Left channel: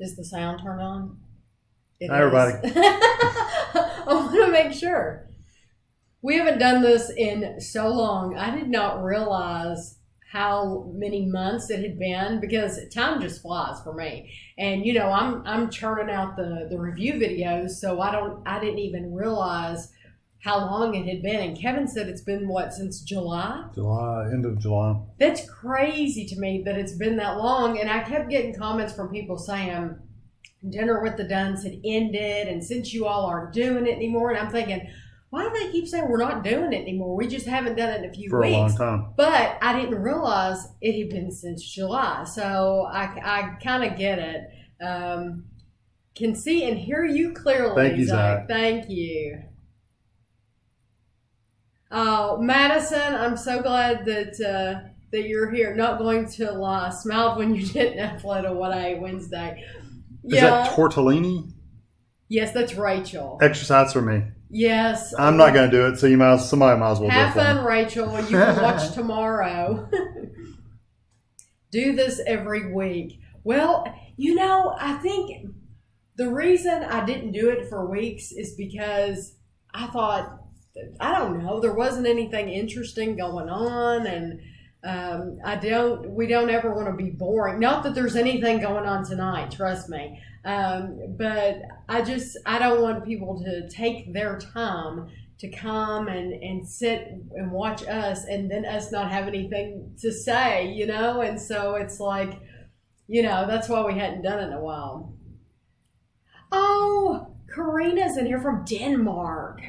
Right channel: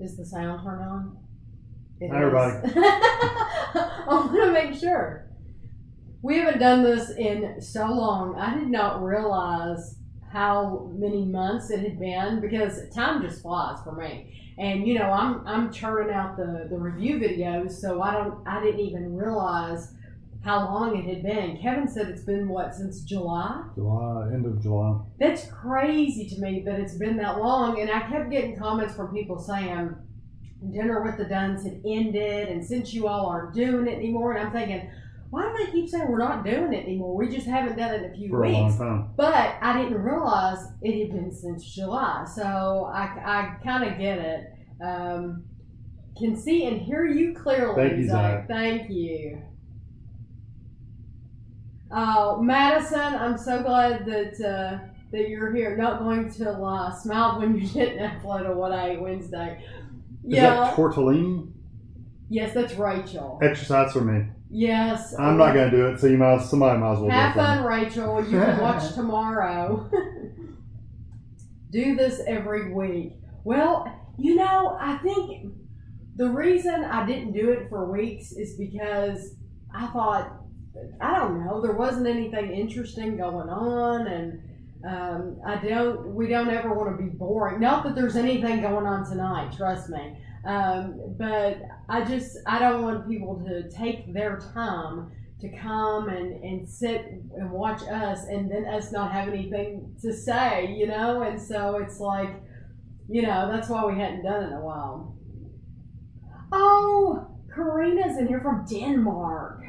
Is the sound turned on? Hi, everybody. I want to make sure. We haven't done this in so long. I did not realize how many months it had been because time just flies for me. And you know, I'm churning out the review videos, so I didn't even realize how long it had been. And Kevin said it's been since July? End of July. That's crazy to me that it's been that long. And I kept getting comments from people saying dinner with the Dunns had ended, and since you all aren't doing it anymore, and I'm thinking, why do they keep saying we're not doing it anymore? We just haven't done it in a few for weeks. a long time. But I didn't realize it had been since July, so I kind of get it. Can see and hear you clearly. Thank you, Zach. Thank you. Oh, Madison, I'm so glad that you're here. Not going to lie. Smiled when you didn't upload a What I Ate Wednesday. Is that tortellini? Yes, that's Rachel. Exercise for me. Yes. I'm not going to do it, so somebody might as well Have do it. fun, Rachel. You can watch tomorrow. Do this every week. Well, you know, I think the reason I didn't do it for weeks is because I thought, I don't know, there wasn't anything interesting going on, and we don't ever want to be boring. Not that there's anything going on tonight, trust me. But I don't want people to take their time to come and sit and watch us and then us not have anything to say, you know? And so it's like, you know, that's why we hadn't done it in a while. Oh, Karina's in here from Denmark.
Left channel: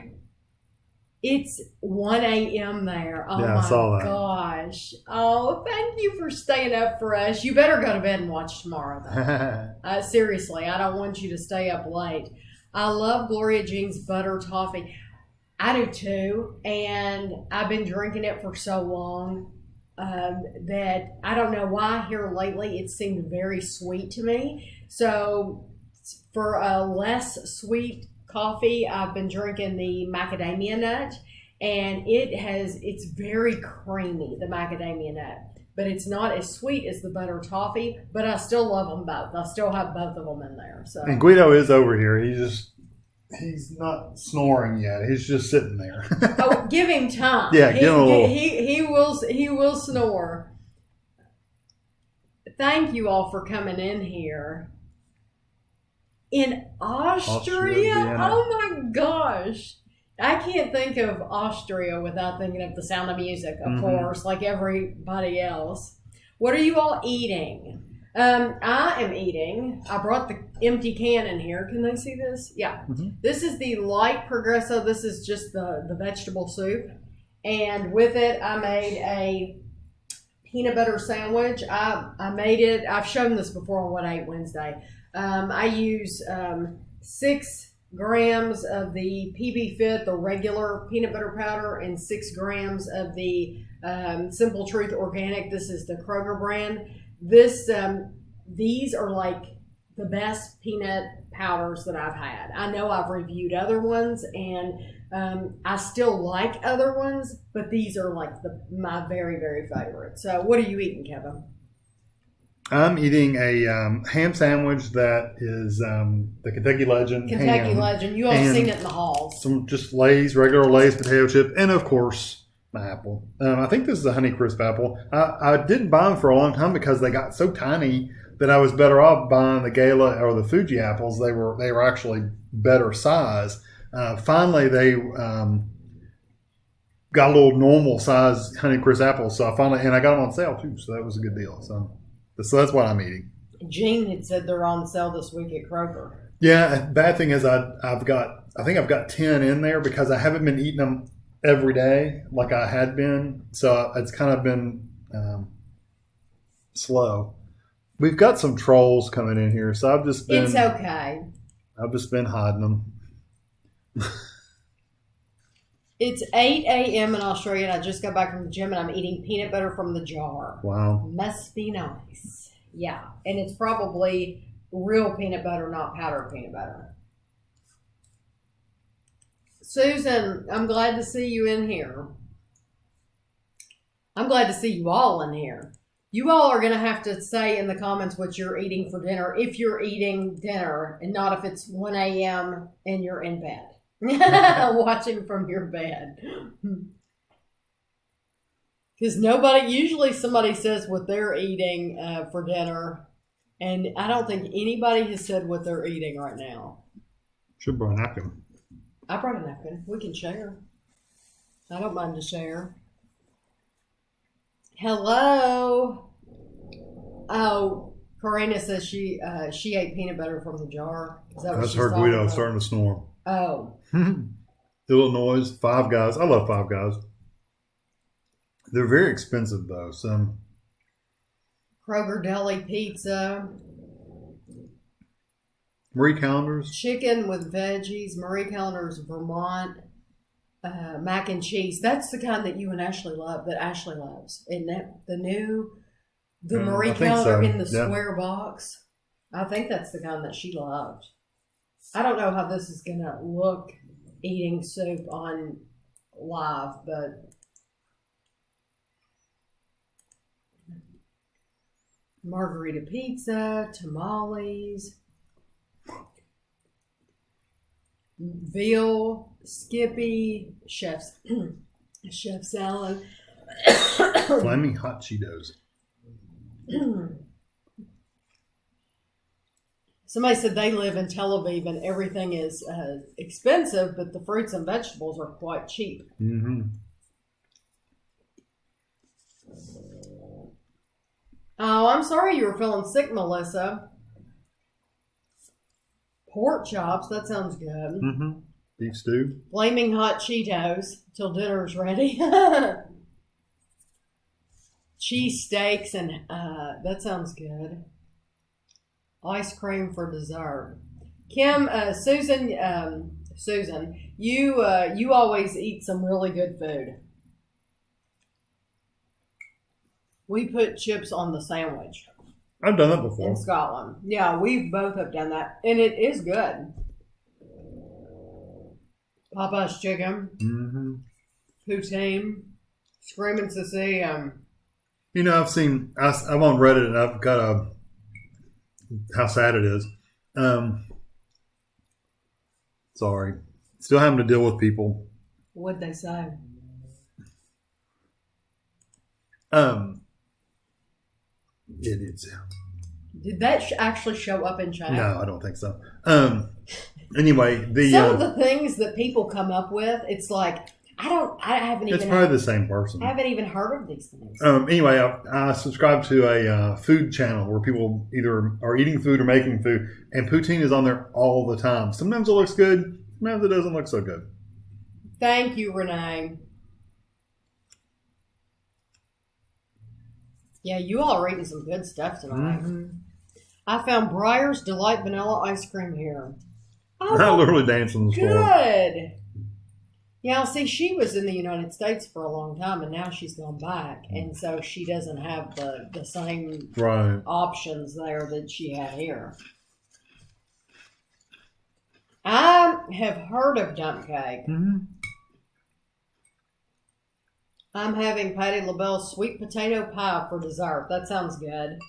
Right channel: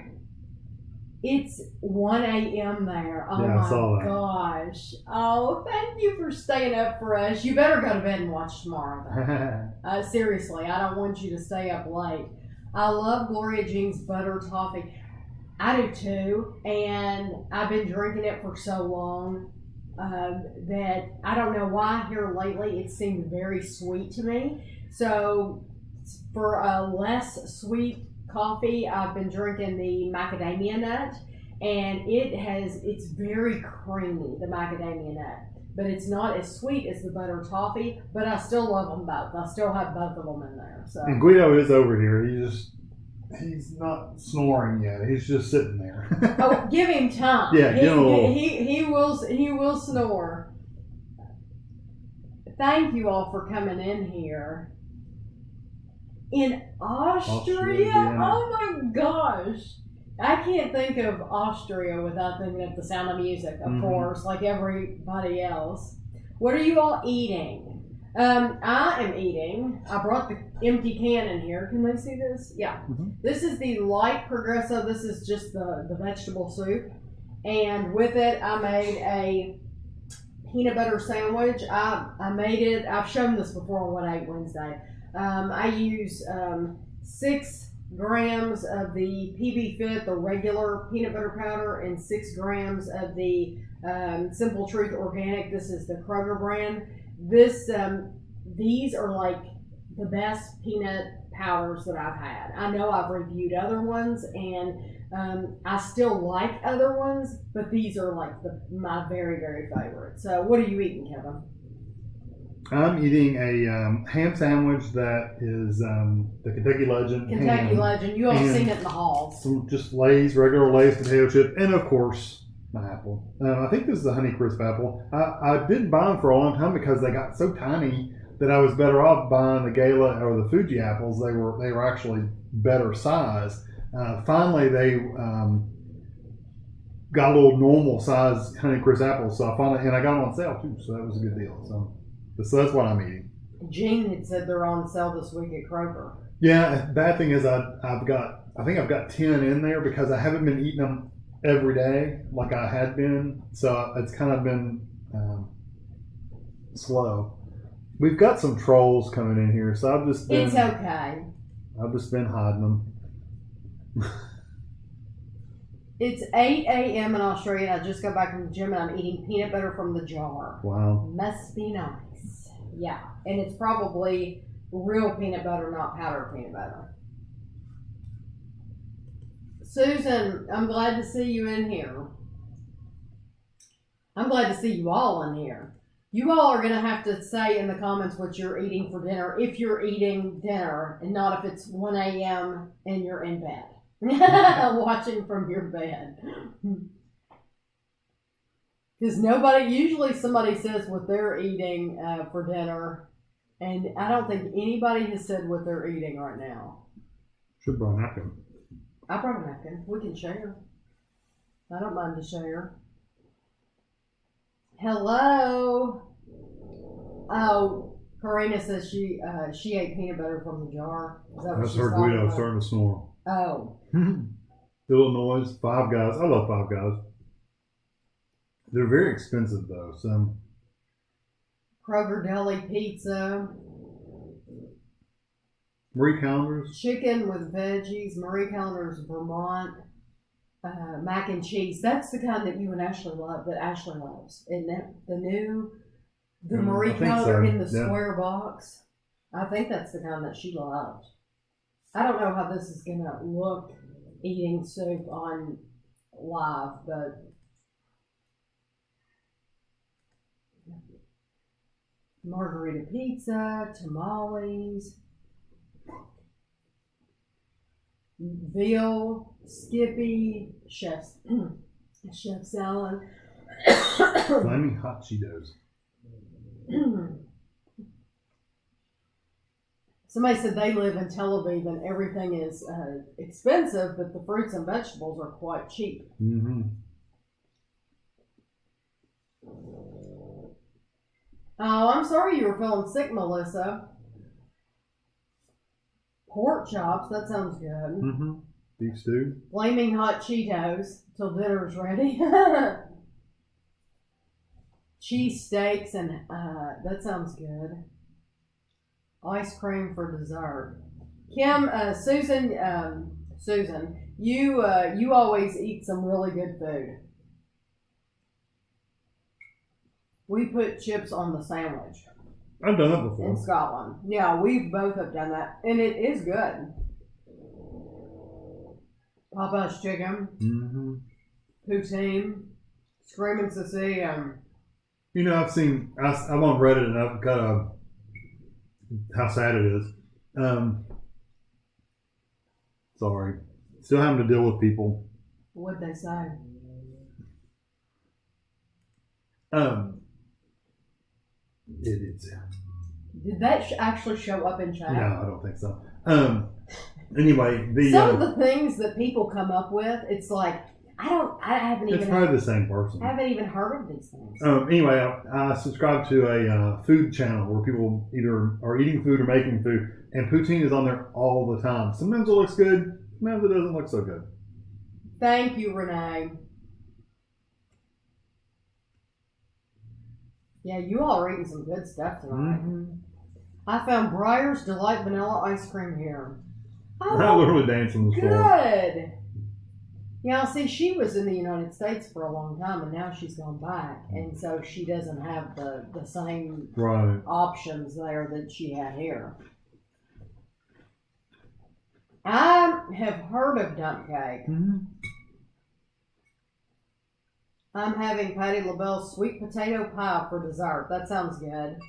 It's 1 a.m. there. Oh, yeah, I saw that. Gosh. Oh, thank you for staying up for us. You better go to bed and watch tomorrow, though. Seriously, I don't want you to stay up late. I love Gloria Jean's butter toffee. I do too, and I've been drinking it for so long that I don't know why here lately it seemed very sweet to me. So for a less sweet coffee, I've been drinking the macadamia nut, and it's very creamy, the macadamia nut, but it's not as sweet as the butter toffee, but I still love them both. I still have both of them in there. So. And Guido is over here. He's not snoring yet. He's just sitting there. Oh, give him time. Yeah, give him a little. He will snore. Thank you all for coming in here. In Austria? Oh my gosh. I can't think of Austria without thinking of The Sound of Music, of course, like everybody else. What are you all eating? I am eating. I brought the empty can in here. Can they see this? Yeah. Mm-hmm. This is the light Progresso. This is just the vegetable soup. And with it, I made a peanut butter sandwich. I made it. I've shown this before on What I Ate Wednesday. I use 6 grams of the PB Fit, the regular peanut butter powder, and 6 grams of the Simple Truth Organic. This is the Kroger brand. These are like the best peanut powders that I've had. I know I've reviewed other ones, and I still like other ones, but these are like my very, very favorite. So what are you eating, Kevin? I'm eating a ham sandwich that is the Kentucky Legend. Kentucky Legend. You all have seen it in the halls. Some just regular Lay's potato chip, and of course, my apple. I think this is a Honeycrisp apple. I didn't buy them for a long time because they got so tiny that I was better off buying the Gala or the Fuji apples. They were actually better size. Finally, they got a little normal size Honeycrisp apples. So I got them on sale too. So that was a good deal. So that's what I'm eating. Gene had said they're on sale this week at Kroger. Yeah. Bad thing is I think I've got 10 in there because I haven't been eating them every day like I had been. So it's kind of been slow. We've got some trolls coming in here, so I've just been. It's okay. I've just been hiding them. It's 8 a.m. in Australia, and I just got back from the gym, and I'm eating peanut butter from the jar. Wow. Must be nice. Yeah, and it's probably real peanut butter, not powdered peanut butter. Susan, I'm glad to see you in here. I'm glad to see you all in here. You all are going to have to say in the comments what you're eating for dinner if you're eating dinner and not if it's 1 a.m. and you're in bed watching from your bed. Because usually somebody says what they're eating for dinner, and I don't think anybody has said what they're eating right now. Should bring a napkin. I brought a napkin. We can share. I don't mind to share. Hello. Oh, Karina says she ate peanut butter from the jar. Is that what That's she's her talking Guido about? starting to snore. Oh. Illinois, Five Guys. I love Five Guys. They're very expensive though. So Kroger Deli Pizza. Marie Callender's. Chicken with veggies. Marie Callender's Vermont. Mac and cheese. That's the kind that you and Ashley love, that Ashley loves. Isn't that the Marie Callender in the square box? I think that's the kind that she loved. I don't know how this is going to look eating soup on live, but margarita pizza, tamales, veal, Skippy, chef's salad, Flaming hot Cheetos. Somebody said they live in Tel Aviv and everything is expensive, but the fruits and vegetables are quite cheap. Mm-hmm. Oh, I'm sorry you were feeling sick, Melissa. Pork chops, that sounds good. Mm-hmm. Beef stew. Flaming hot Cheetos till dinner's ready. Cheese steaks and that sounds good. Ice cream for dessert. Kim, Susan, you always eat some really good food. We put chips on the sandwich. I've done that before. In Scotland. Yeah, we both have done that. And it is good. Popeye's chicken. Mm-hmm. Poutine. Screaming to see. You know, I'm on Reddit and I've got how sad it is. Sorry. Still having to deal with people. What'd they say? Idiots. Did that actually show up in chat? No, I don't think so. Anyway, some of the things that people come up with, it's like it's probably the same person. I haven't even heard of these things. Anyway, I subscribe to a food channel where people either are eating food or making food, and poutine is on there all the time. Sometimes it looks good, sometimes it doesn't look so good. Thank you, Renee. Yeah, you all are eating some good stuff tonight. Mm-hmm. I found Breyer's Delight Vanilla Ice Cream here. Oh, I literally danced on the floor. Good. Yeah, see, she was in the United States for a long time, and now she's gone back, and so she doesn't have the same options there that she had here. I have heard of dump cake. Mm-hmm. I'm having Patti LaBelle's sweet potato pie for dessert. That sounds good.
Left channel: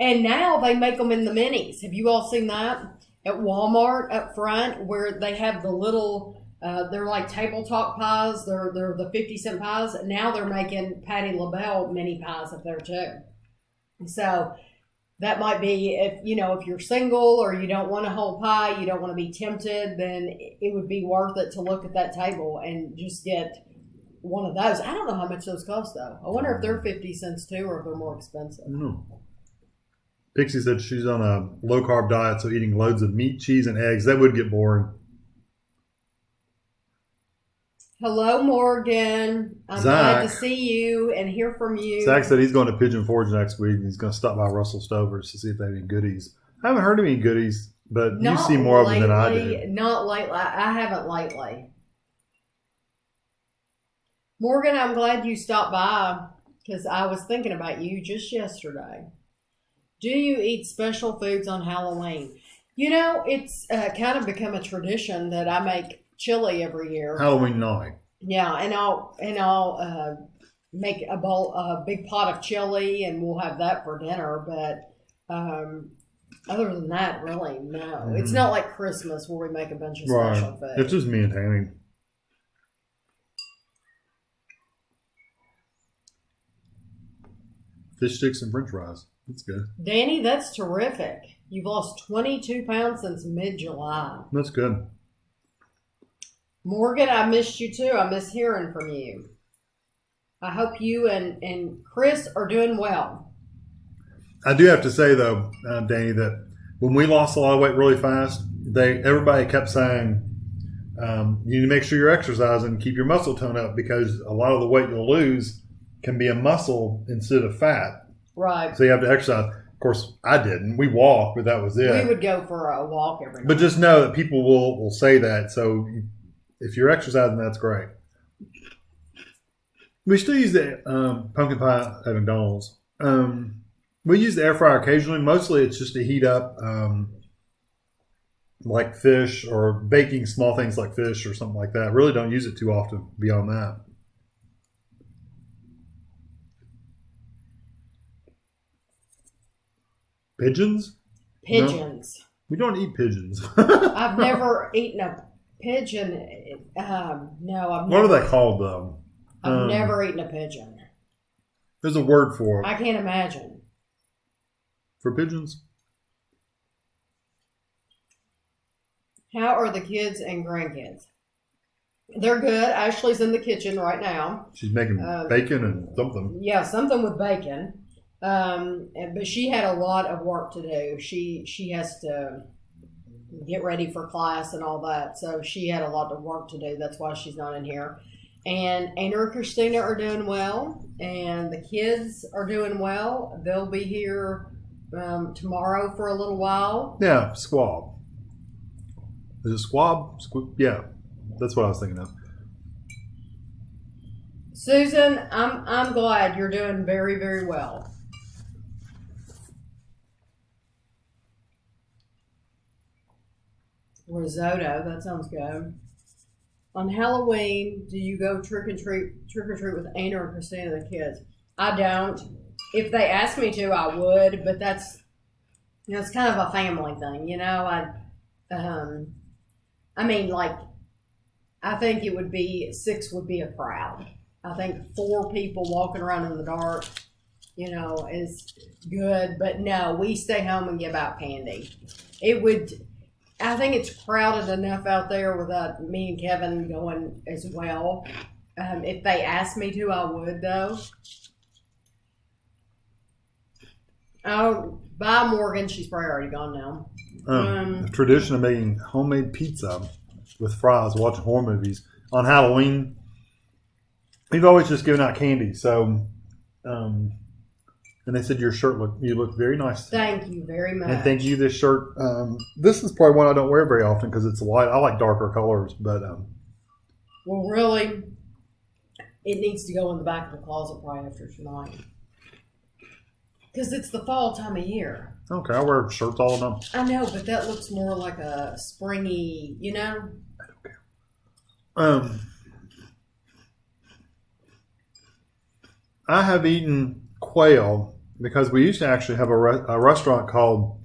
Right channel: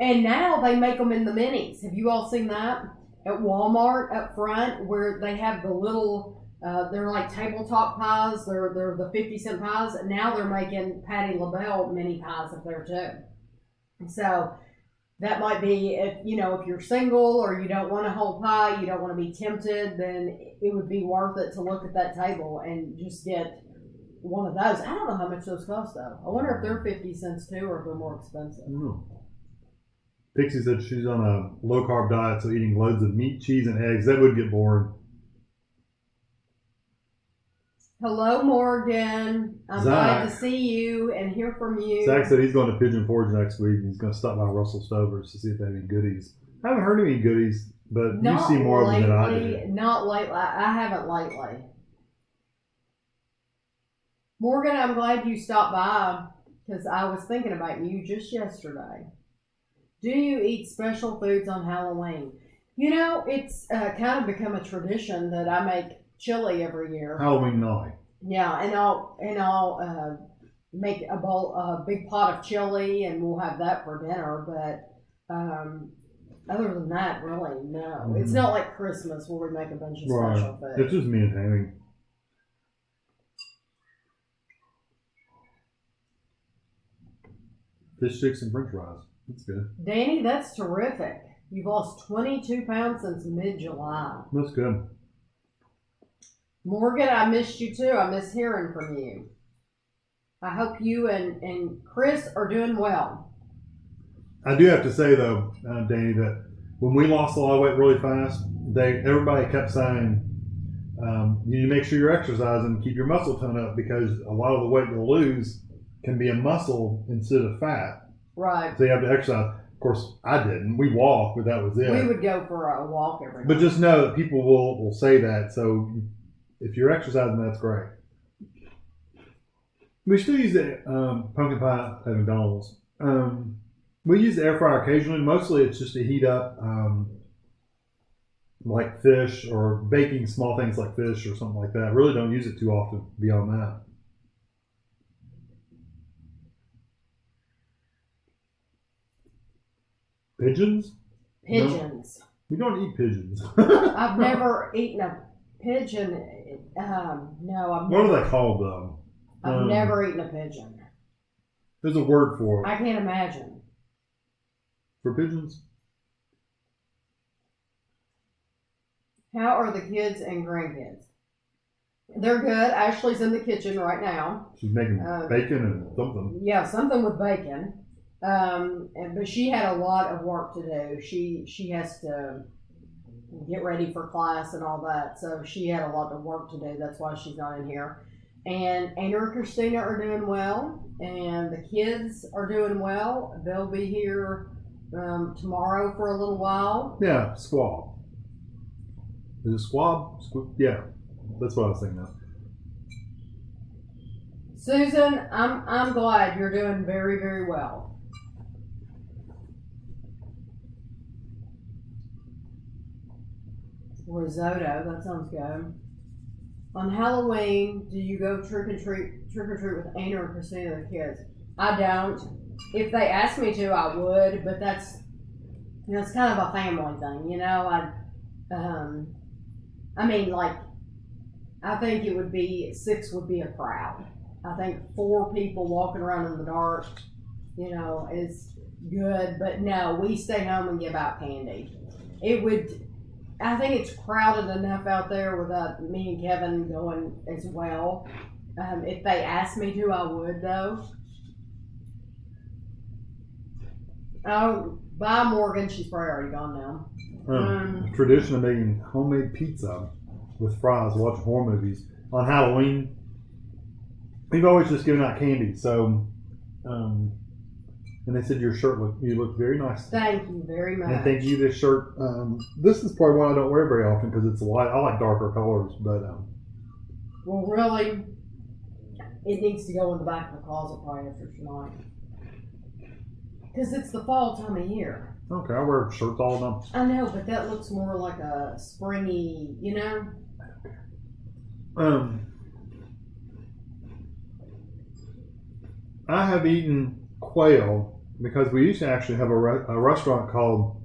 And now they make them in the minis. Have you all seen that? At Walmart up front, where they have the little, they're like tabletop pies. They're the 50-cent pies. Now they're making Patti LaBelle mini pies up there too. So that might be, if you're single or you don't want a whole pie, you don't want to be tempted, then it would be worth it to look at that table and just get one of those. I don't know how much those cost though. I wonder if they're 50 cents too, or if they're more expensive. Pixie said she's on a low carb diet, so eating loads of meat, cheese, and eggs, that would get boring. Hello, Morgan. I'm glad to see you and hear from you. Zach said he's going to Pigeon Forge next week. He's going to stop by Russell Stover's to see if they have any goodies. I haven't heard of any goodies, but you see more of them than I do. Not lately. I haven't lately. Morgan, I'm glad you stopped by because I was thinking about you just yesterday. Do you eat special foods on Halloween? It's kind of become a tradition that I make chili every year. Halloween night. Yeah, and I'll make a big pot of chili, and we'll have that for dinner. But other than that, really, no. It's not like Christmas where we make a bunch of special food. It's just me and Tami. Fish sticks and French fries. That's good. Danny, that's terrific. You've lost 22 pounds since mid-July. That's good. Morgan, I missed you too. I miss hearing from you. I hope you and Chris are doing well. I do have to say though, Danny, that when we lost a lot of weight really fast, everybody kept saying, you need to make sure you're exercising and keep your muscle tone up, because a lot of the weight you'll lose can be a muscle instead of fat. Right. So you have to exercise. Of course, I didn't. We walked, but that was it. We would go for a walk every day. But just know that people will say that. So if you're exercising, that's great. We still use the pumpkin pie at McDonald's. We use the air fryer occasionally. Mostly it's just to heat up like fish, or baking small things like fish or something like that. I really don't use it too often beyond that. Pigeons? Pigeons. No, we don't eat pigeons. I've never eaten a pigeon. No, What are they called though? I've never eaten a pigeon. There's a word for it. I can't imagine. For pigeons? How are the kids and grandkids? They're good. Ashley's in the kitchen right now. She's making bacon and something. Yeah, something with bacon. But she had a lot of work to do. She has to get ready for class and all that. So she had a lot of work to do. That's why she's not in here. And Anna and Christina are doing well, and the kids are doing well. They'll be here tomorrow for a little while. Yeah, squab. Is it squab? Yeah, that's what I was thinking of. Susan, I'm glad you're doing very, very well. Risotto, that sounds good. On Halloween, do you go trick or treat with Anna or Christina and the kids? I don't. If they asked me to, I would, but that's kind of a family thing, you know. I think it would be 6 would be a crowd. I think 4 people walking around in the dark, is good. But no, we stay home and give out candy. I think it's crowded enough out there without me and Kevin going as well. If they asked me to, I would, though. Oh, bye, Morgan. She's probably already gone now. The tradition of making homemade pizza with fries, watching horror movies. On Halloween, we've always just given out candy. So, and they said you look very nice. Thank you very much. And thank you. This shirt. This is probably one I don't wear very often because it's light. I like darker colors, but well, really, it needs to go in the back of the closet probably after tonight, because it's the fall time of year. Okay, I wear shirts all the time. I know, but that looks more like a springy, I have eaten quail because we used to actually have a restaurant called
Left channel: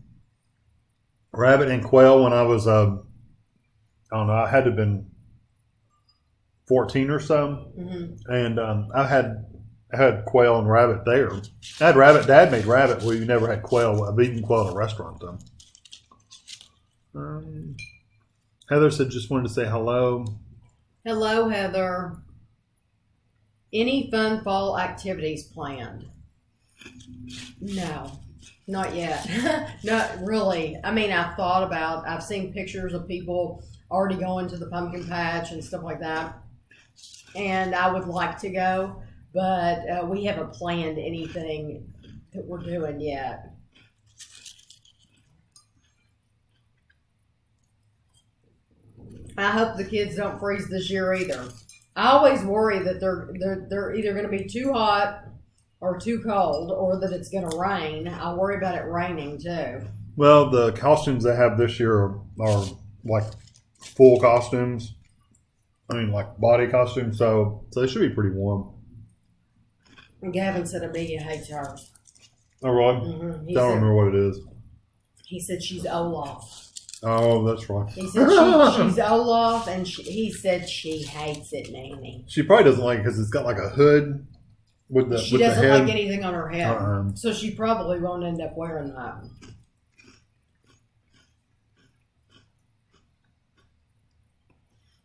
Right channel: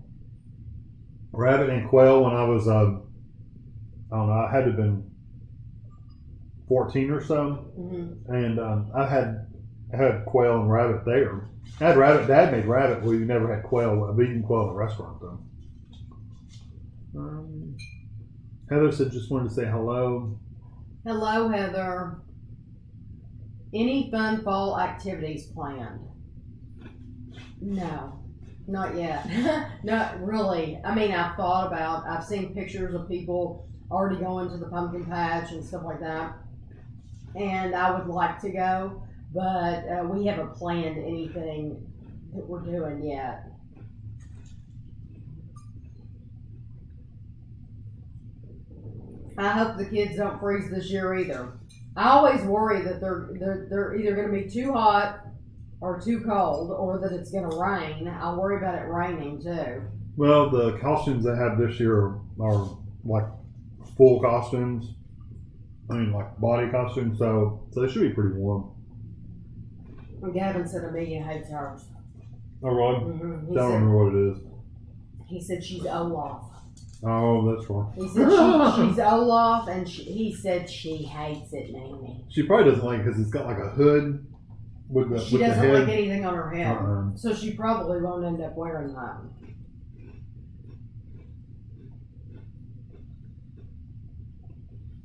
Rabbit and Quail when I was, I don't know, I had to have been 14 or so. Mm-hmm. And I had quail and rabbit there. I had rabbit. Dad made rabbit where you never had quail. I've eaten quail in a restaurant though. Heather said just wanted to say hello. Hello, Heather. Any fun fall activities planned? No, not yet. Not really. I mean, I've seen pictures of people already going to the pumpkin patch and stuff like that. And I would like to go, but we haven't planned anything that we're doing yet. I hope the kids don't freeze this year either. I always worry that they're either going to be too hot or too cold, or that it's going to rain. I worry about it raining too. Well, the costumes they have this year are like full costumes. I mean, like body costumes, so they should be pretty warm. Gavin said Amelia hates hers. Oh, really? Mm-hmm. I don't remember what it is. He said she's Olaf. Oh, that's right. He said she's Olaf, and he said she hates it, Nanny. She probably doesn't like it because it's got like a hood with the. She with doesn't the head. like anything on her head, Uh-uh. so she probably won't end up wearing that.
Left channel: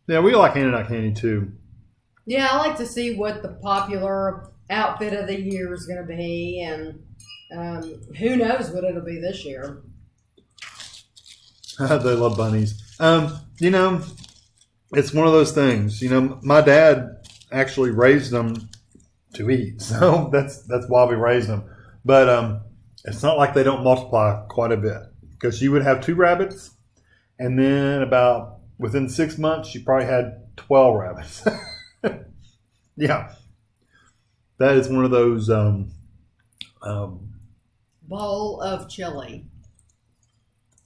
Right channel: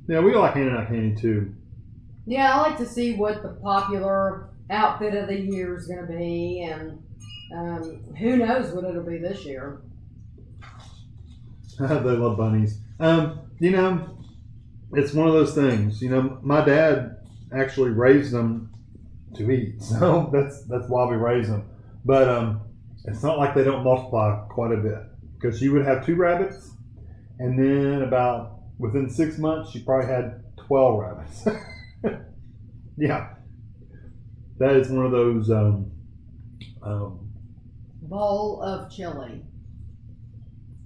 Yeah, we like handing out candy too. Yeah, I like to see what the popular outfit of the year is going to be, and who knows what it'll be this year. They love bunnies. You know, it's one of those things. You know, my dad actually raised them to eat, so that's why we raised them. But it's not like they don't multiply quite a bit, because you would have 2 rabbits, and then about within 6 months, you probably had 12 rabbits. Yeah, that is one of those. Bowl of chili.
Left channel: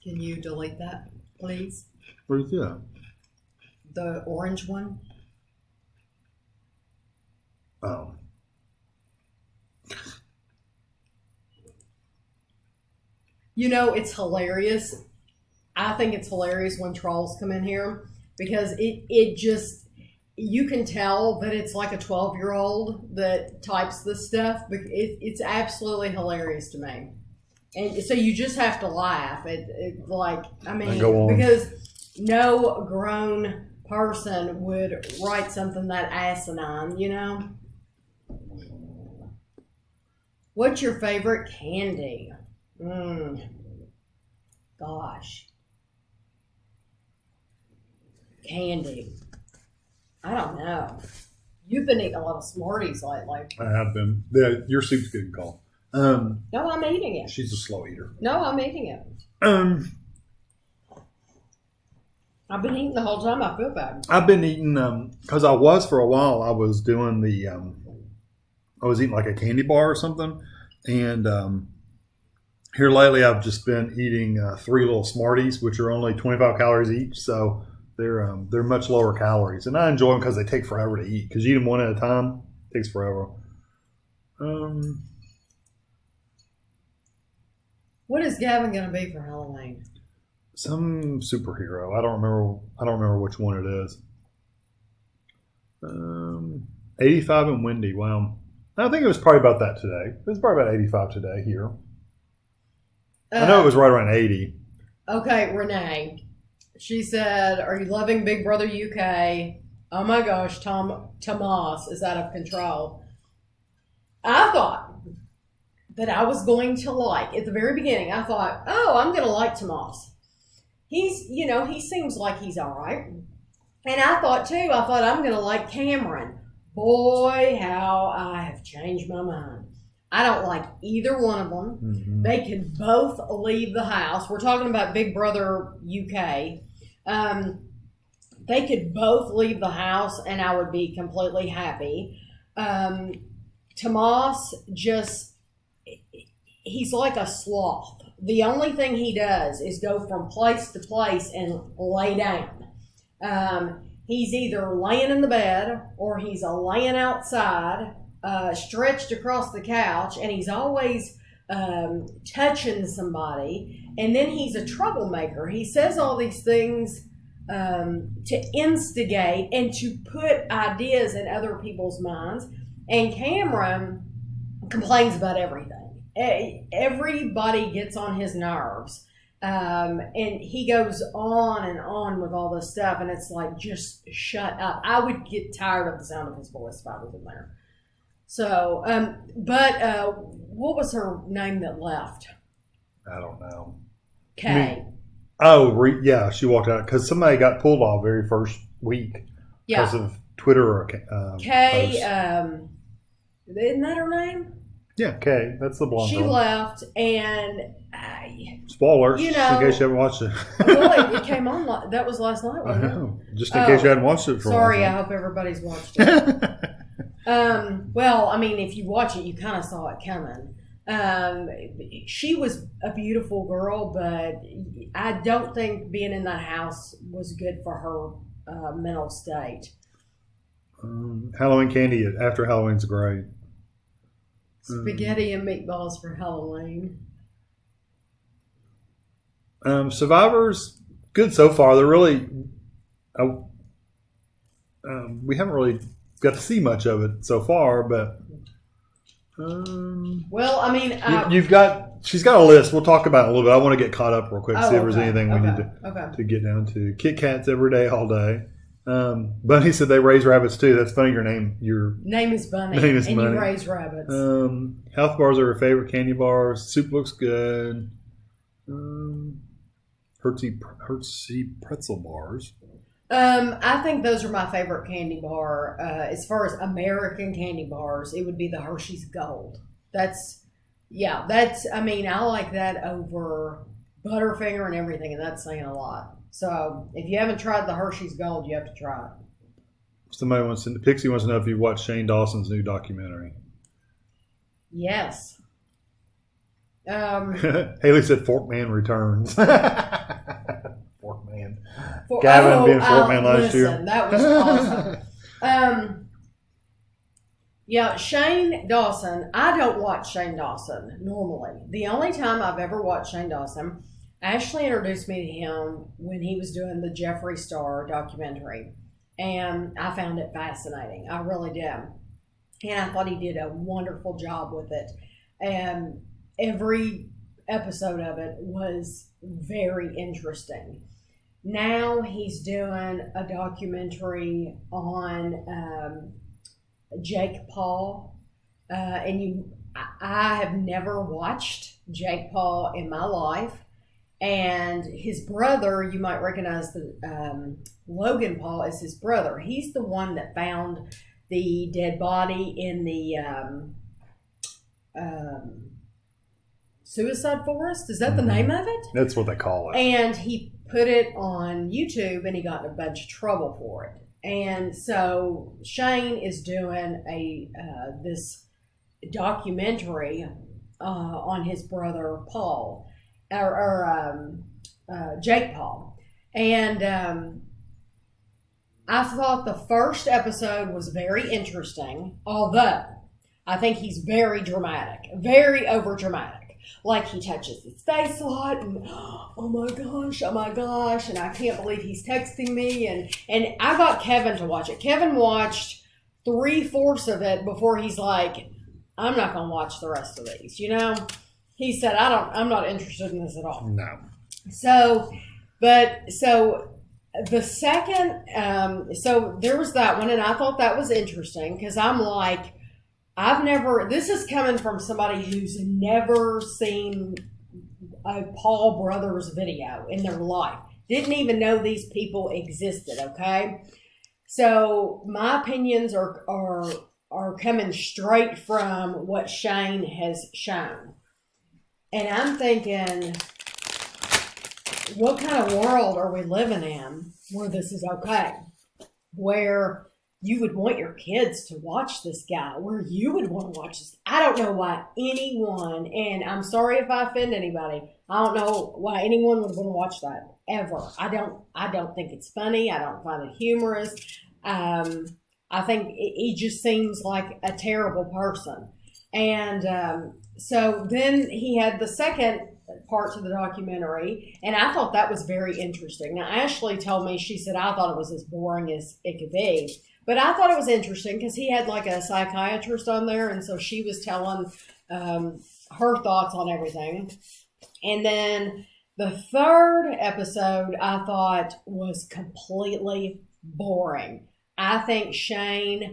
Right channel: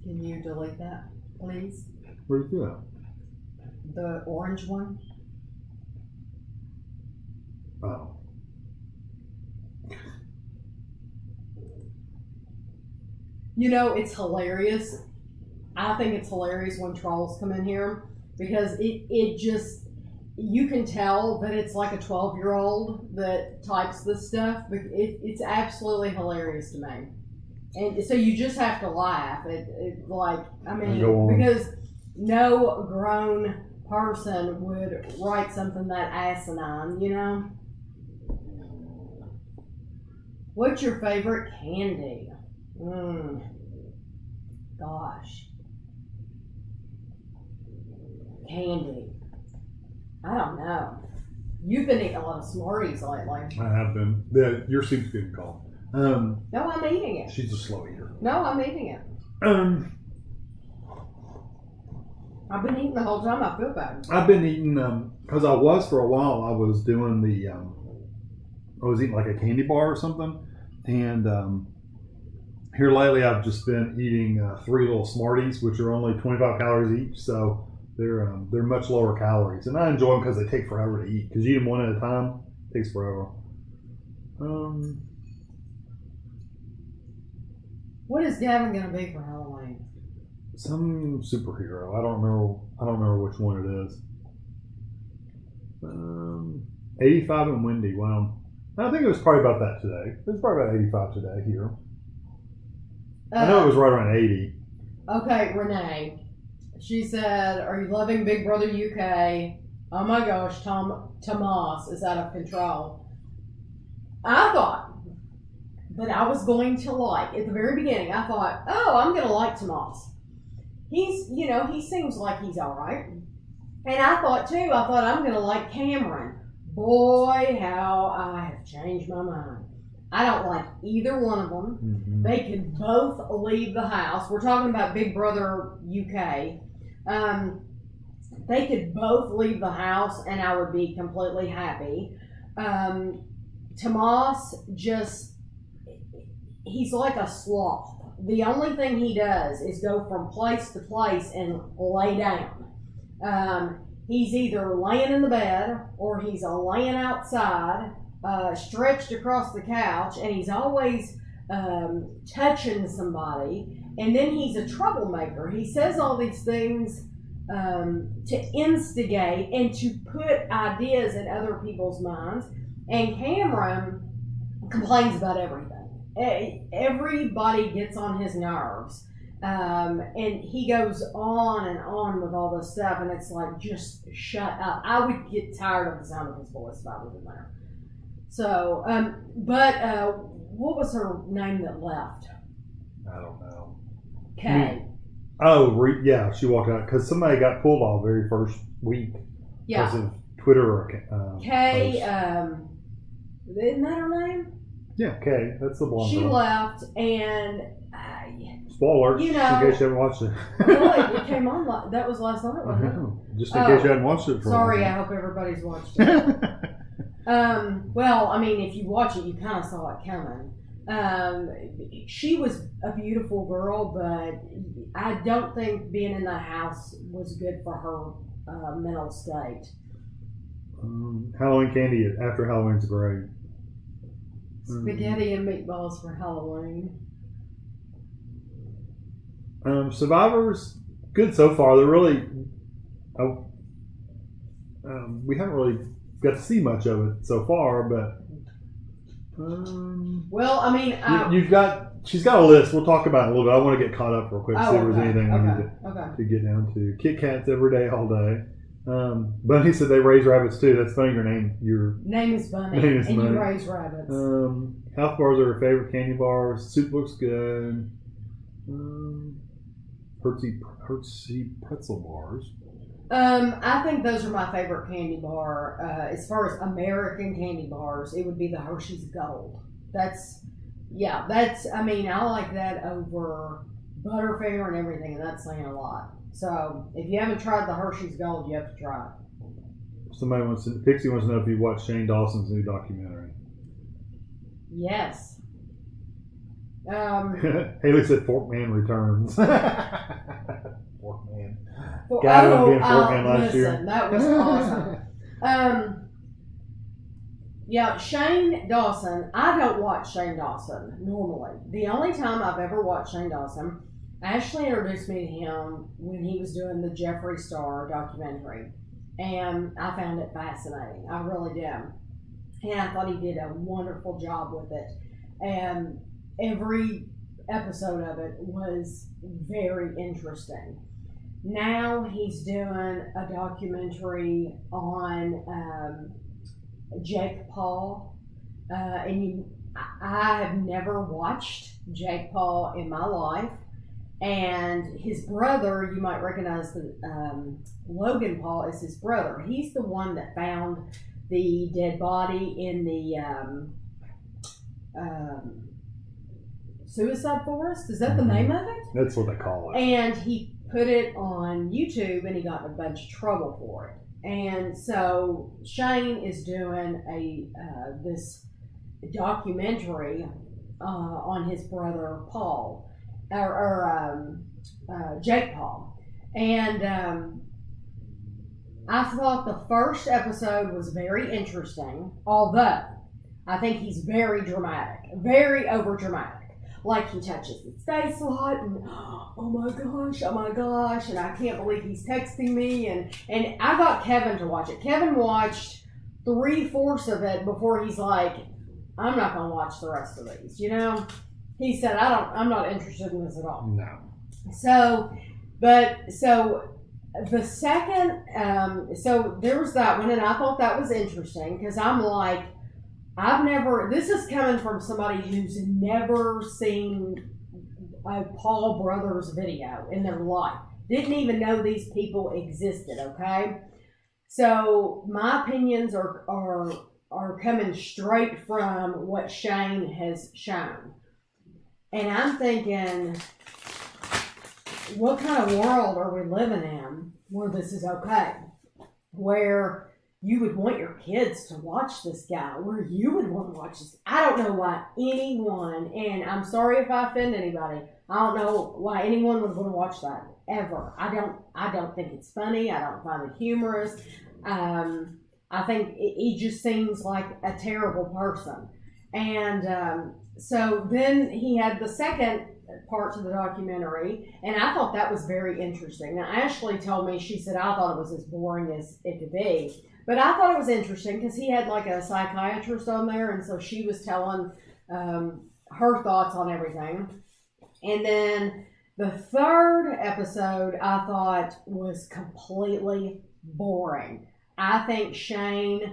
Can you delete that, please? What is that? The orange one. Oh. You know, it's hilarious. I think it's hilarious when trolls come in here because it just, you can tell that it's like a 12-year-old that types this stuff. It's absolutely hilarious to me. And so you just have to laugh. Because no grown person would write something that asinine, you know? What's your favorite candy? Gosh. Candy. I don't know. You've been eating a lot of Smarties lately. I have been. Your soup's getting cold. No, I'm eating it. She's a slow eater. No, I'm eating it. I've been eating the whole time. I feel bad. I've been eating because I was for a while. I was doing I was eating like a candy bar or something, and here lately I've just been eating 3 little Smarties, which are only 25 calories each. So they're much lower calories, and I enjoy them because they take forever to eat. Because you eat them one at a time, it takes forever. What is Gavin going to be for Halloween? Some superhero. I don't remember which one it is. 85 and windy. Wow. I think it was probably about that today. It was probably about 85 today here. I know it was right around 80. Okay, Renee. She said, "Are you loving Big Brother UK? Oh my gosh, Tomas is out of control." I thought that I was going to like, at the very beginning, I thought, oh, I'm going to like Tomas. He seems like he's all right. And I thought I'm going to like Cameron. Boy, how I have changed my mind. I don't like either one of them. Mm-hmm. They can both leave the house. We're talking about Big Brother UK. They could both leave the house and I would be completely happy. Tomas he's like a sloth. The only thing he does is go from place to place and lay down. He's either laying in the bed or he's laying outside, stretched across the couch, and he's always touching somebody. And then he's a troublemaker. He says all these things to instigate and to put ideas in other people's minds. And Cameron complains about everything. Everybody gets on his nerves. And he goes on and on with all this stuff, and it's like, just shut up. I would get tired of the sound of his voice if I was in there. So, what was her name that left? I don't know. Kay. Yeah, she walked out because somebody got pulled off very first week because of Twitter or Kay. posts. Isn't that her name? Yeah, Kay. That's the blonde She girl. left, and spoilers, you know, just in case you haven't watched it. Well, it came on. That was last night, I wasn't it? know. Just in case you hadn't watched it for Sorry, a I while. hope everybody's watched it. Well, I mean, if you watch it, you kind of saw it coming. She was a beautiful girl, but I don't think being in that house was good for her mental state. Halloween candy after Halloween's great. Spaghetti and meatballs for Halloween. Survivors, good so far. They're really. We haven't really got to see much of it so far, but. Well, I mean, she's got a list. We'll talk about it a little bit. I want to get caught up real quick, see if there's anything we need to get down to. Kit Kats every day, all day. Bunny said they raise rabbits too. That's funny. Your name is Bunny, and Bunny. You raise rabbits. Health bars are her favorite candy bars. Soup looks good. Hertzy pretzel bars. I think those are my favorite candy bar. As far as American candy bars, it would be the Hershey's Gold. I like that over Butterfinger and everything, and that's saying a lot. So, if you haven't tried the Hershey's Gold, you have to try it. Pixie wants to know if you watched Shane Dawson's new documentary. Yes. Haley said Forkman returns. Forkman. Gavin being Forkman last year. That was awesome. Shane Dawson. I don't watch Shane Dawson normally. The only time I've ever watched Shane Dawson, Ashley introduced me to him when he was doing the Jeffree Star documentary. And I found it fascinating. I really did. And I thought he did a wonderful job with it. And every episode of it was very interesting. Now he's doing a documentary on Jake Paul. I have never watched Jake Paul in my life. And his brother, you might recognize Logan Paul as his brother. He's the one that found the dead body in the suicide forest. Is that the name of it? That's what they call it. And he put it on YouTube, and he got in a bunch of trouble for it. And so Shane is doing this documentary on his brother Paul. Jake Paul. And I thought the first episode was very interesting, although I think he's very dramatic, very over dramatic. Like he touches his face a lot and oh my gosh, and I can't believe he's texting me, and I got Kevin to watch it. Kevin watched 3/4 of it before he's like, I'm not gonna watch the rest of these, He said, I'm not interested in this at all. No. So the second, so there was that one, and I thought that was interesting because I'm like, this is coming from somebody who's never seen a Paul Brothers video in their life. Didn't even know these people existed, okay? So my opinions are coming straight from what Shane has shown. And I'm thinking, what kind of world are we living in where this is okay? Where you would want your kids to watch this guy, where you would want to watch this. I don't know why anyone, and I'm sorry if I offend anybody, I don't know why anyone would want to watch that, ever. I don't think it's funny. I don't find it humorous. I think he just seems like a terrible person. And so then he had the second part to the documentary, and I thought that was very interesting. Now, Ashley told me, she said, I thought it was as boring as it could be. But I thought it was interesting because he had like a psychiatrist on there, and so she was telling her thoughts on everything. And then the third episode I thought was completely boring. I think he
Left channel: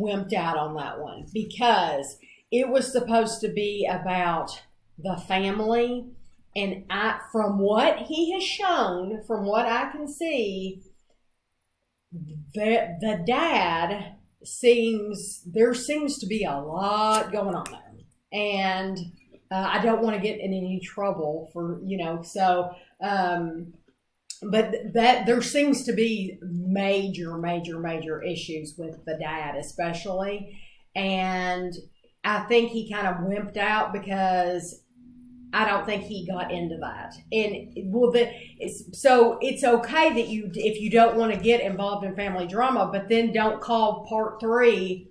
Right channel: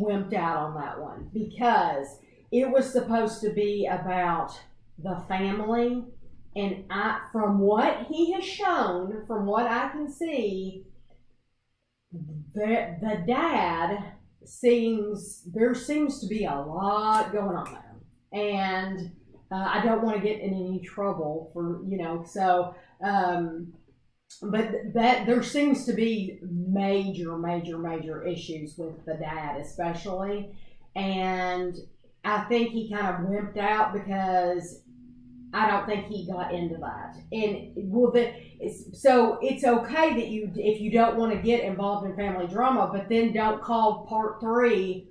wimped out on that one because it was supposed to be about the family. And from what he has shown, from what I can see, the dad there seems to be a lot going on there. And I don't want to get in any trouble for, but that there seems to be major issues with the dad, especially. And I think he kind of wimped out because I don't think he got into that. And so it's okay that if you don't want to get involved in family drama, but then don't call part 3,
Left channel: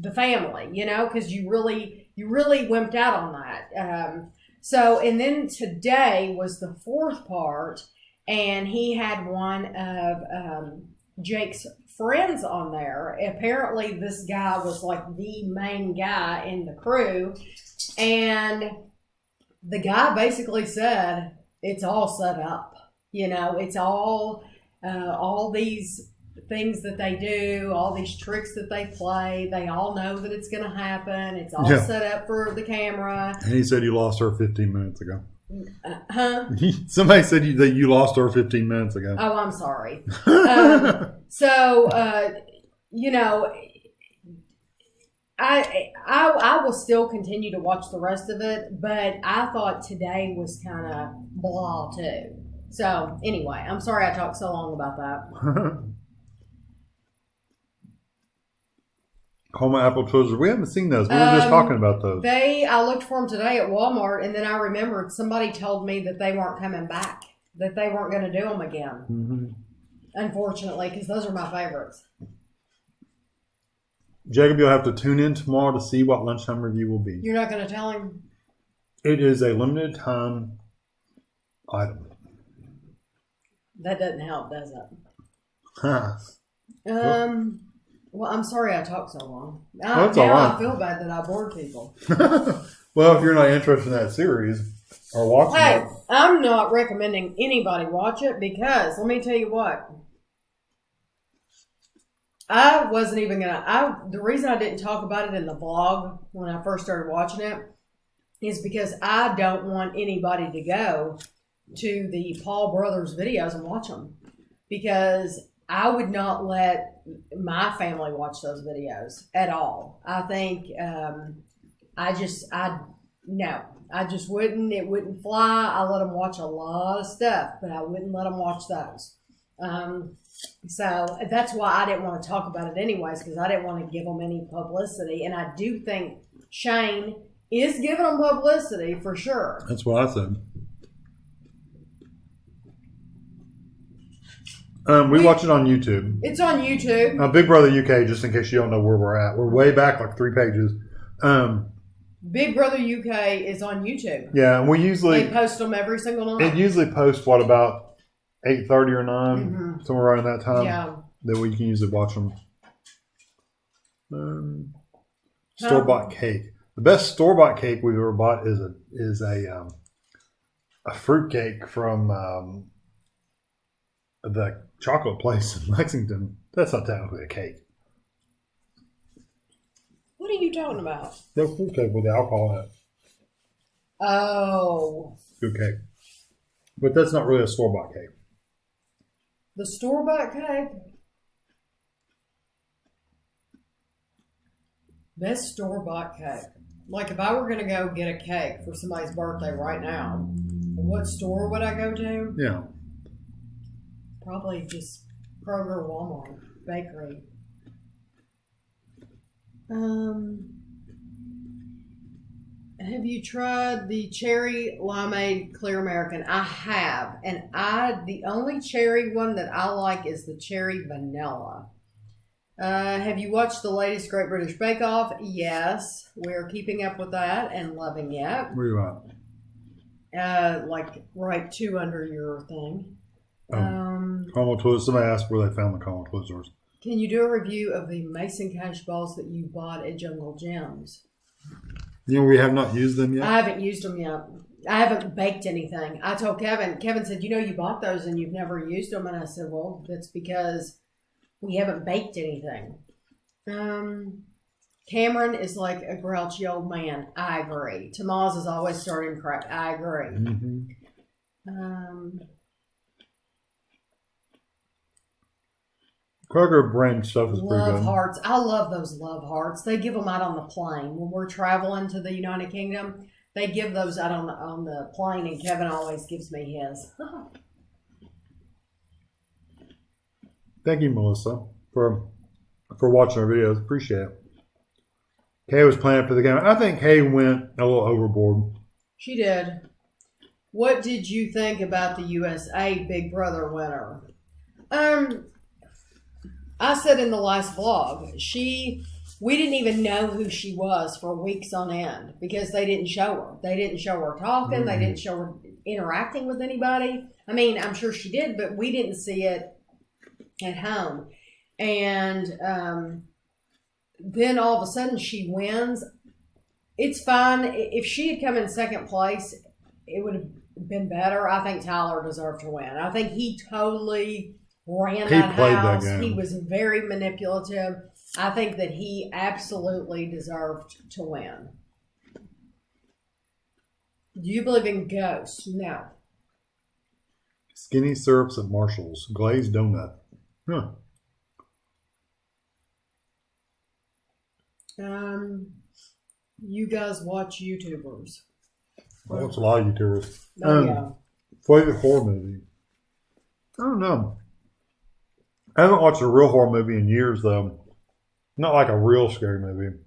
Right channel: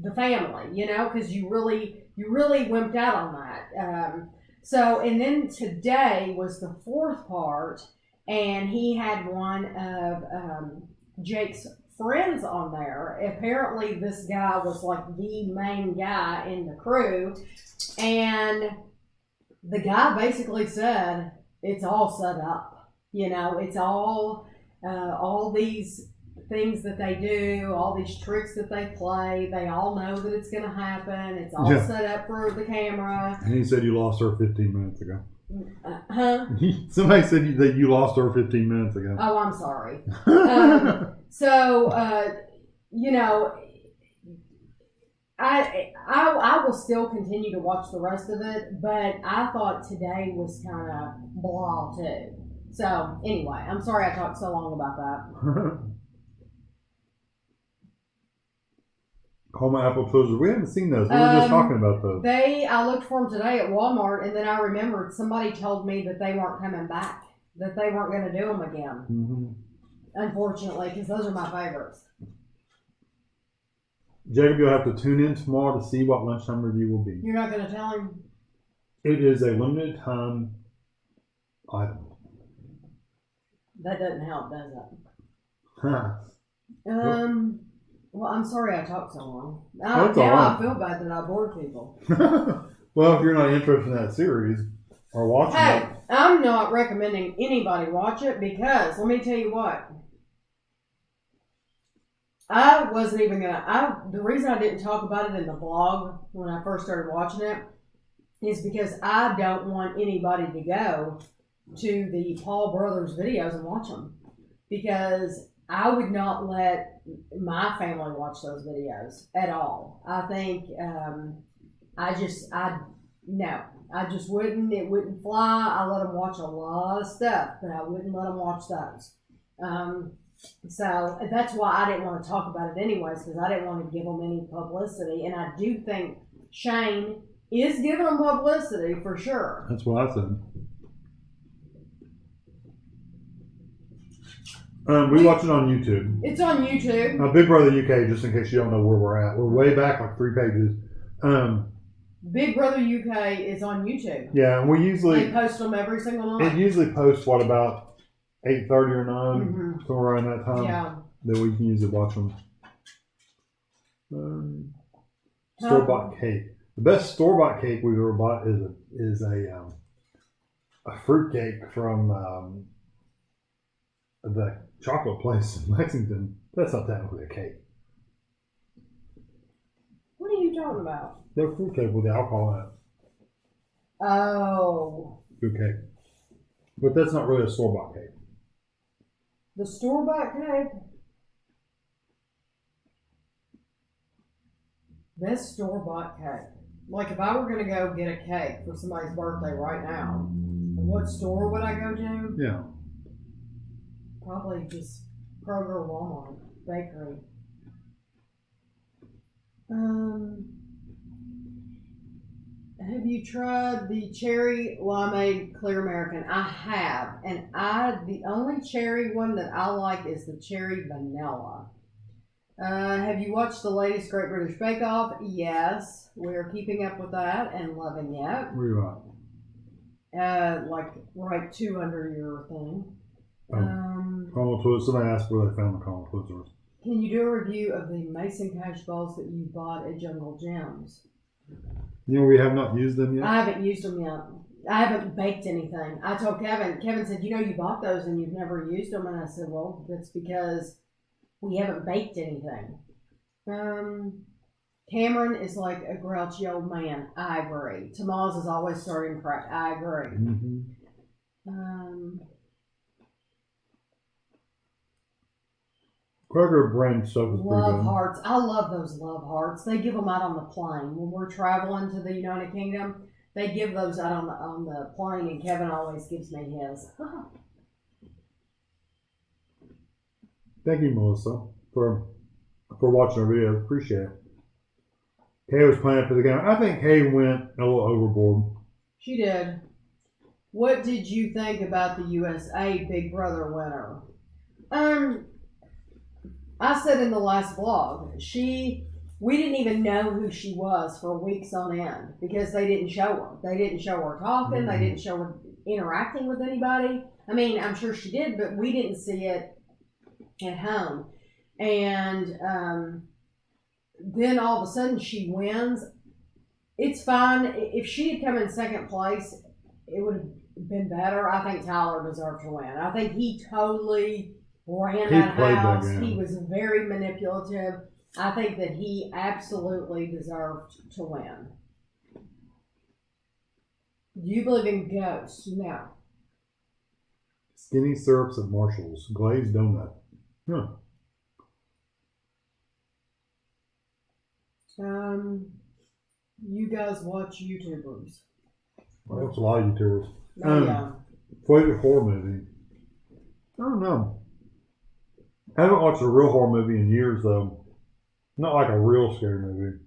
the family, because you really wimped out on that. So, and then today was the fourth part, and he had one of Jake's friends on there. Apparently, this guy was like the main guy in the crew, and the guy basically said it's all set up. It's all these things that they do, all these tricks that they play. They all know that it's going to happen. It's all set up for the camera. And he said you lost her 15 minutes ago. Huh? Somebody said that you lost her 15 minutes ago. Oh, I'm sorry. I will still continue to watch the rest of it, but I thought today was kind of blah too. So anyway, I'm sorry I talked so long about that. Homo apple Twizzlers. We haven't seen those. We were just talking about those. I looked for them today at Walmart, and then I remembered somebody told me that they weren't coming back, that they weren't going to do them again. Mm-hmm. Unfortunately, because those are my favorites. Jacob, you'll have to tune in tomorrow to see what lunchtime review will be. You're not going to tell him? It is a limited time item. That doesn't help, does it? Huh. Well, I'm sorry I talked so long. That's all right. I feel bad that I bored people. Well, if you're not interested in that series or watching it. I'm not recommending anybody watch it because, let me tell you what. I wasn't even going to... The reason I didn't talk about it in the vlog when I first started watching it is because I don't want anybody to go to the Paul Brothers videos and watch them. Because I would not let my family watch those videos at all. I think I just wouldn't. It wouldn't fly. I let them watch a lot of stuff, but I wouldn't let them watch those. So that's why I didn't want to talk about it anyways, because I didn't want to give them any publicity. And I do think Shane is giving them publicity for sure. That's what I said. We watch it on YouTube. It's on YouTube. Big Brother UK, just in case you don't know where we're at. We're way back, like 3 pages. Big Brother UK is on YouTube. Yeah, and they post them every single night. It usually posts, about 8:30 or 9, somewhere around that time. Yeah. That we can usually watch them. Store-bought cake. The best store-bought cake we've ever bought is a fruit cake from the chocolate place in Lexington. That's not technically a cake. What are you talking about? The fruit cake with the alcohol in it. Oh. Good cake. But that's not really a store-bought cake. The store-bought cake? Best store-bought cake. Like if I were going to go get a cake for somebody's birthday right now, what store would I go to? Yeah. Probably just Kroger or Walmart. Bakery. Have you tried the cherry limeade clear American? I have. And the only cherry one that I like is the cherry vanilla. Have you watched the latest Great British Bake Off? Yes. We're keeping up with that and loving it. Where you at? Like right 2 under your thing. Caramel Twizzlers. Somebody asked where they found the Caramel Twizzlers. Can you do a review of the Mason Cash balls that you bought at Jungle Gems? We have not used them yet? I haven't used them yet. I haven't baked anything. I told Kevin. Kevin said, you bought those and you've never used them. And I said, well, that's because we haven't baked anything. Cameron is like a grouchy old man. I agree. Tamaz is always starting crap. I agree. Mm-hmm. Kroger brand stuff is pretty good. Love hearts. I love those love hearts. They give them out on the plane. When we're traveling to the United Kingdom, they give those out on the plane, and Kevin always gives me his. Thank you, Melissa, for watching our videos. Appreciate it. Kay was planning for the game. I think Kay went a little overboard. She did. What did you think about the USA Big Brother winner? I said in the last vlog, she We didn't even know who she was for weeks on end because they didn't show her. They didn't show her talking. Mm-hmm. They didn't show her interacting with anybody. I mean, I'm sure she did, but we didn't see it at home. And then all of a sudden she wins. It's fine. If she had come in second place, it would have been better. I think Tyler deserved to win. I think he totally ran that house. He was very manipulative. I think that he absolutely deserved to win. Do you believe in ghosts? No. Skinny syrups at Marshall's. Glazed donut. Huh. You guys watch YouTubers. I watch a lot of YouTubers. Yeah. Favorite horror movie? I don't know. I haven't watched a real horror movie in years, though. Not like a real scary movie.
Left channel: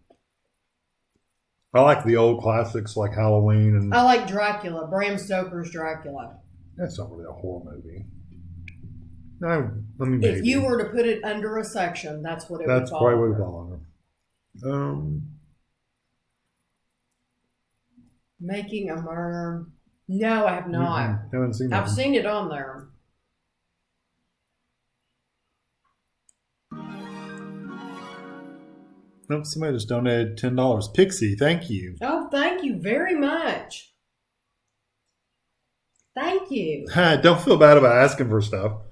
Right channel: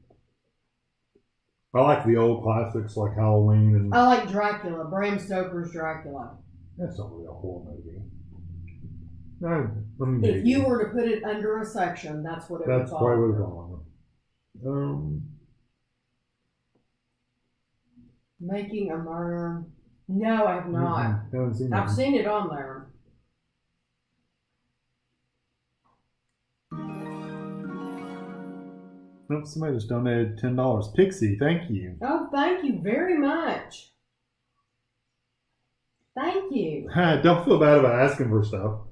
I like the old classics like Halloween and. I like Dracula. Bram Stoker's Dracula. That's not really a horror movie. No, I mean, if you were to put it under a section, that's what it would fall. That's probably what it would fall under. Making a Murder. No, I have not. I haven't seen that. I've seen it on there. Nope, somebody just donated $10. Pixie, thank you. Oh, thank you very much. Thank you. Don't feel bad about asking for stuff.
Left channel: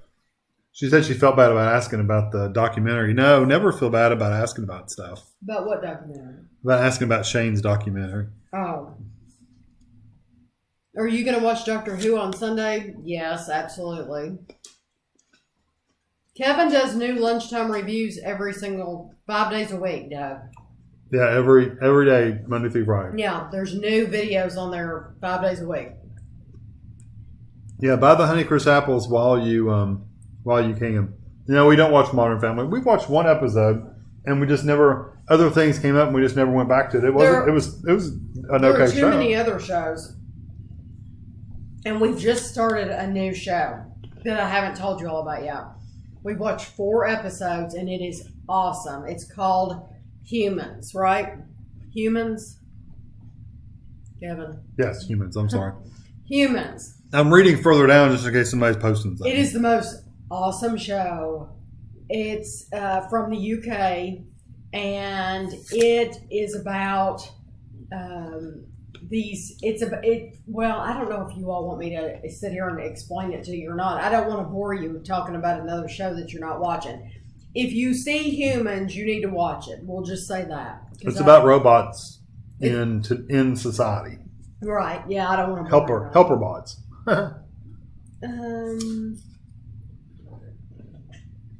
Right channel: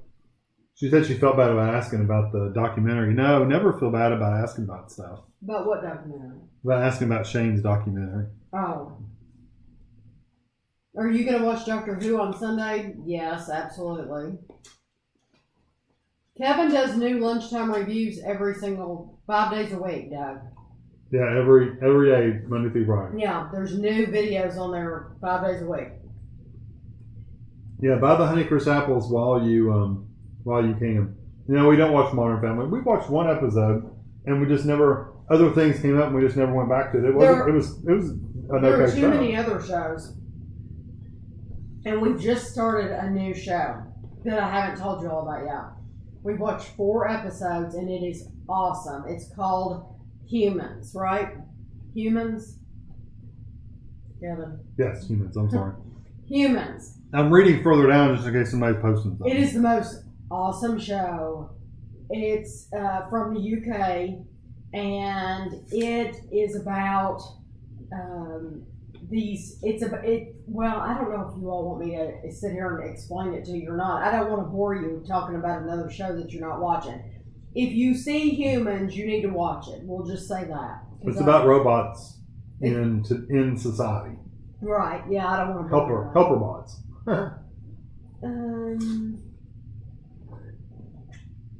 She said she felt bad about asking about the documentary. No, never feel bad about asking about stuff. About what documentary? About asking about Shane's documentary. Oh. Are you going to watch Doctor Who on Sunday? Yes, absolutely. Kevin does new lunchtime reviews every single 5 days a week, Doug. Yeah, every day, Monday through Friday. Yeah, there's new videos on there 5 days a week. Yeah, buy the Honeycrisp apples while you can. You know, we don't watch Modern Family. We watched one episode, and we just never. Other things came up, and we just never went back to it. It was an okay show. There are too many other shows, and we just started a new show that I haven't told you all about yet. We've watched 4 episodes, and it is awesome. It's called Humans, right? Humans? Kevin? Yes, Humans. I'm sorry. Humans. I'm reading further down just in case somebody's posting something. It is the most awesome show. It's from the UK, and it is about well, I don't know if you all want me to sit here and explain it to you or not. I don't want to bore you talking about another show that you're not watching. If you see Humans, you need to watch it. We'll just say that. It's about robots in society. Right. Yeah, I don't want to helper bots.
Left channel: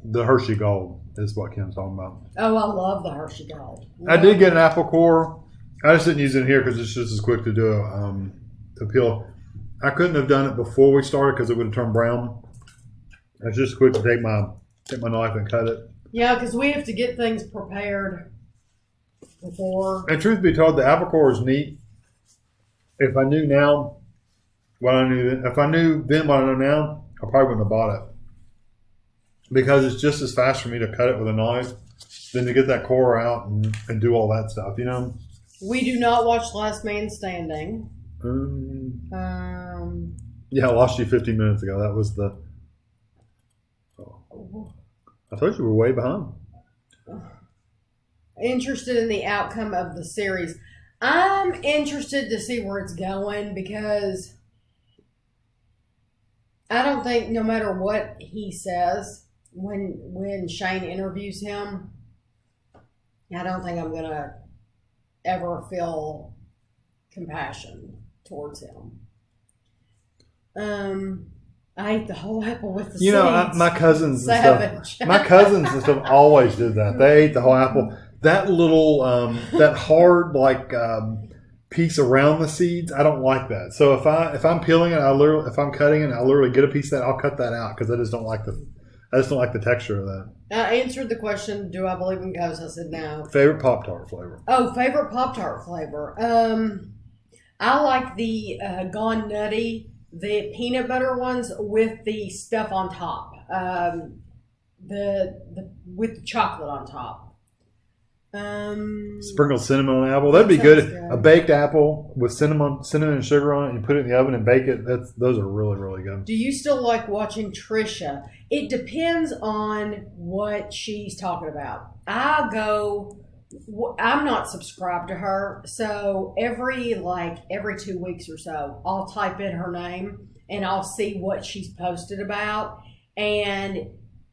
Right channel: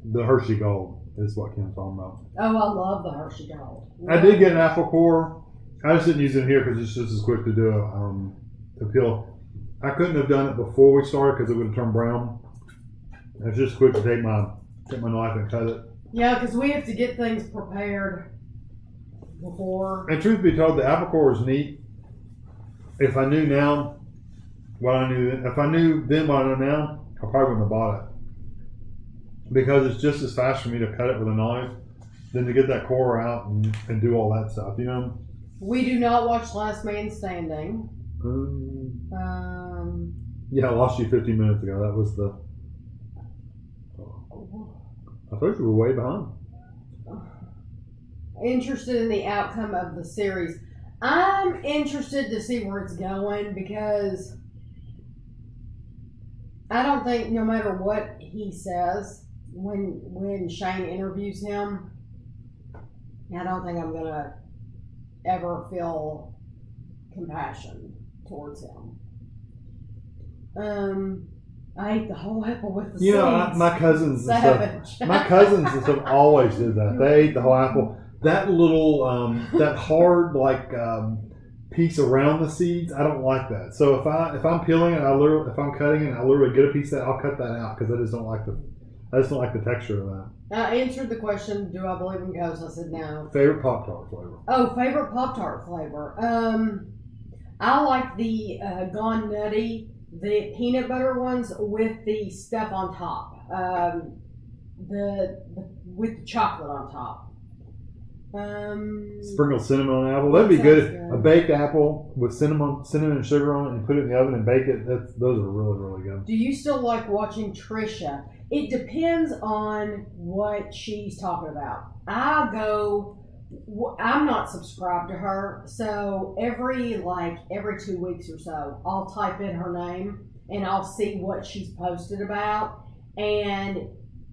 The Hershey Gold is what Kim's talking about. Oh, I love the Hershey Gold. I did get an apple core. I just didn't use it here because it's just as quick to do to peel. I couldn't have done it before we started because it would have turned brown. It's just quick to take my knife and cut it. Yeah, because we have to get things prepared before. And truth be told, the apple core is neat. If I knew now what I knew, if I knew then what I know now, I probably wouldn't have bought it. Because it's just as fast for me to cut it with a knife than to get that core out and do all that stuff, you know? We do not watch Last Man Standing. Yeah, I lost you 15 minutes ago. That was the... I told you we were way behind. Interested in the outcome of the series. I'm interested to see where it's going because I don't think no matter what he says when Shane interviews him, I don't think I'm going to ever feel compassion towards him. I ate the whole apple with the seeds. You know, my cousins and stuff. My cousins and stuff always did that. They ate the whole apple. That little, that hard piece around the seeds, I don't like that. So if I'm peeling it, if I'm cutting it, I literally get a piece of that. I'll cut that out because I just don't like the texture of that. I answered the question, do I believe in ghosts? I said no. Favorite Pop-Tart flavor? Oh, favorite Pop-Tart flavor. I like the Gone Nutty, the peanut butter ones with the stuff on top. With the chocolate on top. Sprinkled cinnamon on apple. That'd be That good. sounds good. A baked apple with cinnamon and sugar on it, and put it in the oven and bake it. Those are really, really good. Do you still like watching Trisha? It depends on what she's talking about. I'm not subscribed to her, so every 2 weeks or so, I'll type in her name and I'll see what she's posted about. And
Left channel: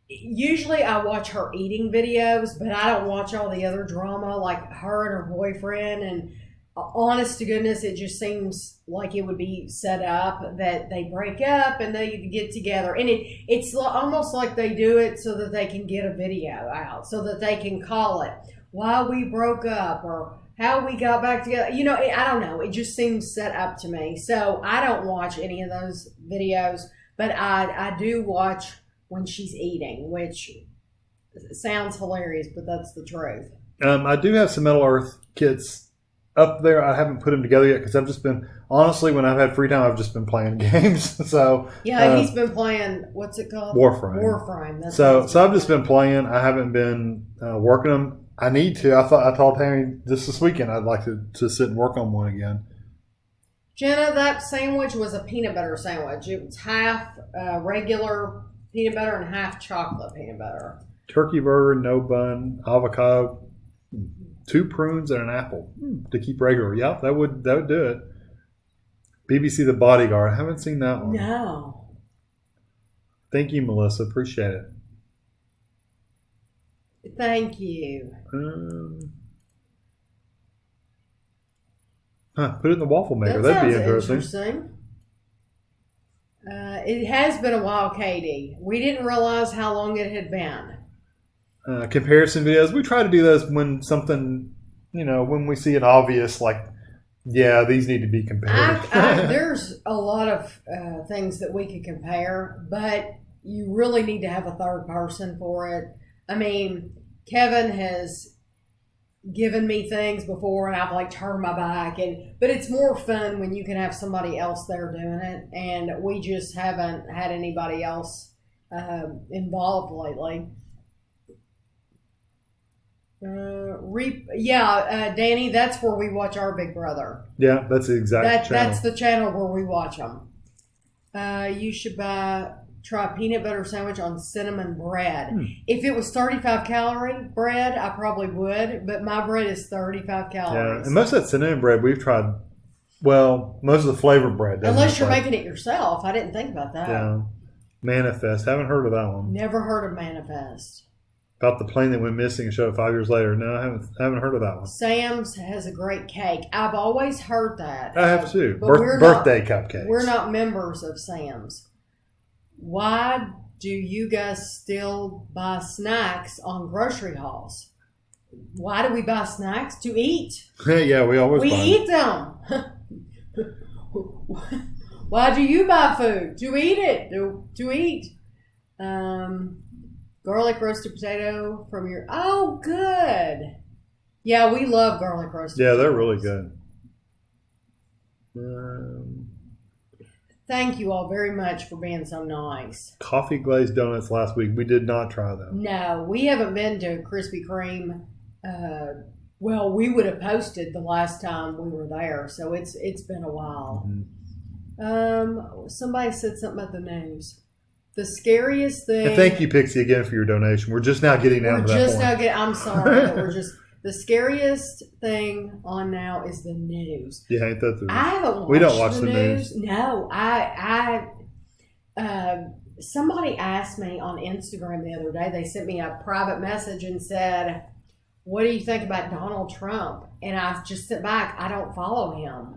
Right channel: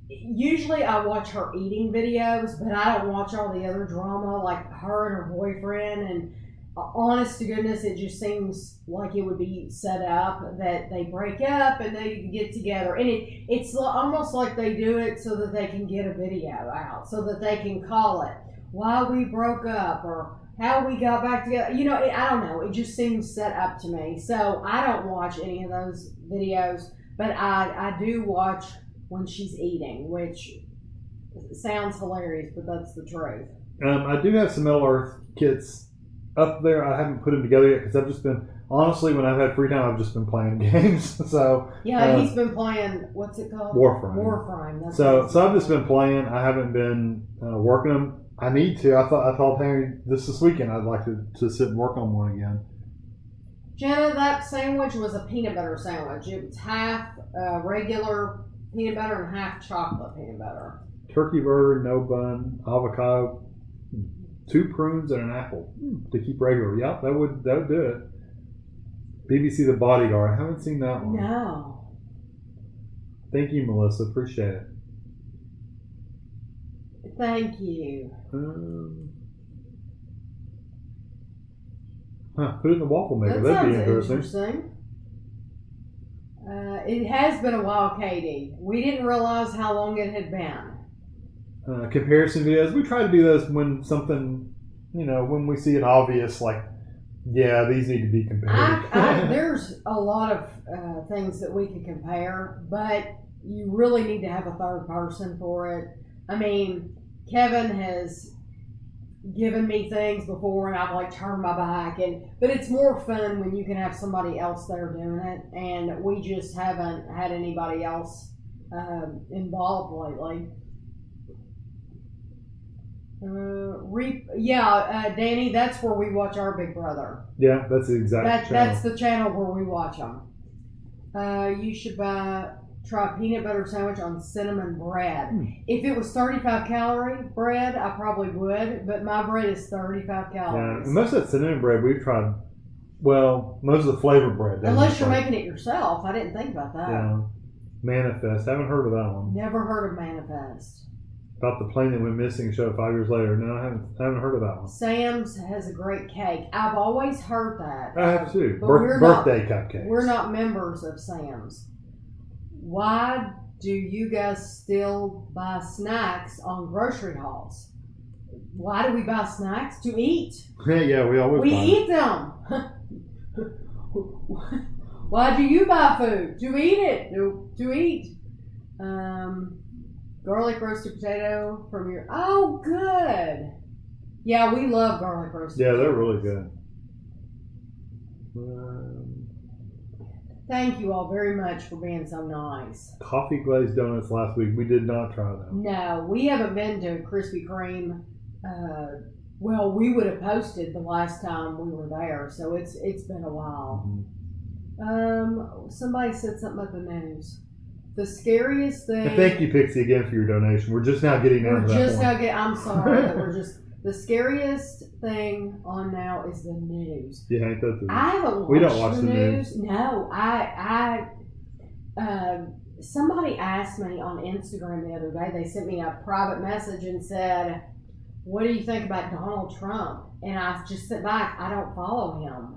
usually I watch her eating videos, but I don't watch all the other drama like her and her boyfriend. And honest to goodness, it just seems like it would be set up that they break up and they get together. And it's almost like they do it so that they can get a video out, so that they can call it why we broke up or how we got back together. I don't know. It just seems set up to me. So I don't watch any of those videos, but I do watch when she's eating, which sounds hilarious, but that's the truth. I do have some Metal Earth kits up there. I haven't put them together yet because I've just been, honestly, when I've had free time, I've just been playing games. So yeah, he's been playing, what's it called? Warframe. That's so I've just been playing. I haven't been working them. I need to. I told Tami this weekend I'd like to sit and work on one again. Jenna, that sandwich was a peanut butter sandwich. It was half regular peanut butter and half chocolate peanut butter. Turkey burger, no bun, avocado, 2 prunes, and an apple to keep regular. Yep, that would do it. BBC The Bodyguard. I haven't seen that one. No. Thank you, Melissa. Appreciate it. Thank you. Put it in the waffle maker. That That'd be sounds interesting. It has been a while, Katie. We didn't realize how long it had been. Comparison videos. We try to do those when something, when we see it obvious, like, yeah, these need to be compared. There's a lot of things that we could compare, but you really need to have a third person for it. I mean, Kevin has given me things before and I've turned my back, but it's more fun when you can have somebody else there doing it, and we just haven't had anybody else involved lately. Danny, that's where we watch our Big Brother. Yeah, that's the exact channel. That's the channel where we watch them. You should try peanut butter sandwich on cinnamon bread. If it was 35 calorie bread, I probably would, but my bread is 35 calories. Yeah, and most of that cinnamon bread we've tried. Well, most of the flavored bread. Unless you're making it yourself. I didn't think about that. Yeah. Manifest. Haven't heard of that one. Never heard of Manifest. About the plane that went missing and showed up 5 years later. No, I haven't heard of that one. Sam's has a great cake. I've always heard that. I have too. But birthday cupcakes. We're not members of Sam's. Why do you guys still buy snacks on grocery hauls? Why do we buy snacks? To eat. Yeah, we always buy eat them. Why do you buy food? To eat it. To eat. Garlic roasted potato from your... Oh, good. Yeah, we love garlic roasted potatoes. Yeah, they're really good. Thank you all very much for being so nice. Coffee glazed donuts last week. We did not try them. No, we haven't been to Krispy Kreme. Well, we would have posted the last time we were there, so it's been a while. Mm-hmm. Somebody said something about the news. The scariest thing... And thank you, Pixie, again for your donation. We're just now getting down to that point. I'm sorry. We're just... The scariest thing on now is the news. Yeah, ain't that the news? I haven't watched We don't watch the news. No, somebody asked me on Instagram the other day. They sent me a private message and said, "What do you think about Donald Trump?" And I just sit back. I don't follow him.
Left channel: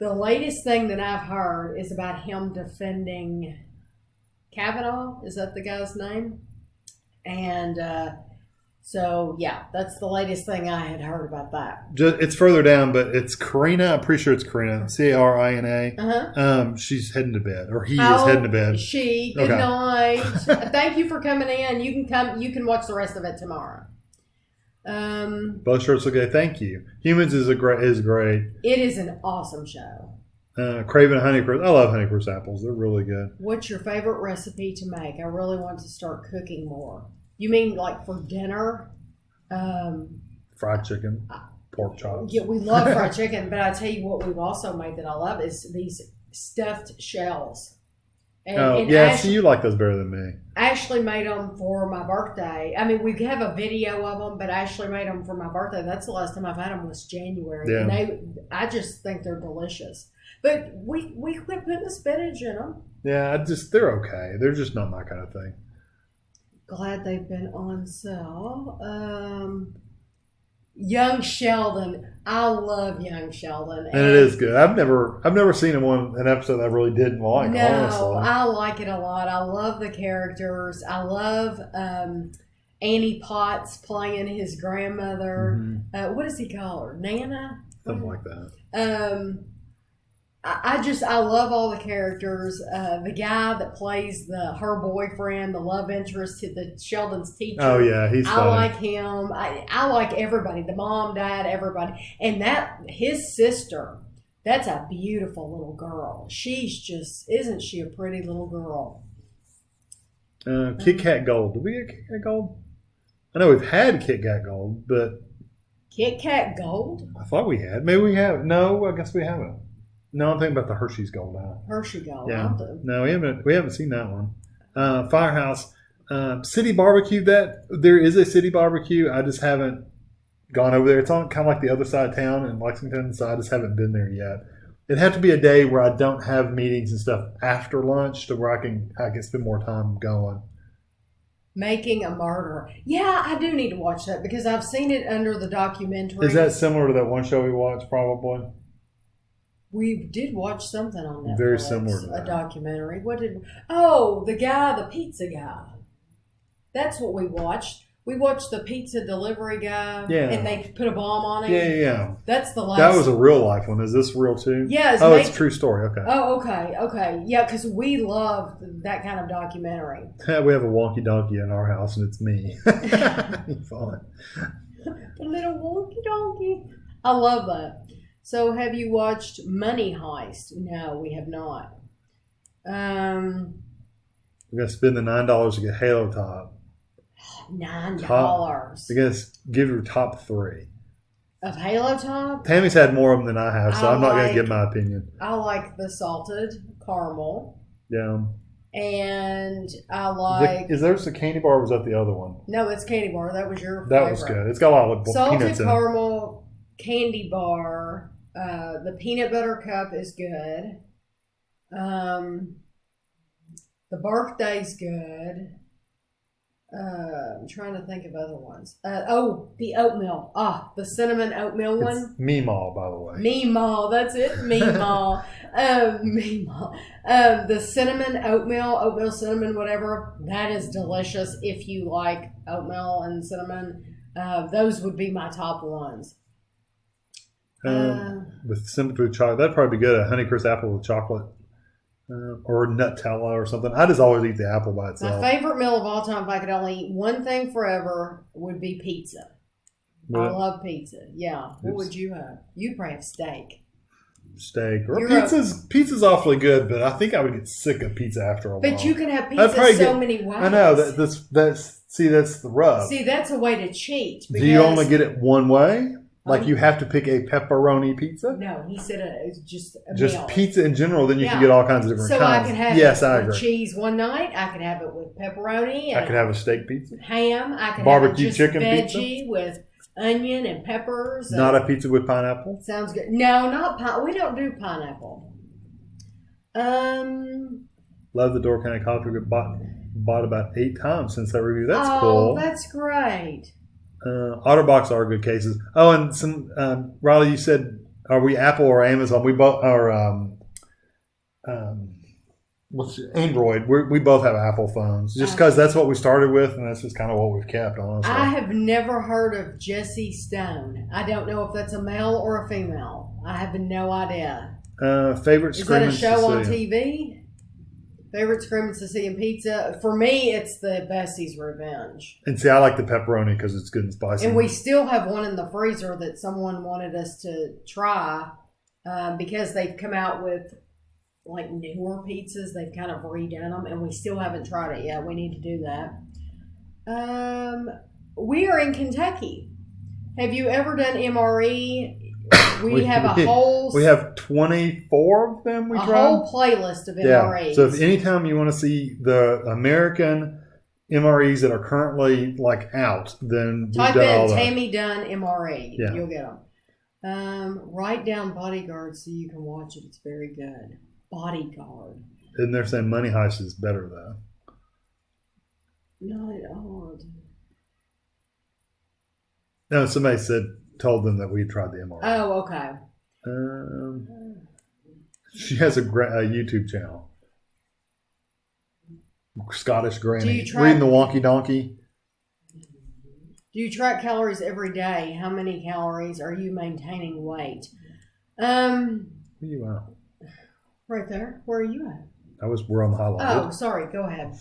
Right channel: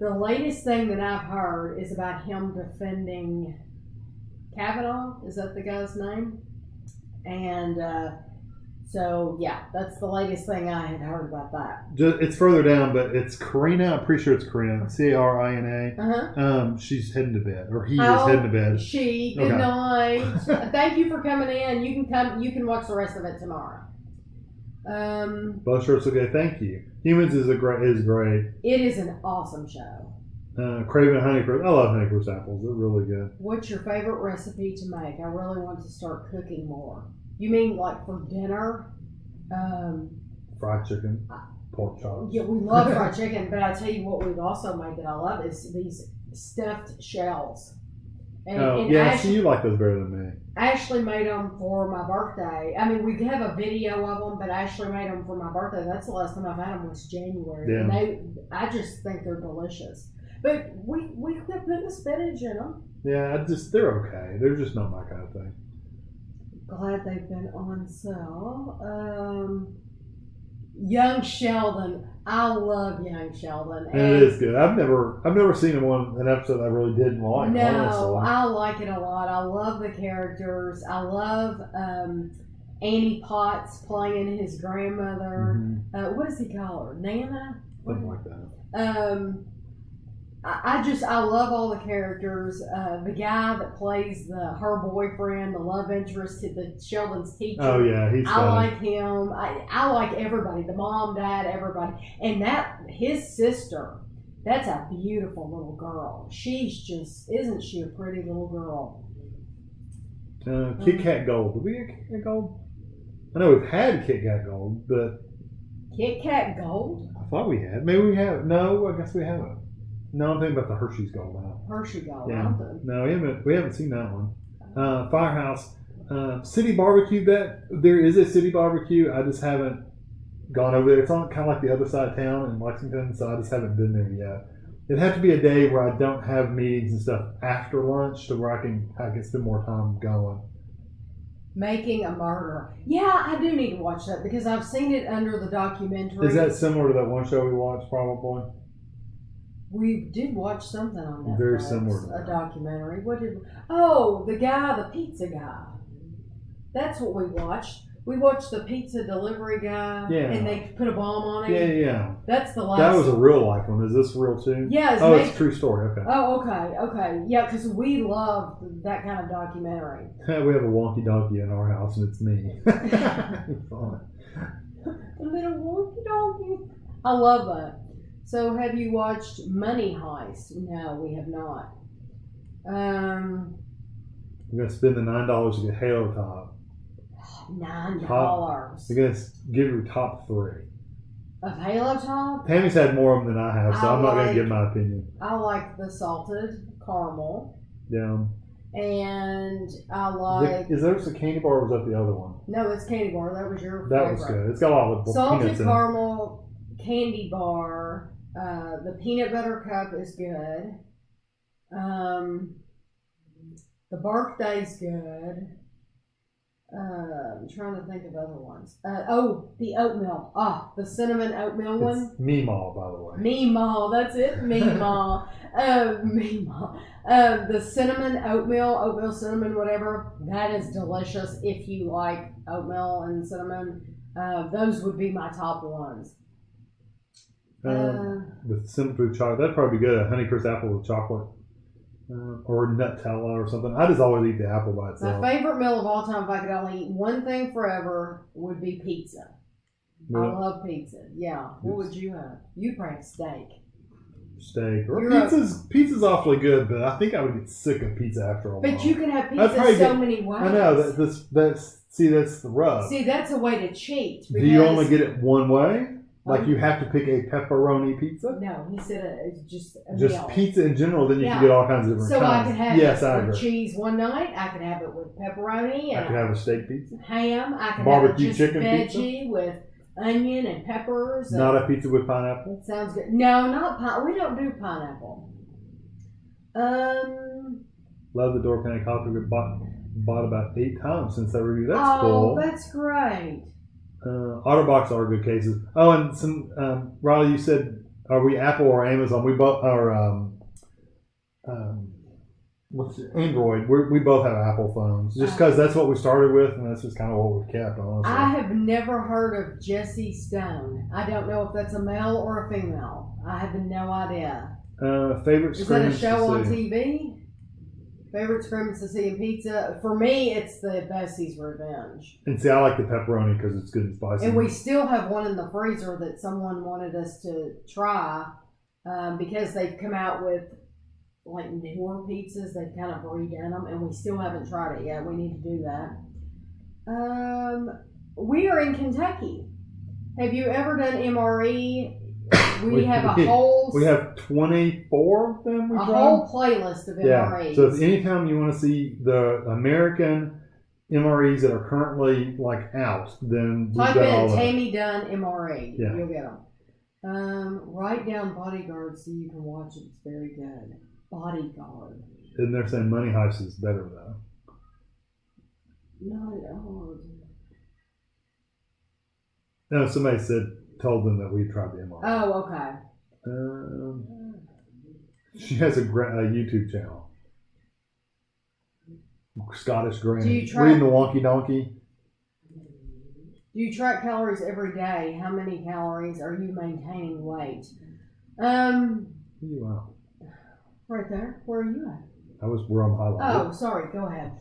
The latest thing that I've heard is about him defending Kavanaugh. Is that the guy's name? And so, yeah, that's the latest thing I had heard about that. It's further down, but it's Karina. I'm pretty sure it's Karina. Carina. Uh-huh. She's heading to bed, or he is heading to bed. Good night. Thank you for coming in. You can watch the rest of it tomorrow. Both shirts okay. Thank you. Humans is great. It is an awesome show. Craving Honeycrisp. I love Honeycrisp apples. They're really good. What's your favorite recipe to make? I really want to start cooking more. You mean like for dinner? Fried chicken, pork chops. Yeah, we love fried chicken, but I tell you what we've also made that I love is these stuffed shells. And yeah, Ashley, see, you like those better than me. Ashley made them for my birthday. I mean, we have a video of them, but Ashley made them for my birthday. That's the last time I've had them was January. Yeah. And I just think they're delicious. But we quit putting the spinach in them. Yeah, they're okay. They're just not my kind of thing. Glad they've been on sale. Young Sheldon. I love Young Sheldon. And it is good. I've never seen an episode I really didn't like. No, honestly. I like it a lot. I love the characters. I love Annie Potts playing his grandmother. Mm-hmm. What does he call her? Nana? Something like that. I love all the characters. The guy that plays her boyfriend, the love interest, the Sheldon's teacher. Oh yeah, he's funny. I like him. I like everybody. The mom, dad, everybody, and his sister. That's a beautiful little girl. Isn't she a pretty little girl? Kit Kat Gold. Did we get Kit Kat Gold? I know we've had Kit Kat Gold, but Kit Kat Gold. I thought we had. Maybe we have. No, I guess we haven't. No, I'm thinking about the Hershey's Gold now. Hershey Gold. Yeah. No, we haven't seen that one. Firehouse, City Barbecue. There is a City Barbecue. I just haven't gone over there. It's on kind of like the other side of town in Lexington, so I just haven't been there yet. It'd have to be a day where I don't have meetings and stuff after lunch to where I can spend more time going. Making a Murderer. Yeah, I do need to watch that because I've seen it under the documentary. Is that similar to that one show we watched? Probably. We did watch something on Netflix. Very similar to that. A documentary. The pizza guy. That's what we watched. We watched the pizza delivery guy. Yeah. And they put a bomb on him. Yeah. That's the last. That was a real life one. Is this real too? Yeah. It's a true story. Okay. Oh, okay. Yeah, because we love that kind of documentary. We have a wonky donkey in our house, and it's me. Fun. The little wonky donkey. I love that. So, have you watched Money Heist? No, we have not. We're gonna spend the $9 to get Halo Top. $9. We're gonna give your top 3 of Halo Top. Tammy's had more of them than I have, so I'm not gonna give my opinion. I like the salted caramel. Yeah. And I like. Is there a candy bar? Or was that the other one? No, it's candy bar. That was your. That favorite. Was good. It's got a lot of salted peanuts caramel candy bar. The peanut butter cup is good. The birthday's good. I'm trying to think of other ones. The oatmeal. The cinnamon oatmeal one. It's Meemaw, by the way. Meemaw, that's it. Meemaw. Meemaw. The cinnamon oatmeal cinnamon, whatever. That is delicious if you like oatmeal and cinnamon. Those would be my top ones. With cinnamon chocolate, that'd probably be good. A Honeycrisp apple with chocolate, or Nutella or something. I just always eat the apple by itself. My favorite meal of all time, if I could only eat one thing forever, would be pizza. I love pizza. Yeah. What would you have? You'd probably have steak. Pizza's awfully good, but I think I would get sick of pizza after a while. But you can have pizza many ways. I know that's the rub. See, that's a way to cheat. Do you only get it one way? Like you have to pick a pepperoni pizza? No, he said just meal. Pizza in general, then you can get all kinds of different kinds. So I could have it with cheese one night. I could have it with pepperoni. I could have a steak pizza. Ham. I could barbecue have chicken veggie pizza with onion and peppers. Not a pizza with pineapple? Sounds good. No, not pineapple. We don't do pineapple. Love the Door County Coffee. Bought about 8 times since I reviewed. That's cool. Oh, that's great. Otterbox are good cases. Oh, and some Riley, you said, are we Apple or Amazon? We both are. Android. We both have Apple phones, just because that's what we started with, and that's just kind of what we've kept. Honestly, I have never heard of Jesse Stone. I don't know if that's a male or a female. I have no idea. Favorite? Is that a show on TV? Favorite Screaming Sicilian pizza? For me, it's the Bessie's Revenge. And see, I like the pepperoni because it's good and spicy. And we still have one in the freezer that someone wanted us to try because they've come out with like newer pizzas. They've kind of redone them, and we still haven't tried it yet. We need to do that. We are in Kentucky. Have you ever done MRE? We have a whole... We have 24 of them we tried. A whole playlist of MREs. So if anytime you want to see the American MREs that are currently like out, then type in Tami Dunn MRE. Yeah. You'll get them. Write down Bodyguard so you can watch it. It's very good. Bodyguard. And they're saying Money Heist is better though. Not at all. No, somebody told them that we tried the MRE. Oh, okay. She has a YouTube channel. Scottish Granny. Reading the Wonky Donkey. Do you track calories every day? How many calories are you maintaining weight? Where are you at? Right there. Where are you at? I was where I'm highlighted. Oh, sorry. Go ahead.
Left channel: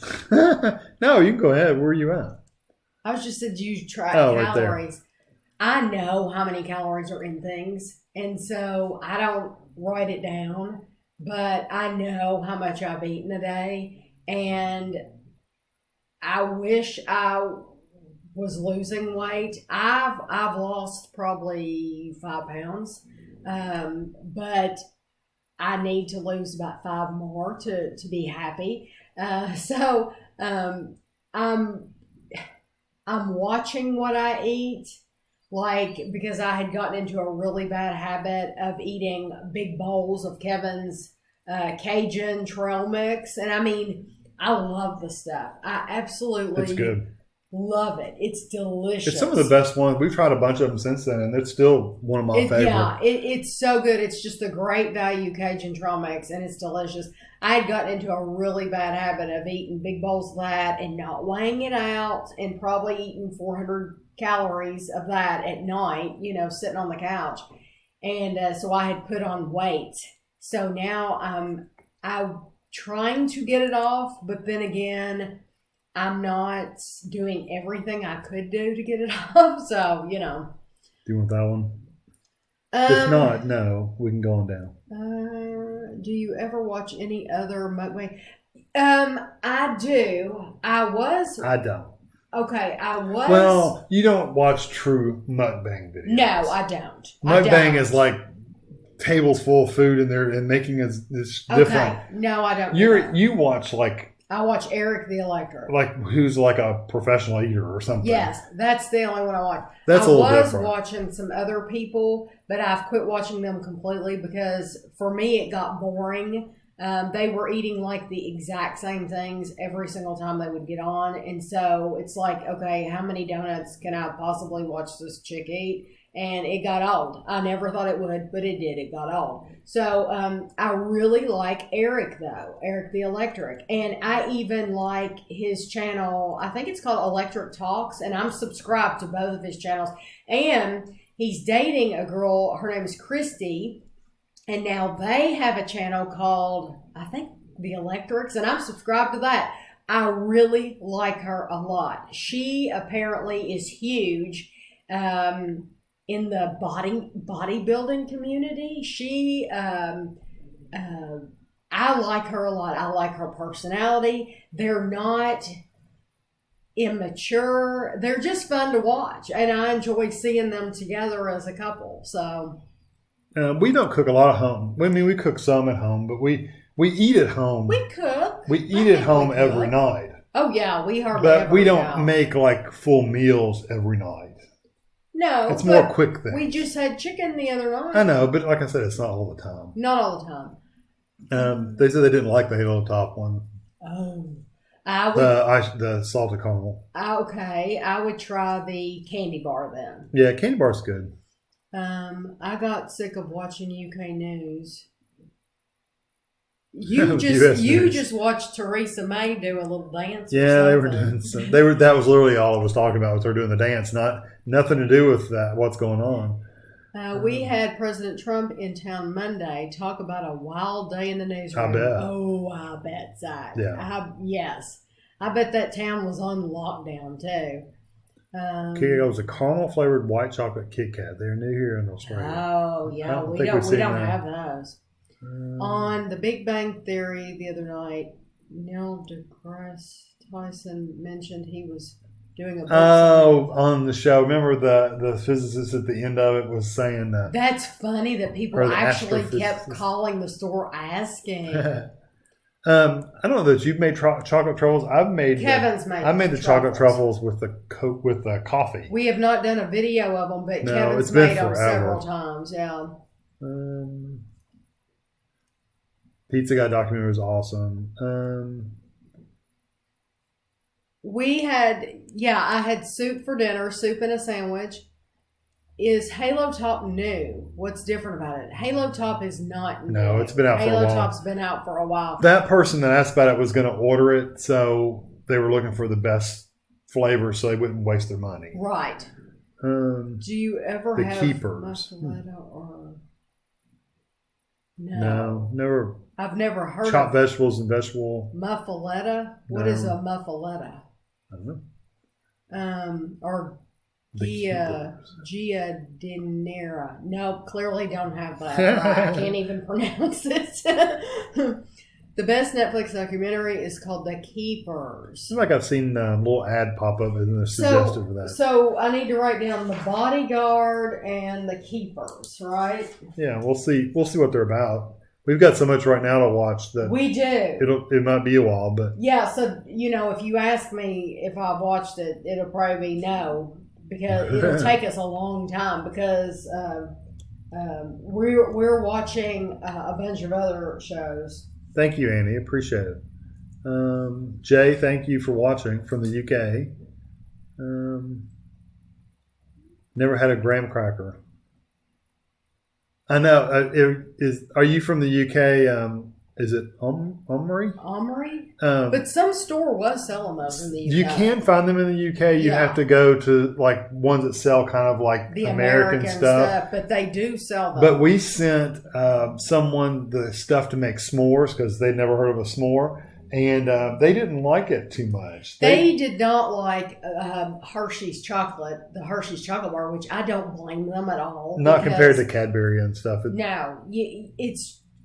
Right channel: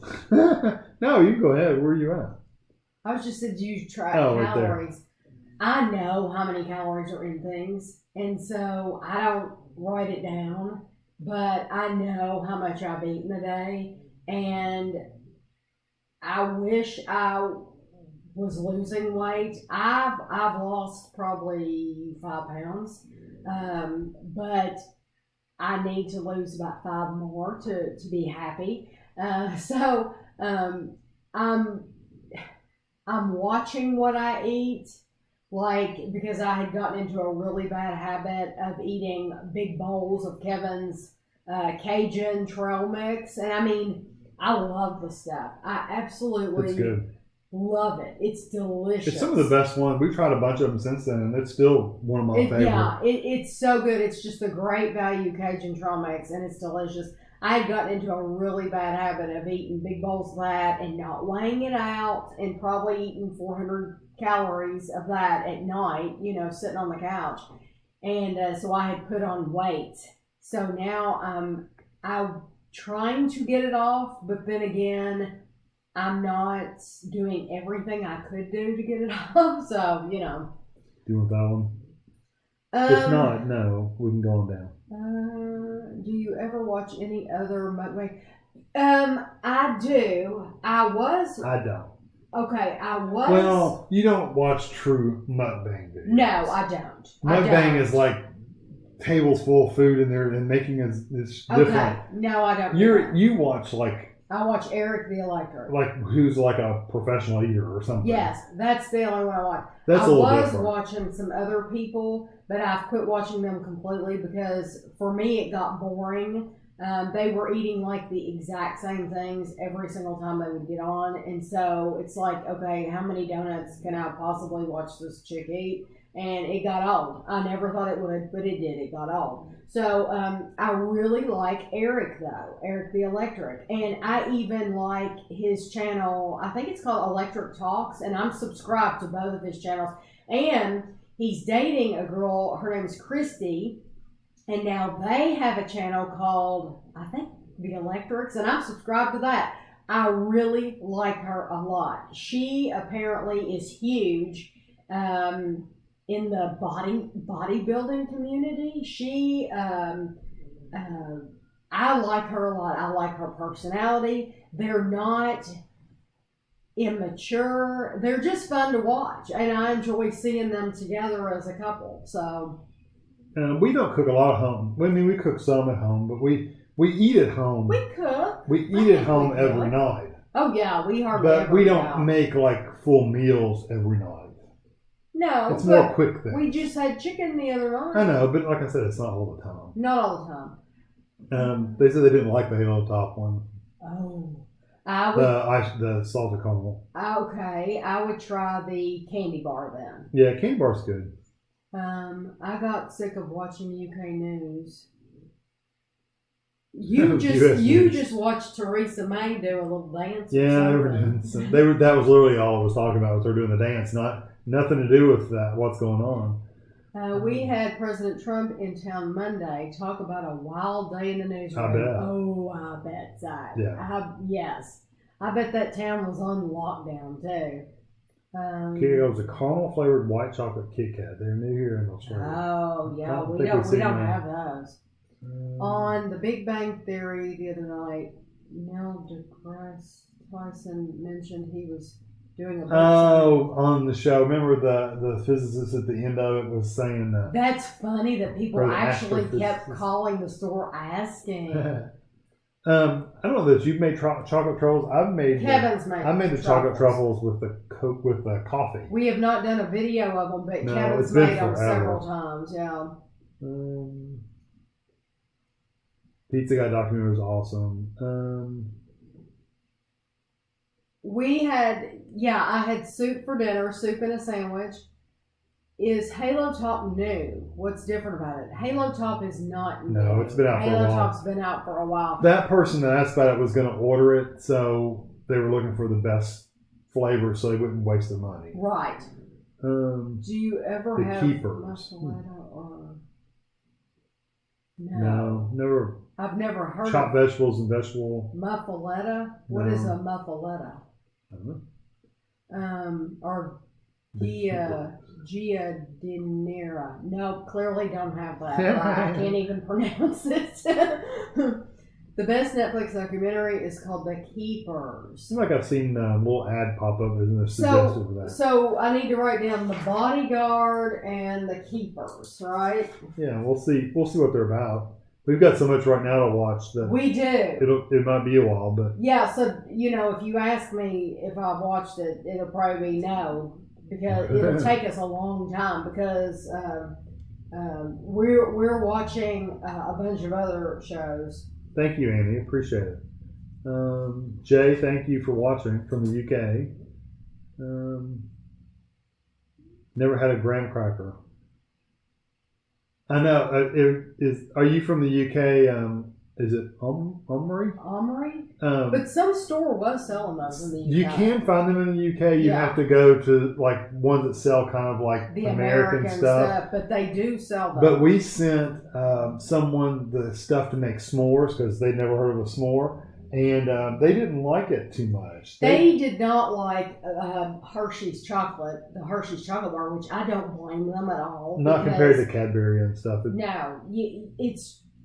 No, you can go ahead. Where are you at? I was just said, do you track calories? Right there. I know how many calories are in things, and so I don't write it down, but I know how much I've eaten a day, and I wish I was losing weight. I've lost probably 5 pounds, but I need to lose about 5 more to be happy. So I'm watching what I eat. Like, because I had gotten into a really bad habit of eating big bowls of Kevin's Cajun trail mix. And I mean, I love the stuff. I absolutely love it. It's delicious. It's some of the best ones. We've tried a bunch of them since then, and it's still one of my favorites. Yeah, it's so good. It's just a great value Cajun trail mix, and it's delicious. I had gotten into a really bad habit of eating big bowls of that and not weighing it out and probably eating 400 calories of that at night, sitting on the couch. And so I had put on weight. So now I'm trying to get it off, but then again, I'm not doing everything I could do to get it off. So, Do you want that one? If not, no, we can go on down. Do you ever watch any other mukbang? I do. I don't. Okay, I was. Well, you don't watch true mukbang videos. No, I don't. Mukbang is like tables full of food in there and making it different. Okay, no, I don't. You watch like. I watch Eric the Electric. Like who's like a professional eater or something. Yes, that's the only one I watch. That's a little different. I was watching some other people, but I've quit watching them completely because for me it got boring. They were eating like the exact same things every single time they would get on. And so it's like, okay, how many donuts can I possibly watch this chick eat? And it got old. I never thought it would, but it did. It got old. So I really like Eric, though. Eric the Electric. And I even like his channel. I think it's called Electric Talks. And I'm subscribed to both of his channels. And he's dating a girl. Her name is Christy. And now they have a channel called, I think, The Electrics. And I'm subscribed to that. I really like her a lot. She apparently is huge. In the bodybuilding community. She, I like her a lot. I like her personality. They're not immature. They're just fun to watch. And I enjoy seeing them together as a couple. So. We don't cook a lot at home. I mean, we cook some at home, but we eat at home. We cook. We eat at home every night. Oh, yeah. We hardly But we don't make like full meals every night. No, it's more quick things. We just had chicken the other night. I know, but like I said, it's not all the time. Not all the time. They said they didn't like the Halo Top one. Oh, the salted caramel. Okay, I would try the candy bar then. Yeah, candy bar's good. I got sick of watching UK news. You just watched Theresa May do a little dance. Yeah, they were doing some. That was literally all I was talking about. Was her doing the dance, nothing to do with that. What's going on? We had President Trump in town Monday. Talk about a wild day in the newsroom. I bet. Oh, I bet that. Yeah. Yes, I bet that town was on lockdown too. It was a caramel flavored white chocolate Kit Kat. They're new here in Australia. Oh yeah, we don't have those. On The Big Bang Theory the other night, Neil deGrasse Tyson mentioned he was doing a book Oh, on the show. Remember the physicist at the end of it was saying that. That's funny that people Or the actually kept astrophysicist. calling the store asking. I don't know that you've made chocolate truffles. I've made Kevin's made. I made the chocolate truffles with the coffee. We have not done a video of them, but No, Kevin's it's been made them forever. several times. Yeah. Pizza Guy documentary was awesome. I had soup for dinner, soup and a sandwich. Is Halo Top new? What's different about it? Halo Top is not new. No, it's been out for a while. Halo Top's been out for a while. That person that asked about it was going to order it, so they were looking for the best flavor so they wouldn't waste their money. Right. Do you ever have keepers? muffaletta or No, never. I've never heard Chopped of vegetables and vegetable. muffaletta. What is a muffaletta? I don't know. Or The Giardiniera. No, clearly don't have that. I can't even pronounce it. The best Netflix documentary is called The Keepers. Seems like I've seen a little ad pop up and a suggestion for that. So I need to write down The Bodyguard and The Keepers, right? Yeah, we'll see. We'll see what they're about. We've got so much right now to watch that We do. it might be a while, but Yeah, so, if you ask me if I've watched it, it'll probably be no, because it'll take us a long time, because we're watching a bunch of other shows. thank you, Annie. Appreciate it. Jay, thank you for watching from the UK. Never had a graham cracker. I know. Are you from the UK? Is it Omri? Omri? But some store was selling those in the UK. you can find them in the UK. You have to go to like ones that sell kind of like the American stuff. But they do sell them. But we sent someone the stuff to make s'mores because they'd never heard of a s'more. And they didn't like it too much. They did not like Hershey's chocolate, the Hershey's chocolate bar, which I don't blame them at all. Not compared to Cadbury and stuff. No,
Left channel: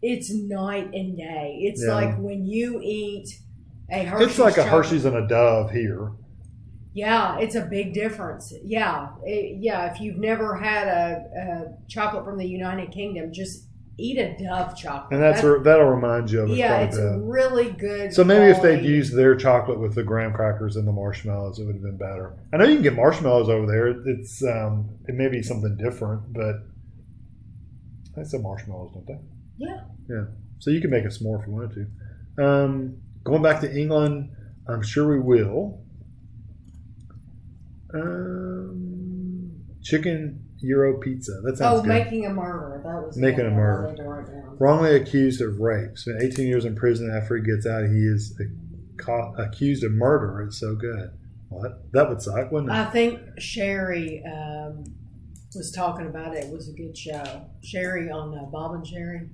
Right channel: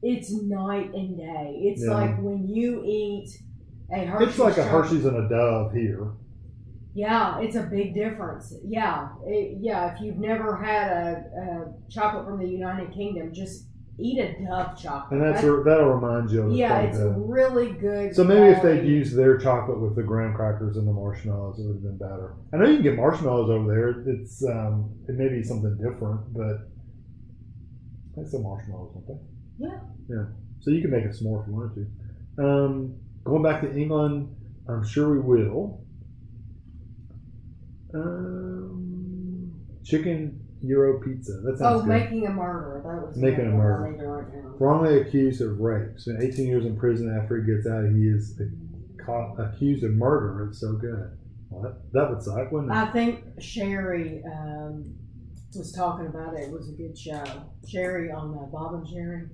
it's night and day. It's like when you eat a Hershey's. It's like a chocolate. Hershey's and a Dove here. Yeah, it's a big difference. Yeah, if you've never had a chocolate from the United Kingdom, just eat a Dove chocolate. And that'll remind you of it. Yeah, it's really good. So maybe if they'd used their chocolate with the graham crackers and the marshmallows, it would have been better. I know you can get marshmallows over there. It's it may be something different, but they sell marshmallows, don't they? Yeah. Yeah. So you can make a s'more if you wanted to. Going back to England, I'm sure we will. Chicken Euro pizza. That sounds good. Making a murderer. That was Making a murderer. Wrongly accused of rape. So 18 years in prison after he gets out, he is accused of murder. It's so good. What? That would suck, wouldn't it? I think Sherry was talking about it. It was a good show. Sherry on Bob and Sherry.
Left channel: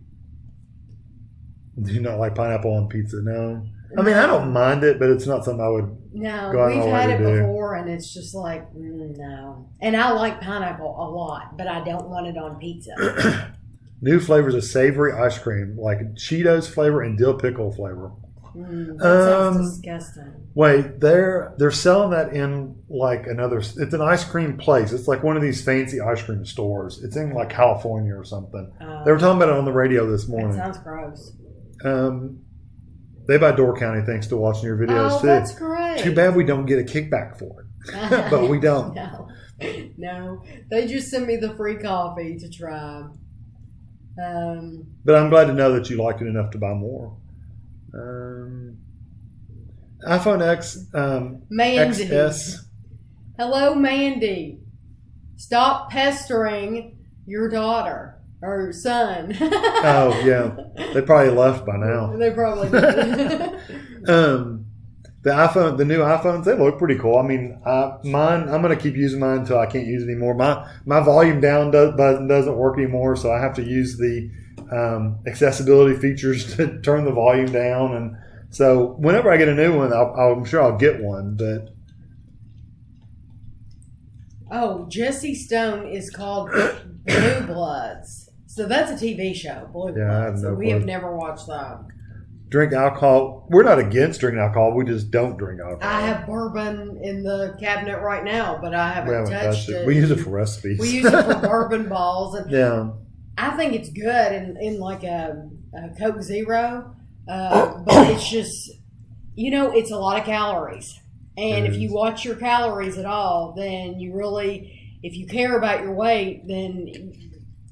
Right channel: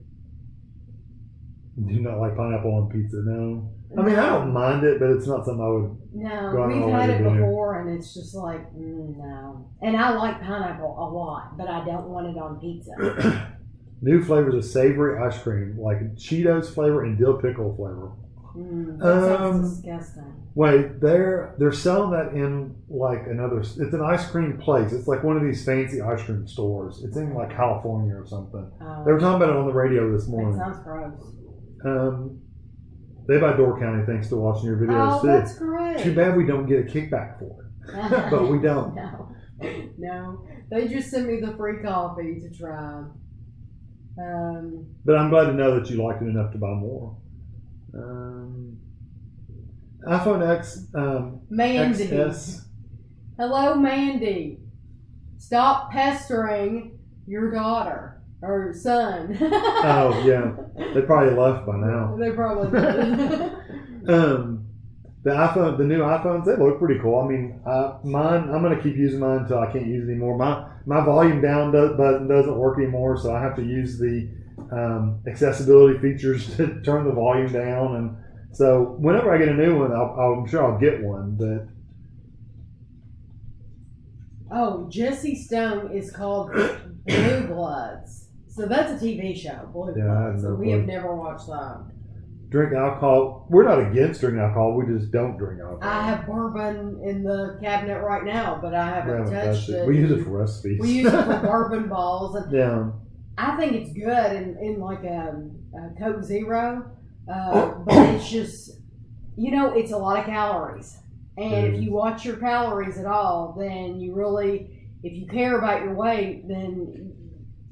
Do you not like pineapple on pizza? No. I mean, I don't mind it, but it's not something I would. No, go out we've of my had way it to do. before, and it's just like no. And I like pineapple a lot, but I don't want it on pizza. New flavors of savory ice cream, like Cheetos flavor and dill pickle flavor. That sounds disgusting. Wait, they're selling that in like another. It's an ice cream place. It's like one of these fancy ice cream stores. It's in like California or something. They were talking about it on the radio this morning. That sounds gross. They buy Door County thanks to watching your videos too. That's great. Too bad we don't get a kickback for it, but we don't. No, they just sent me the free coffee to try. But I'm glad to know that you liked it enough to buy more. iPhone X, Mandy. XS. Hello, Mandy. Stop pestering your daughter or son. Oh yeah, they probably left by now. They probably did. The new iPhones, they look pretty cool. I mean, mine, I'm going to keep using mine until I can't use it anymore. My volume down button doesn't work anymore, so I have to use the accessibility features to turn the volume down. And so whenever I get a new one, I'm sure I'll get one. But Jesse Stone is called Blue Bloods. So that's a TV show, Blue Bloods. I have no We clue. have never watched that. drink alcohol. We're not against drinking alcohol. We just don't drink alcohol. I have bourbon in the cabinet right now, but I haven't touched it. We use it for recipes. We use it for bourbon balls. And yeah. I think it's good in like a Coke Zero, but it's just, it's a lot of calories. And if you watch your calories at all, then you really, if you care about your weight, then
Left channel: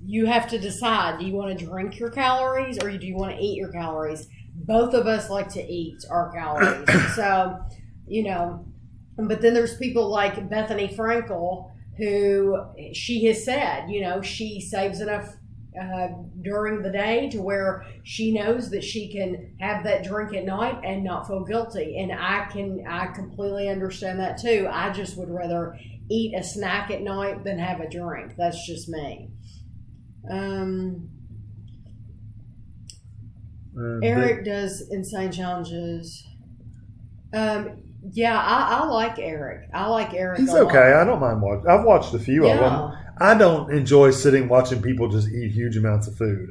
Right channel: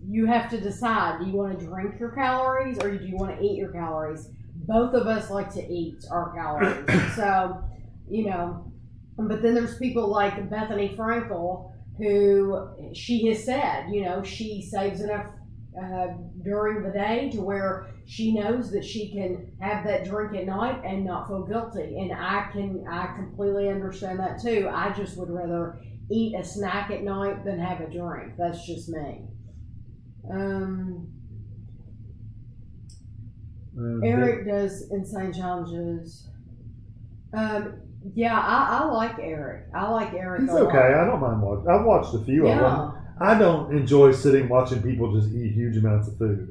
you have to decide, do you want to drink your calories or do you want to eat your calories? Both of us like to eat our calories. So, but then there's people like Bethany Frankel, who she has said, she saves enough during the day to where she knows that she can have that drink at night and not feel guilty. And I completely understand that too. I just would rather eat a snack at night than have a drink. That's just me. Eric does insane challenges. Yeah, I like Eric. He's okay. I don't mind watching. I've watched a few of them. I don't enjoy sitting watching people just eat huge amounts of food.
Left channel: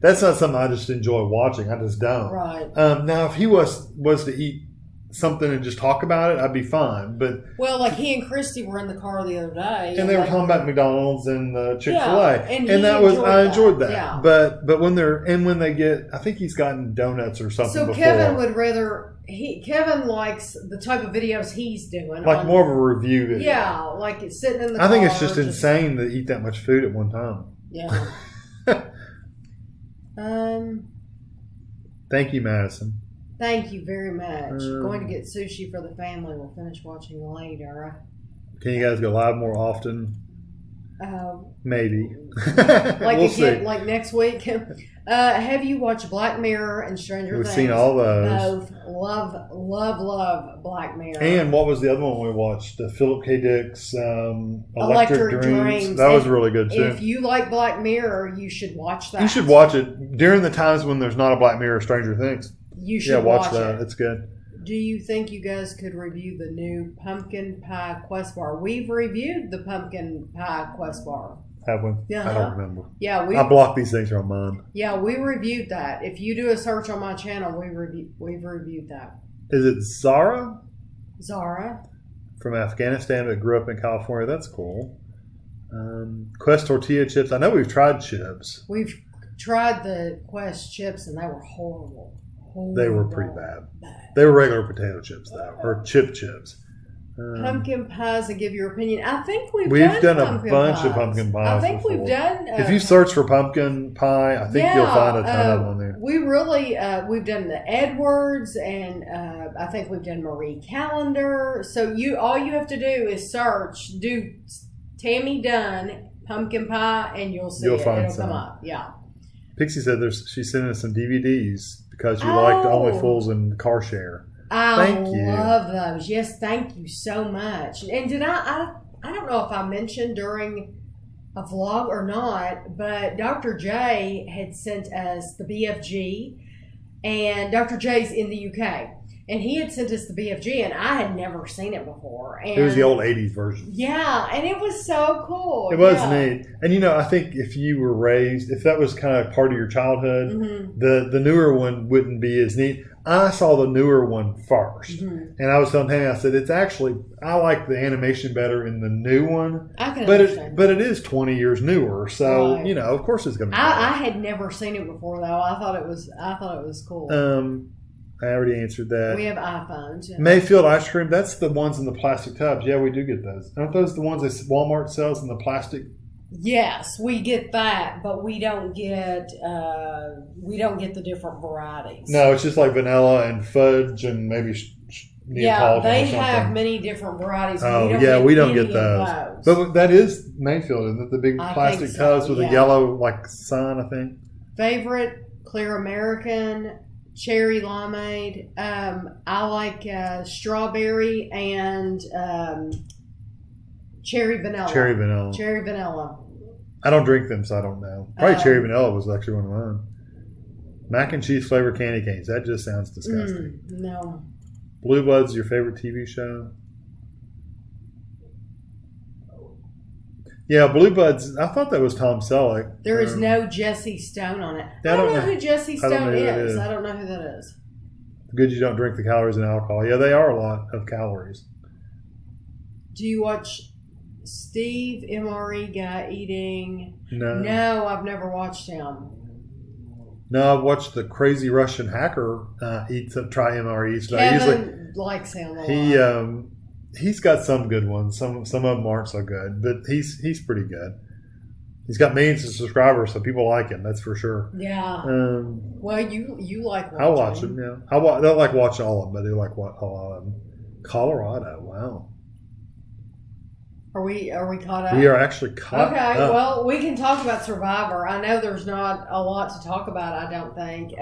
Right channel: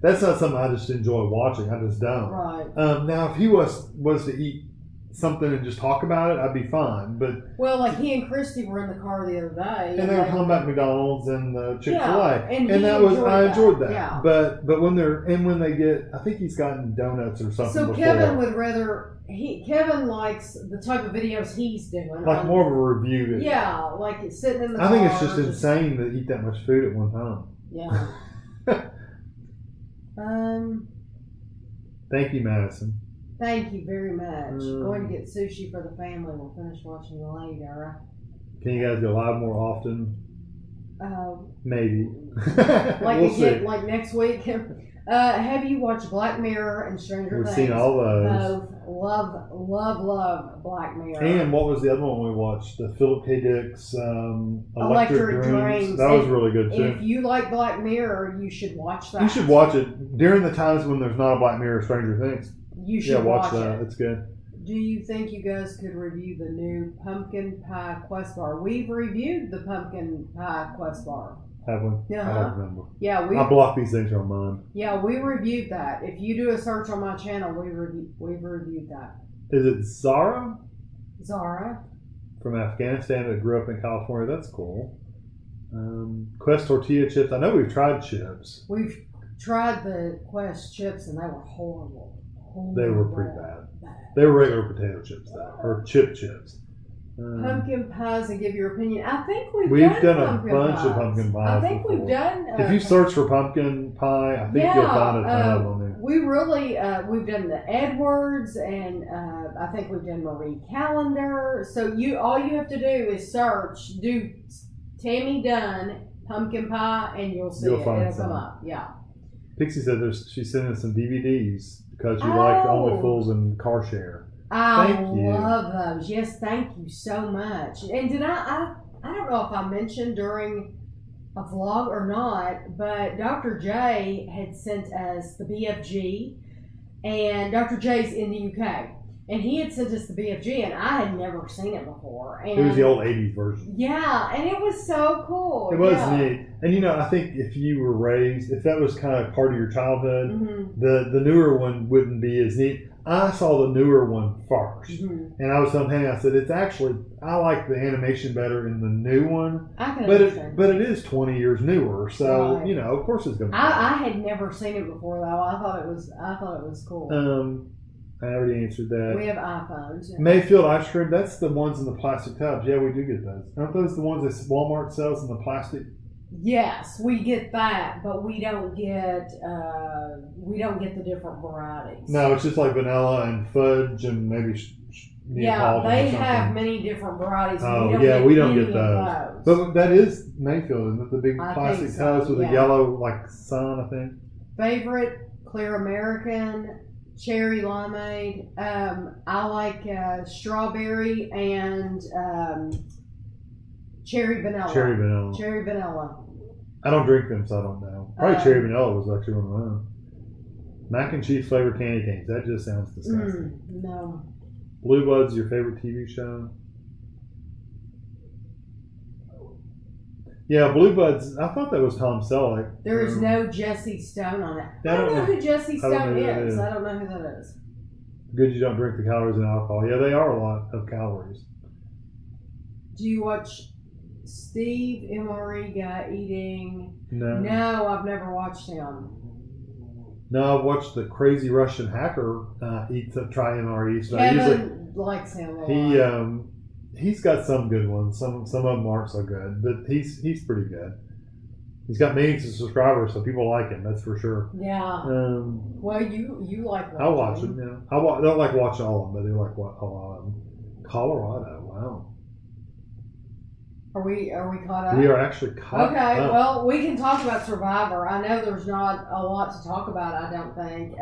That's not something I just enjoy watching. I just don't. Right. Now, if he was to eat something and just talk about it, I'd be fine. But like he and Christy were in the car the other day, and they were talking about McDonald's and Chick-fil-A, and I enjoyed that. Yeah. But when they get, I think he's gotten donuts or something. So before. Kevin would rather. Kevin likes the type of videos he's doing. Like more of a review video. Yeah, like it's sitting in the car. I think it's just insane to eat that much food at one time. Yeah. Thank you, Madison. Thank you very much. Going to get sushi for the family. We'll finish watching later. Can you guys go live more often? Maybe. Like next week. Have you watched Black Mirror and Stranger Things? We've seen all those. Both. Love Black Mirror. And what was the other one we watched? Philip K. Dick's Electric Dreams. That was really good too. If you like Black Mirror, you should watch that. You should watch it during the times when there's not a Black Mirror, Stranger Things. You should watch that. It. It's good. Do you think you guys could review the new pumpkin pie Quest bar? We've reviewed the pumpkin pie Quest bar. Have we? I don't remember. Yeah, I block these things from mine. Yeah, we reviewed that. If you do a search on my channel, we've reviewed that. Is it Zara? Zara. From Afghanistan but grew up in California. That's cool. Quest tortilla chips. I know we've tried chips. We've tried the Quest chips and they were horrible. They were pretty bad. They were regular potato chips though, or chips. Pumpkin pies and give your opinion. I think we've done a bunch of pumpkin pies. I think before. we've done. If you search for pumpkin pie, I think you'll find a ton of them on there. We really we've done the Edwards, and I think we've done Marie Callender. So all you have to do is search, do Tami Dunn pumpkin pie, and you'll see it'll come up. Yeah. Pixie said she sent us some DVDs because you liked Only Fools and Car Share. Thank you. Love those. Yes, thank you so much. And did I don't know if I mentioned during a vlog or not, but Dr. J had sent us the BFG, and Dr. J's in the UK, and he had sent us the BFG, and I had never seen it before. And it was the old 80s version. Yeah, and it was so cool. It was neat. And I think if you were raised, if that was kind of part of your childhood, the newer one wouldn't be as neat. I saw the newer one first, and I was telling Tami, I said, I like the animation better in the new one. I can understand. But it is 20 years newer, so, right. Of course it's going to be better. I had never seen it before, though. I thought it was cool. I already answered that. We have iPhones. Yeah. Mayfield ice cream, that's the ones in the plastic tubs. Yeah, we do get those. Aren't those the ones that Walmart sells in the plastic? Yes, we get that, but we don't get the different varieties. No, it's just like vanilla and fudge and maybe Neapolitan. They have many different varieties. Oh, we don't get those. But that is Mayfield, isn't it? The big plastic tubs with a yellow sign, I think. Favorite Clear American, cherry limeade. I like strawberry and cherry vanilla. I don't drink them, so I don't know. Probably cherry vanilla was actually one of mine. Mac and cheese flavored candy canes. That just sounds disgusting. No. Blue Bloods is your favorite TV show? Yeah, Blue Buds. I thought that was Tom Selleck. There is no Jesse Stone on it. I I don't know know. who Jesse I don't know Stone who that is. is. I don't know who that is. Good you don't drink the calories in alcohol. Yeah, they are a lot of calories. Do you watch Steve MRE guy eating? No. No, I've never watched him. No, I've watched the crazy Russian hacker try MREs. So Kevin likes him a lot. He's got some good ones. Some of them aren't so good, but he's pretty good. He's got millions of subscribers, so people like him. That's for sure. Yeah. Well, you like watching. I watch him. Yeah, I don't like watching all of them, but I do like a lot of them. Colorado. Wow. Are we caught up? We are actually caught up. Okay, well, we can talk about Survivor. I know there's not a lot to talk about, I don't think.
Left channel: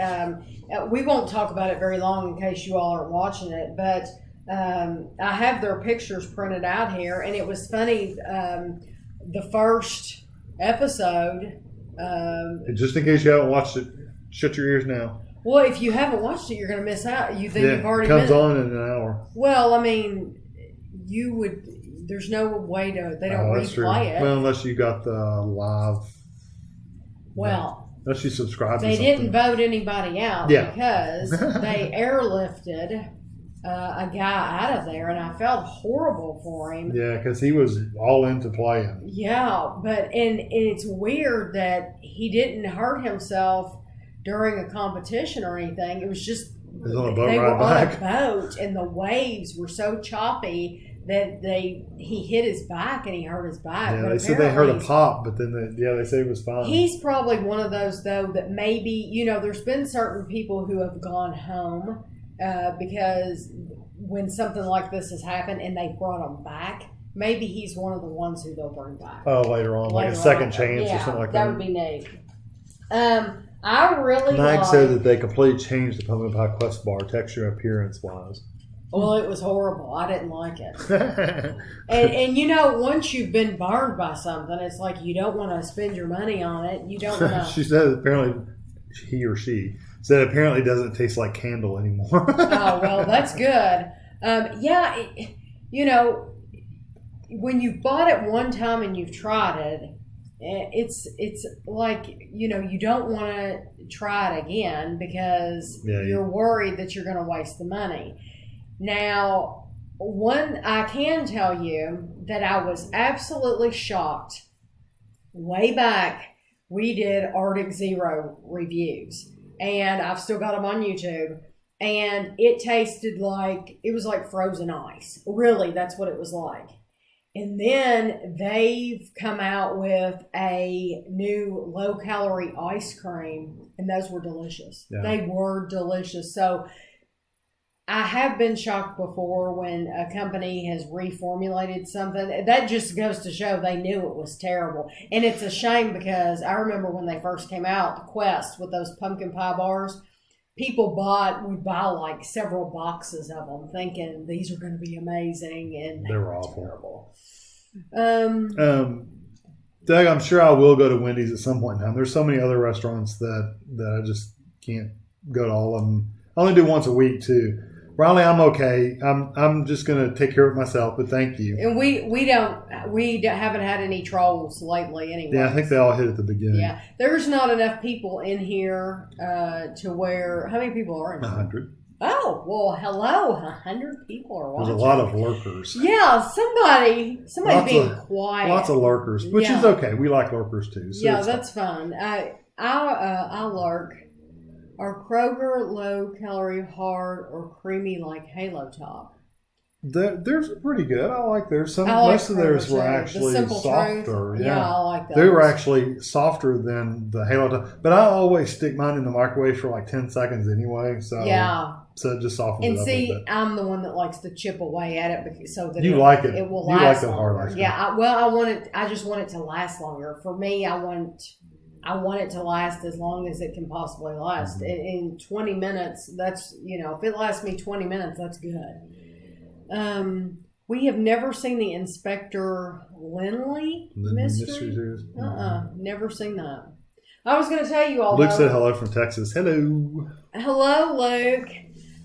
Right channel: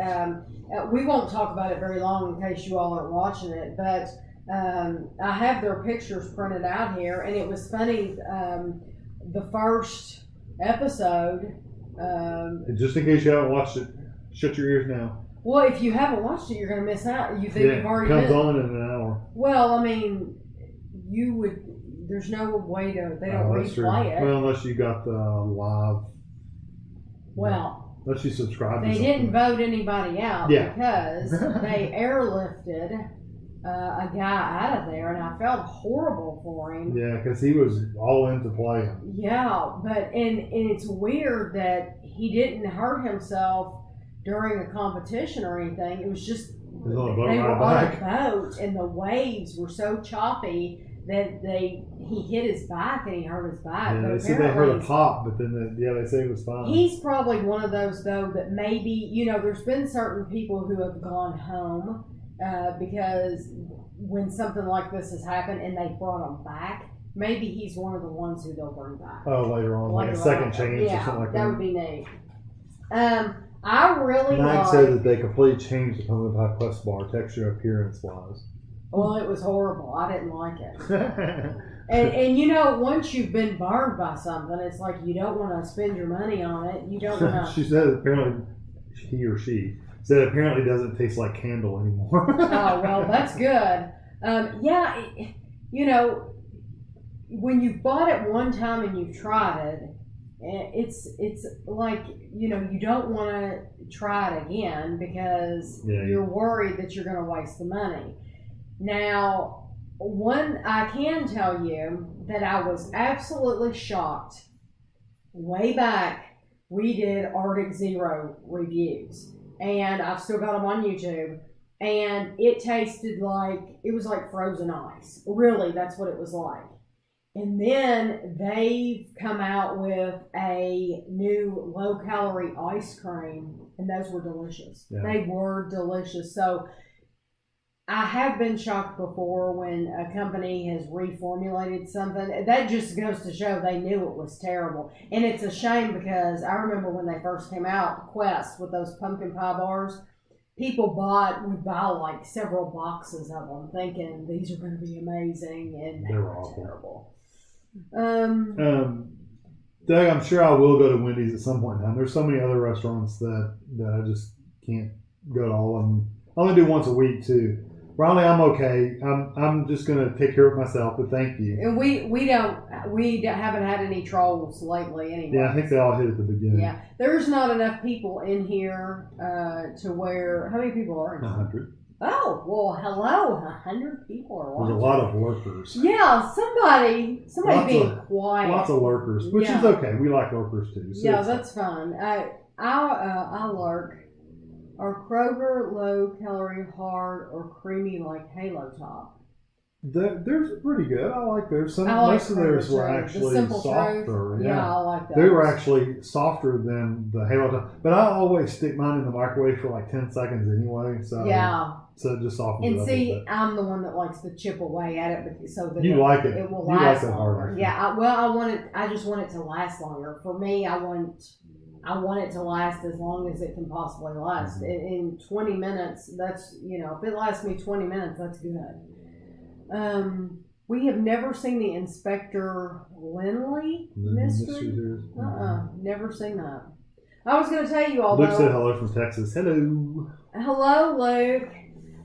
We won't talk about it very long in case you all aren't watching it, but I have their pictures printed out here, and it was funny. The first episode. Just in case you haven't watched it, shut your ears now. Well, if you haven't watched it, you're going to miss out. You think you've already it comes on in an hour. Well, I mean, you would. There's no way to. They don't replay it. Well, unless you got the live. Well, unless you subscribe. They didn't vote anybody out because they airlifted a guy out of there, and I felt horrible for him. Yeah, because he was all into playing. Yeah, but and it's weird that he didn't hurt himself during a competition or anything. It was just they were on a boat, and the waves were so choppy that he hit his back and he hurt his back. Yeah, they said they heard a pop, but then they said it was fine. He's probably one of those though that maybe there's been certain people who have gone home because when something like this has happened and they brought him back, maybe he's one of the ones who they'll bring back. Oh, later on, like a second chance or something like that. That would be neat. I really Mike said that they completely changed the pumpkin pie crust bar texture appearance wise. Well, it was horrible. I didn't like it. and once you've been burned by something, it's like you don't want to spend your money on it. You don't want to. She said apparently he or she said apparently doesn't taste like candle anymore. Oh, well, that's good. When you've bought it one time and you've tried it, it's like, you don't want to try it again because you're worried that you're going to waste the money. Now, I can tell you that I was absolutely shocked. Way back, we did Arctic Zero reviews, and I've still got them on YouTube, and it tasted like, it was like frozen ice. Really, that's what it was like. And then they've come out with a new low-calorie ice cream, and those were delicious. Yeah. They were delicious. So I have been shocked before when a company has reformulated something. That just goes to show they knew it was terrible. And it's a shame because I remember when they first came out, the Quest with those pumpkin pie bars, people would buy like several boxes of them thinking these are going to be amazing, and they were awful. Terrible. Doug, I'm sure I will go to Wendy's at some point in time. There's so many other restaurants that I just can't go to all of them. I only do once a week too. Riley, I'm okay. I'm just gonna take care of myself, but thank you. And we haven't had any trolls lately anyway. Yeah, I think they all hit at the beginning. Yeah, there's not enough people in here to where. How many people are in here? 100. Oh, well, hello. 100 people are watching. There's a lot of lurkers. Yeah, somebody's being quiet. Lots of lurkers, which is okay. We like lurkers too. So yeah, that's fun. I lurk. Are Kroger low-calorie, hard, or creamy like Halo Top? They're pretty good. I like theirs. Most of theirs were actually softer. Yeah, I like those. They were actually softer than the Halo Top. But I always stick mine in the microwave for like 10 seconds anyway. So so it just softens it up a bit. I'm the one that likes to chip away at it so that it will last longer. Yeah, I just want it to last longer. For me, I want it to last as long as it can possibly last. Mm-hmm. In 20 minutes, that's, if it lasts me 20 minutes, that's good. We have never seen the Inspector Lindley mystery. Never seen that. I was going to tell you all. Luke said hello from Texas. Hello. Hello, Luke.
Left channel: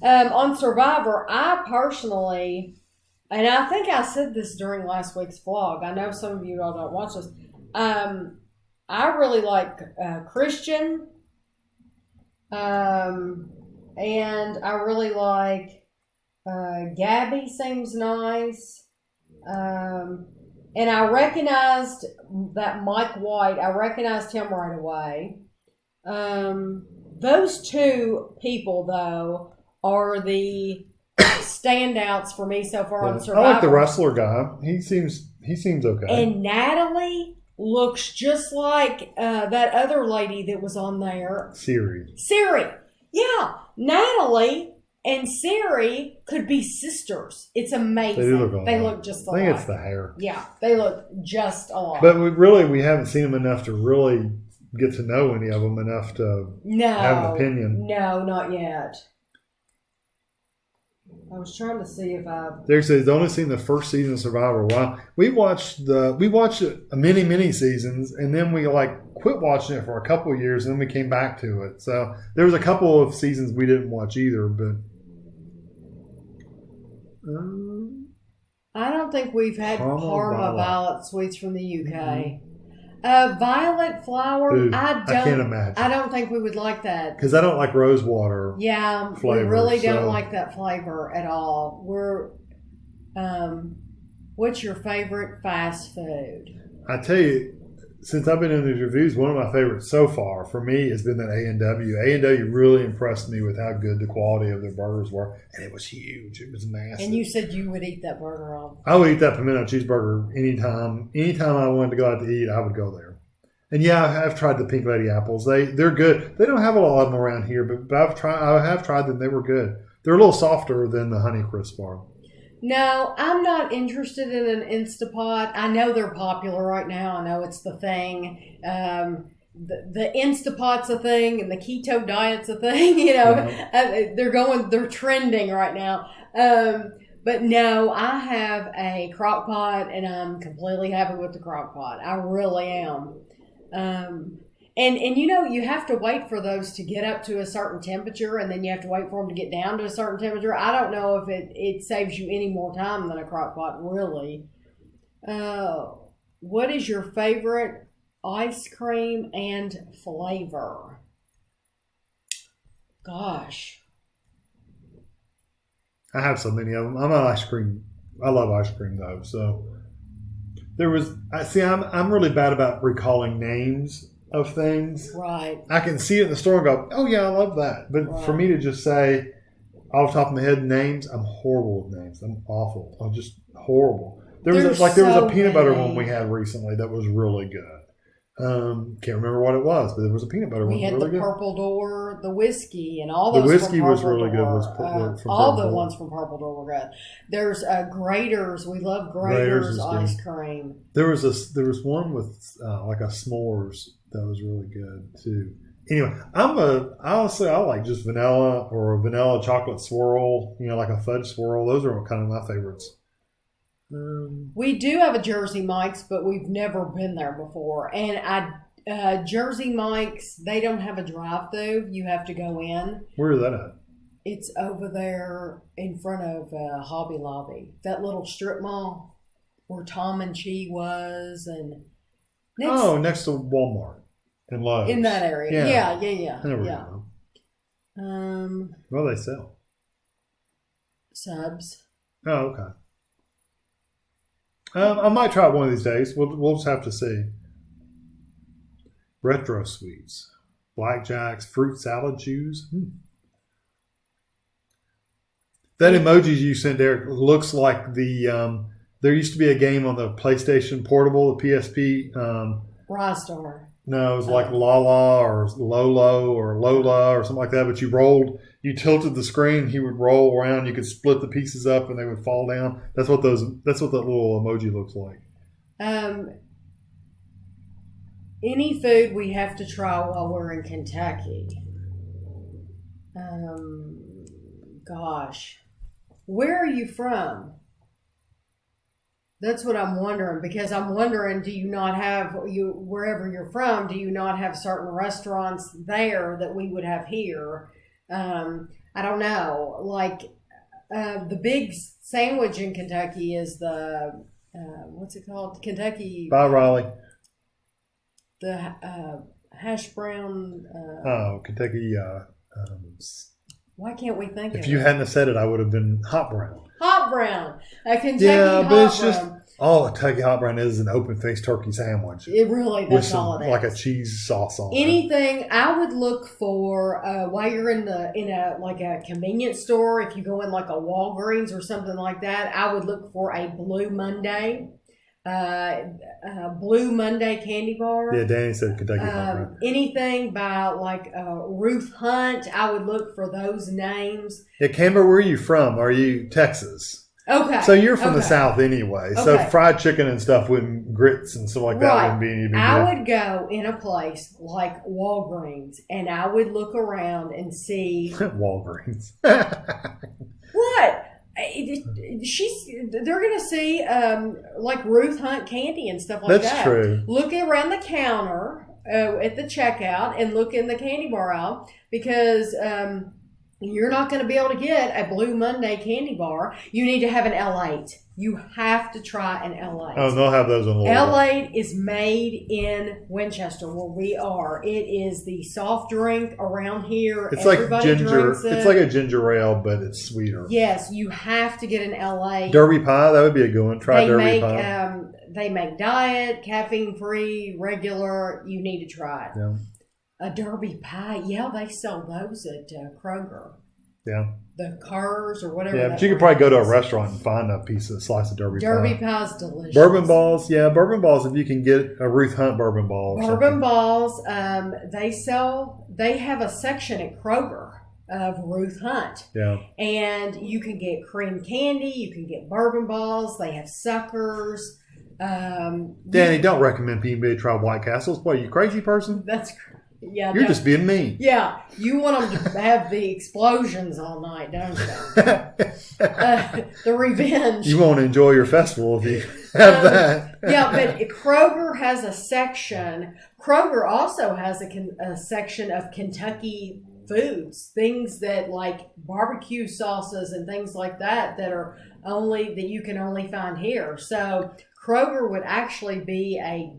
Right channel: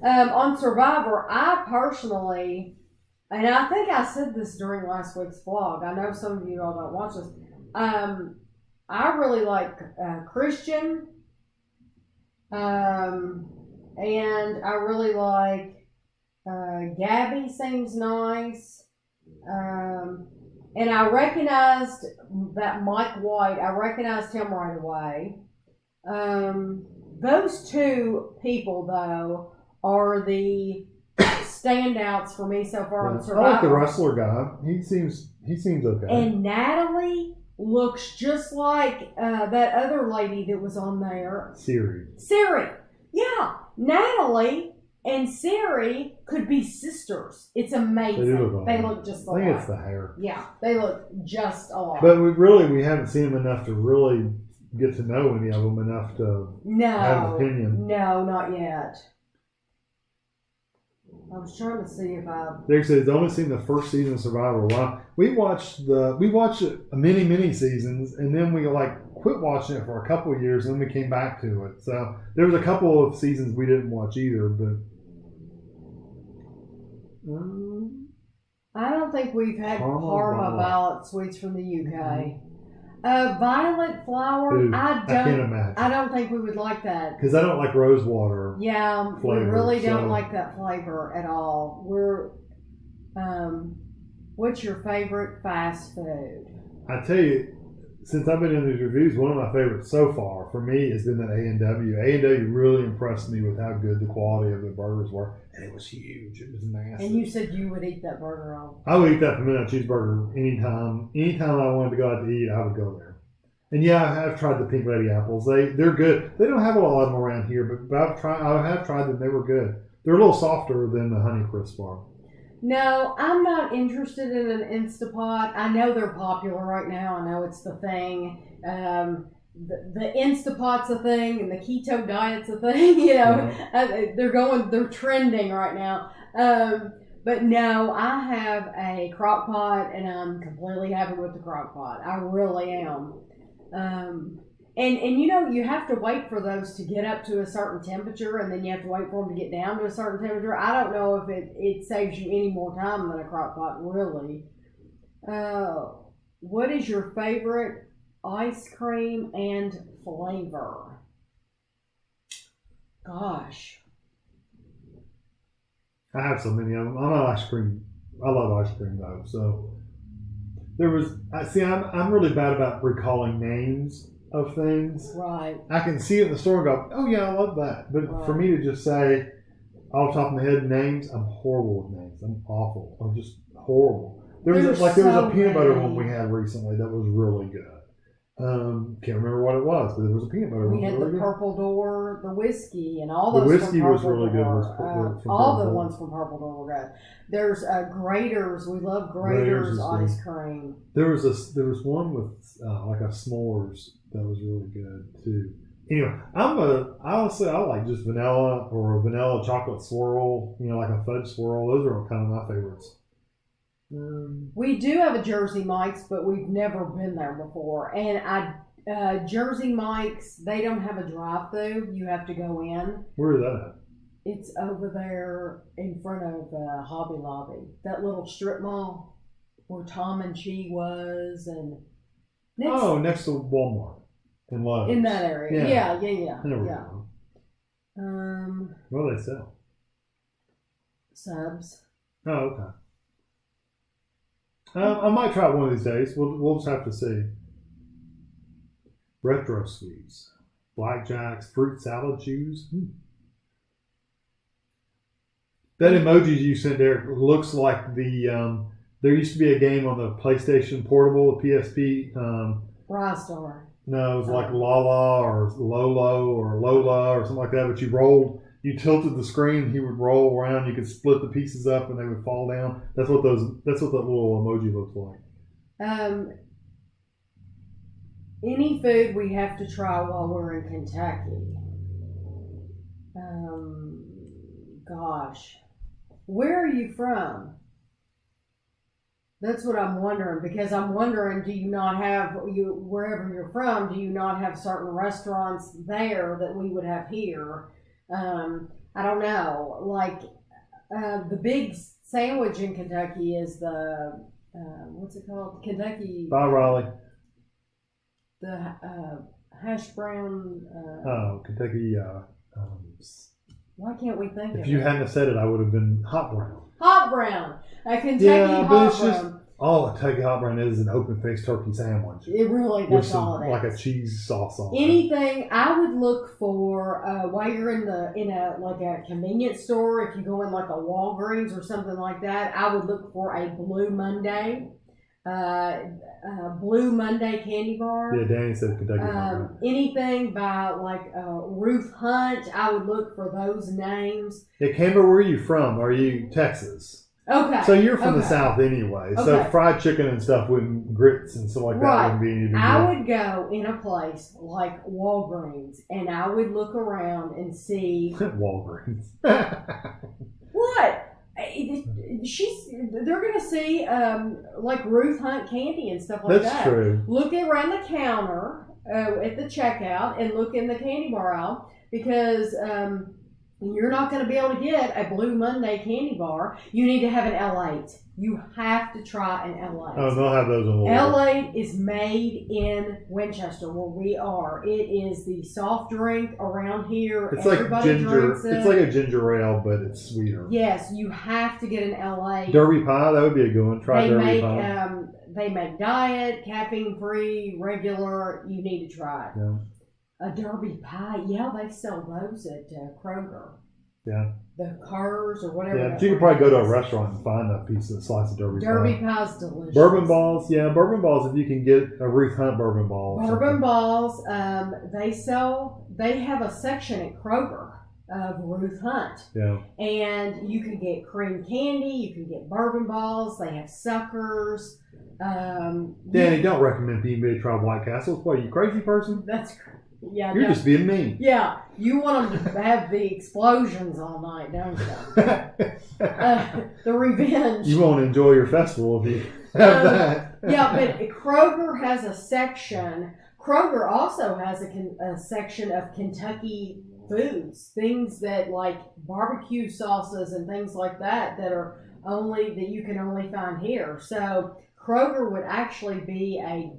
On Survivor, I personally and I think I said this during last week's vlog. I know some of you all don't watch this. I really like Christian, and I really like Gabby. Seems nice. And I recognized that Mike White. I recognized him right away. Those two people, though, are the standouts for me so far on Survivor. I like the wrestler guy. He seems okay. And Natalie looks just like that other lady that was on there. Siri. Yeah. Natalie and Siri could be sisters. It's amazing. They look just alike. I think it's the hair. Yeah, they look just alike. But we haven't seen them enough to really get to know any of them enough to have an opinion. No, not yet. I was trying to see if They've only seen the first season of Survivor. Wow, we watched many seasons, and then we quit watching it for a couple of years, and then we came back to it. So there was a couple of seasons we didn't watch either, but I don't think we've had Parma Violet Sweets from the UK. Violet Flower, dude, I can't imagine. I don't think we would like that. Because I don't like rose water. Yeah, flavor, we really don't like that flavor at all. What's your favorite fast food? I tell you, since I've been in these reviews, one of my favorites so far for me has been that A&W. A&W really impressed me with how good the quality of their burgers were. And it was huge. It was massive. And you said you would eat that burger all. I would eat that pimento cheeseburger anytime. Anytime I wanted to go out to eat, I would go there. And yeah, I've tried the Pink Lady apples. They're good. They don't have a lot of them around here, but I have tried them. They were good. They're a little softer than the Honeycrisp are. No, I'm not interested in an Instapot. I know they're popular right now. I know it's the thing. The Instapot's a thing, and the keto diet's a thing. You know, they're trending right now. But no, I have a crock pot, and I'm completely happy with the crock pot. I really am. And you know, you have to wait for those to get up to a certain temperature, and then you have to wait for them to get down to a certain temperature. I don't know if it saves you any more time than a crock pot, really. What is your favorite ice cream and flavor? Gosh. I have so many of them. I'm an ice cream. I love ice cream, though. So I'm really bad about recalling names of things. Right. I can see it in the store and go, oh yeah, I love that. But for me to just say off the top of my head names, I'm horrible with names. I'm awful. I'm just horrible. There was a peanut butter one we had recently that was really good. Can't remember what it was, but there was a peanut butter one. We had really the good. Purple Door, the whiskey, and all those. The whiskey from was Purple really Door. good. All the ones from Purple Door were good. There's Graders. We love Graders ice cream. There was one with like a s'mores that was really good too. Anyway, I like just vanilla or vanilla chocolate swirl. You know, like a fudge swirl. Those are kind of my favorites. We do have a Jersey Mike's, but we've never been there before. And Jersey Mike's, they don't have a drive-through. You have to go in. Where is that at? It's over there in front of Hobby Lobby, that little strip mall where Tom and Chi was, and next to Walmart and Lowe's. In that area, yeah. There we go. What do they sell? Subs. Oh, okay. I might try it one of these days. We'll just have to see. Retro sweets, blackjacks, fruit salad chews. That emoji you sent there looks like the. There used to be a game on the PlayStation Portable, the PSP. Rystar. No, it was like Lala or Lolo or Lola or something like that. But you tilted the screen, he would roll around. You could split the pieces up, and they would fall down. That's what that little emoji looks like. Any food we have to try while we're in Kentucky. Gosh, where are you from? That's what I'm wondering, because I'm wondering, do you not have, wherever you're from, do you not have certain restaurants there that we would have here? I don't know. Like, the big sandwich in Kentucky is the what's it called? Kentucky. By Raleigh. The hash brown. Kentucky. Why can't we think of it? If you hadn't have said it, I would have been hot brown. Hot brown. A Kentucky Yeah, but it's hot just brown. all a Kentucky hot brown is an open-faced turkey sandwich. It really, with that's some, all it is. like a cheese sauce on it. Anything I would look for while you're in a like a convenience store. If you go in like a Walgreens or something like that, I would look for a Blue Monday. Blue Monday candy bar. Yeah, Danny said Kentucky hot brown. Anything by like Ruth Hunt, I would look for those names. Yeah, Camber, where are you from? Are you Texas? Okay. So you're from the South anyway. So Okay. fried chicken and stuff grits and stuff like that wouldn't be any big deal. I would go in a place like Walgreens and I would look around and see Walgreens. what they're gonna see like Ruth Hunt candy and stuff like that. That's true. Look around the counter at the checkout and look in the candy bar aisle because you're not going to be able to get a Blue Monday candy bar. You need to have an L8. You have to try an L8. Oh, they'll have those in Louisville. L8 is made in Winchester, where we are. It is the soft drink around here. It's like Everybody ginger. drinks it. It's like a ginger ale, but it's sweeter. Yes, you have to get an L8. Derby pie, that would be a good one. Try Derby pie. They make diet, caffeine free, regular. You need to try it. Yeah. A Derby pie, yeah, they sell those at Kroger. Yeah. The Cars or whatever. Yeah, but you could probably go to a restaurant and find a slice of Derby pie. Derby pie's delicious. Bourbon balls, yeah, bourbon balls. If you can get a Ruth Hunt bourbon ball. Bourbon balls, they have a section at Kroger of Ruth Hunt. Yeah. And you can get cream candy, you can get bourbon balls, they have suckers. Danny, don't recommend people to try White Castles. What, are you a crazy person? That's yeah. You're just being mean. Yeah, you want them to have the explosions all night, don't you? The revenge. You won't enjoy your festival if you have that. Yeah, but Kroger has a section. Kroger also has a section of Kentucky foods, things that like barbecue sauces and things like that are that you can only find here. So Kroger would actually be a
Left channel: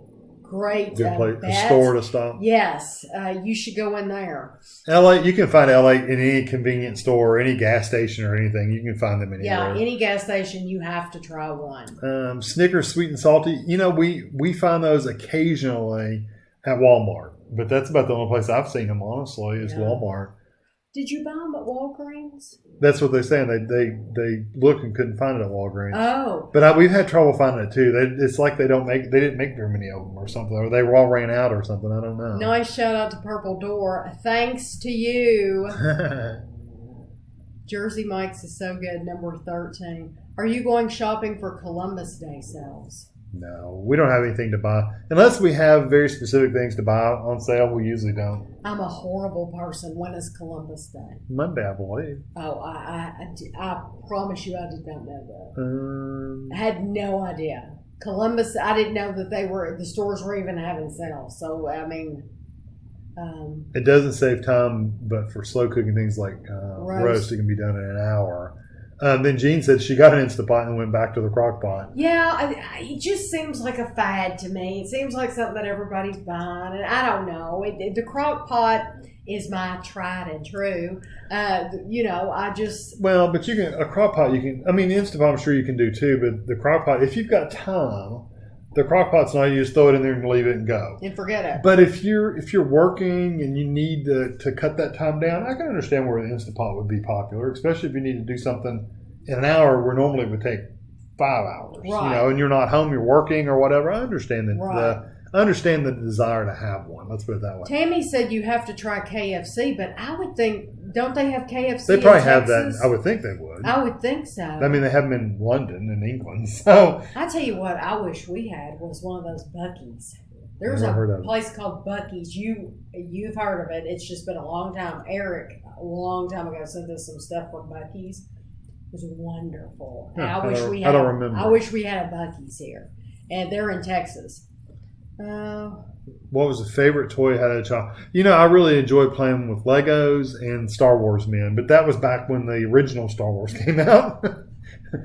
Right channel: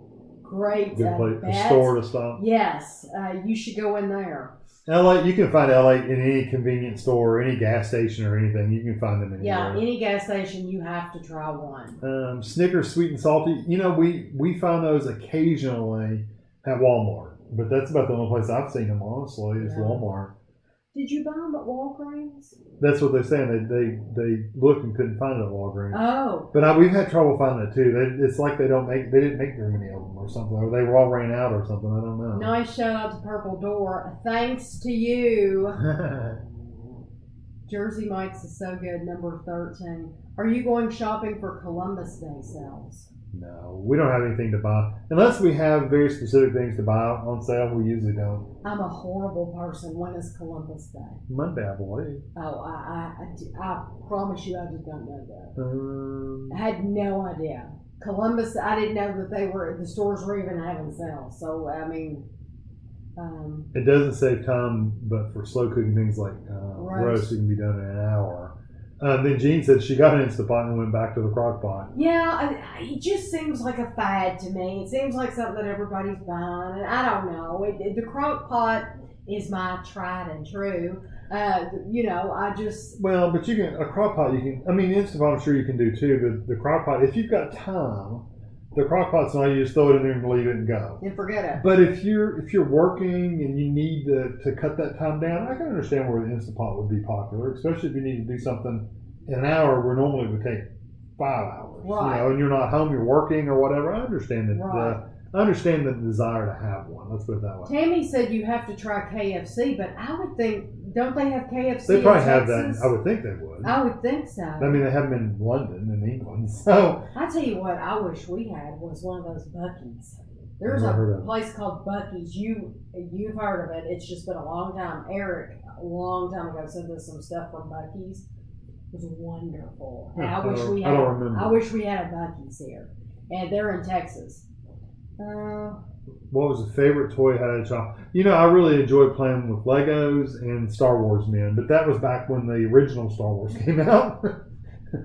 great Good place, bet. a store to stop. Yes, you should go in there. LA, you can find LA in any convenience store, or any gas station, or anything. You can find them anywhere. Yeah, any gas station, you have to try one. Snickers, sweet and salty. You know, we find those occasionally at Walmart, but that's about the only place I've seen them. Honestly, is Walmart. Did you buy them at Walgreens? That's what they're saying. They looked and couldn't find it at Walgreens. Oh, but we've had trouble finding it too. It's like they didn't make very many of them or something, or they were all ran out or something. I don't know. Nice shout out to Purple Door. Thanks to you. Jersey Mike's is so good. Number 13. Are you going shopping for Columbus Day sales? No, we don't have anything to buy. Unless we have very specific things to buy on sale, we usually don't. I'm a horrible person. When is Columbus Day? Monday, I believe. Oh, I promise you I did not know that. I had no idea. Columbus, I didn't know that the stores were even having sales. So, I mean... it doesn't save time, but for slow cooking things like roast, it can be done in an hour. Then Jean said she got an Instapot and went back to the crock pot. Yeah, it just seems like a fad to me. It seems like something that everybody's buying, and I don't know. The crock pot is my tried and true. I just... Well, but a crock pot, the Instapot I'm sure you can do too, but the crock pot, if you've got time, the crock pot's not, you just throw it in there and leave it and go. And forget it. But if you're working and you need to cut that time down, I can understand where the Instapot would be popular, especially if you need to do something in an hour where normally it would take 5 hours. Right. And you're not home, you're working or whatever. I understand that. Right. I understand the desire to have one. Let's put it that way. Tammy said you have to try KFC, but I would think, don't they have KFC They probably in have Texas? that. I would think they would. I would think so. I mean, they have them in London and England. So I tell you what, I wish we had was one of those Buc-ee's. There's Never heard of a it. place called Buc-ee's. You've heard of it. It's just been a long time. Eric, a long time ago, sent us some stuff from Buc-ee's. It was wonderful. And I wish we had a Buc-ee's here. And they're in Texas. What was the favorite toy I had as a child? I really enjoyed playing with Legos and Star Wars men, but that was back when the original Star Wars came out.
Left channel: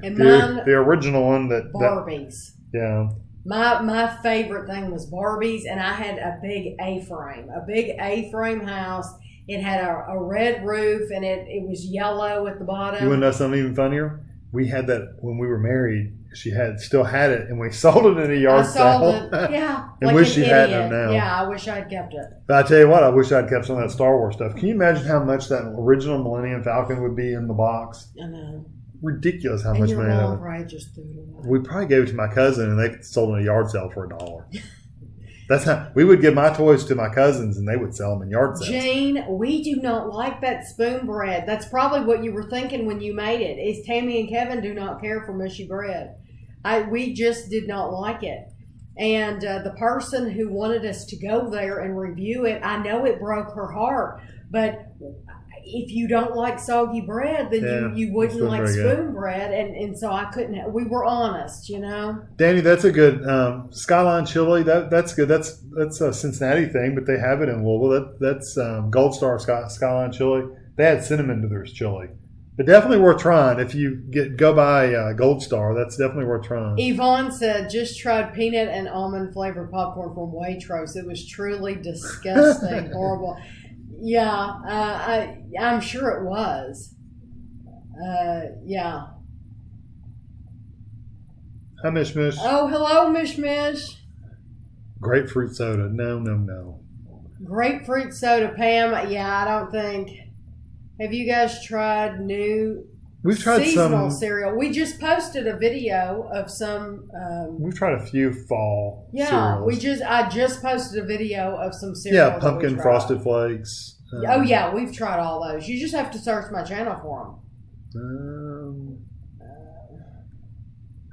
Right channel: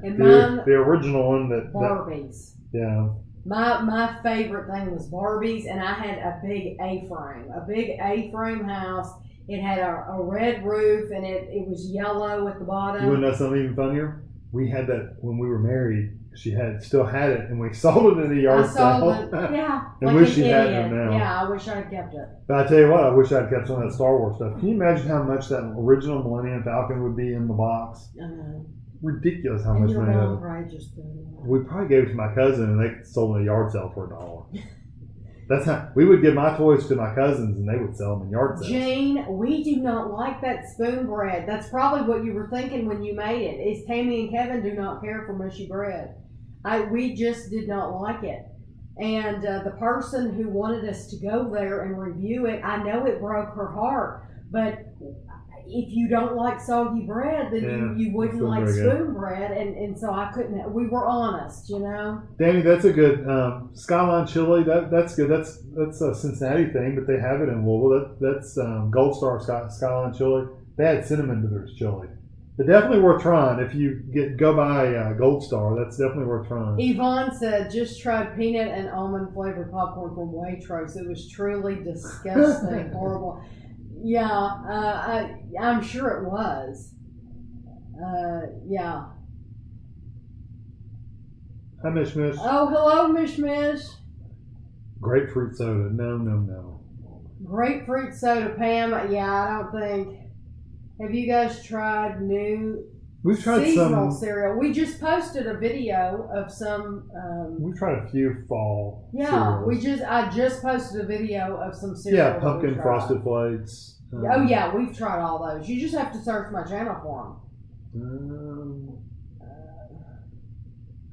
And mine, the original one Barbies. Yeah. My favorite thing was Barbies, and I had a big A-frame house. It had a red roof, and it was yellow at the bottom. You want to know something even funnier? We had that when we were married. She still had it, and we sold it at a yard sale. I sold it, yeah. And wish she had it now. Yeah, I wish I'd kept it. But I tell you what, I wish I'd kept some of that Star Wars stuff. Can you imagine how much that original Millennium Falcon would be in the box? I know. Ridiculous how and much your money. mom probably just threw it away. We probably gave it to my cousin, and they sold it at a yard sale for $1. That's how we would give my toys to my cousins, and they would sell them in yard sales. Jane, we do not like that spoon bread. That's probably what you were thinking when you made it. Is Tami and Kevin do not care for mushy bread. We just did not like it. And the person who wanted us to go there and review it, I know it broke her heart, but if you don't like soggy bread, then you wouldn't like spoon bread, and so I couldn't. We were honest, Danny, that's a good Skyline chili. That's good. That's a Cincinnati thing, but they have it in Louisville. That's Gold Star Skyline chili. They add cinnamon to their chili, but definitely worth trying. If you go by Gold Star, that's definitely worth trying. Yvonne said, just tried peanut and almond flavored popcorn from Waitrose. It was truly disgusting, horrible. Yeah, I'm sure it was. Yeah. Hi, Mish Mish. Oh, hello, Mish Mish. Grapefruit soda. No. Grapefruit soda, Pam. Yeah, I don't think. Have you guys tried new We've tried seasonal cereal? We just posted a video of some. We've tried a few fall. Cereals. I just posted a video of some cereal. Yeah, pumpkin frosted flakes. Oh yeah, we've tried all those. You just have to search my channel for them.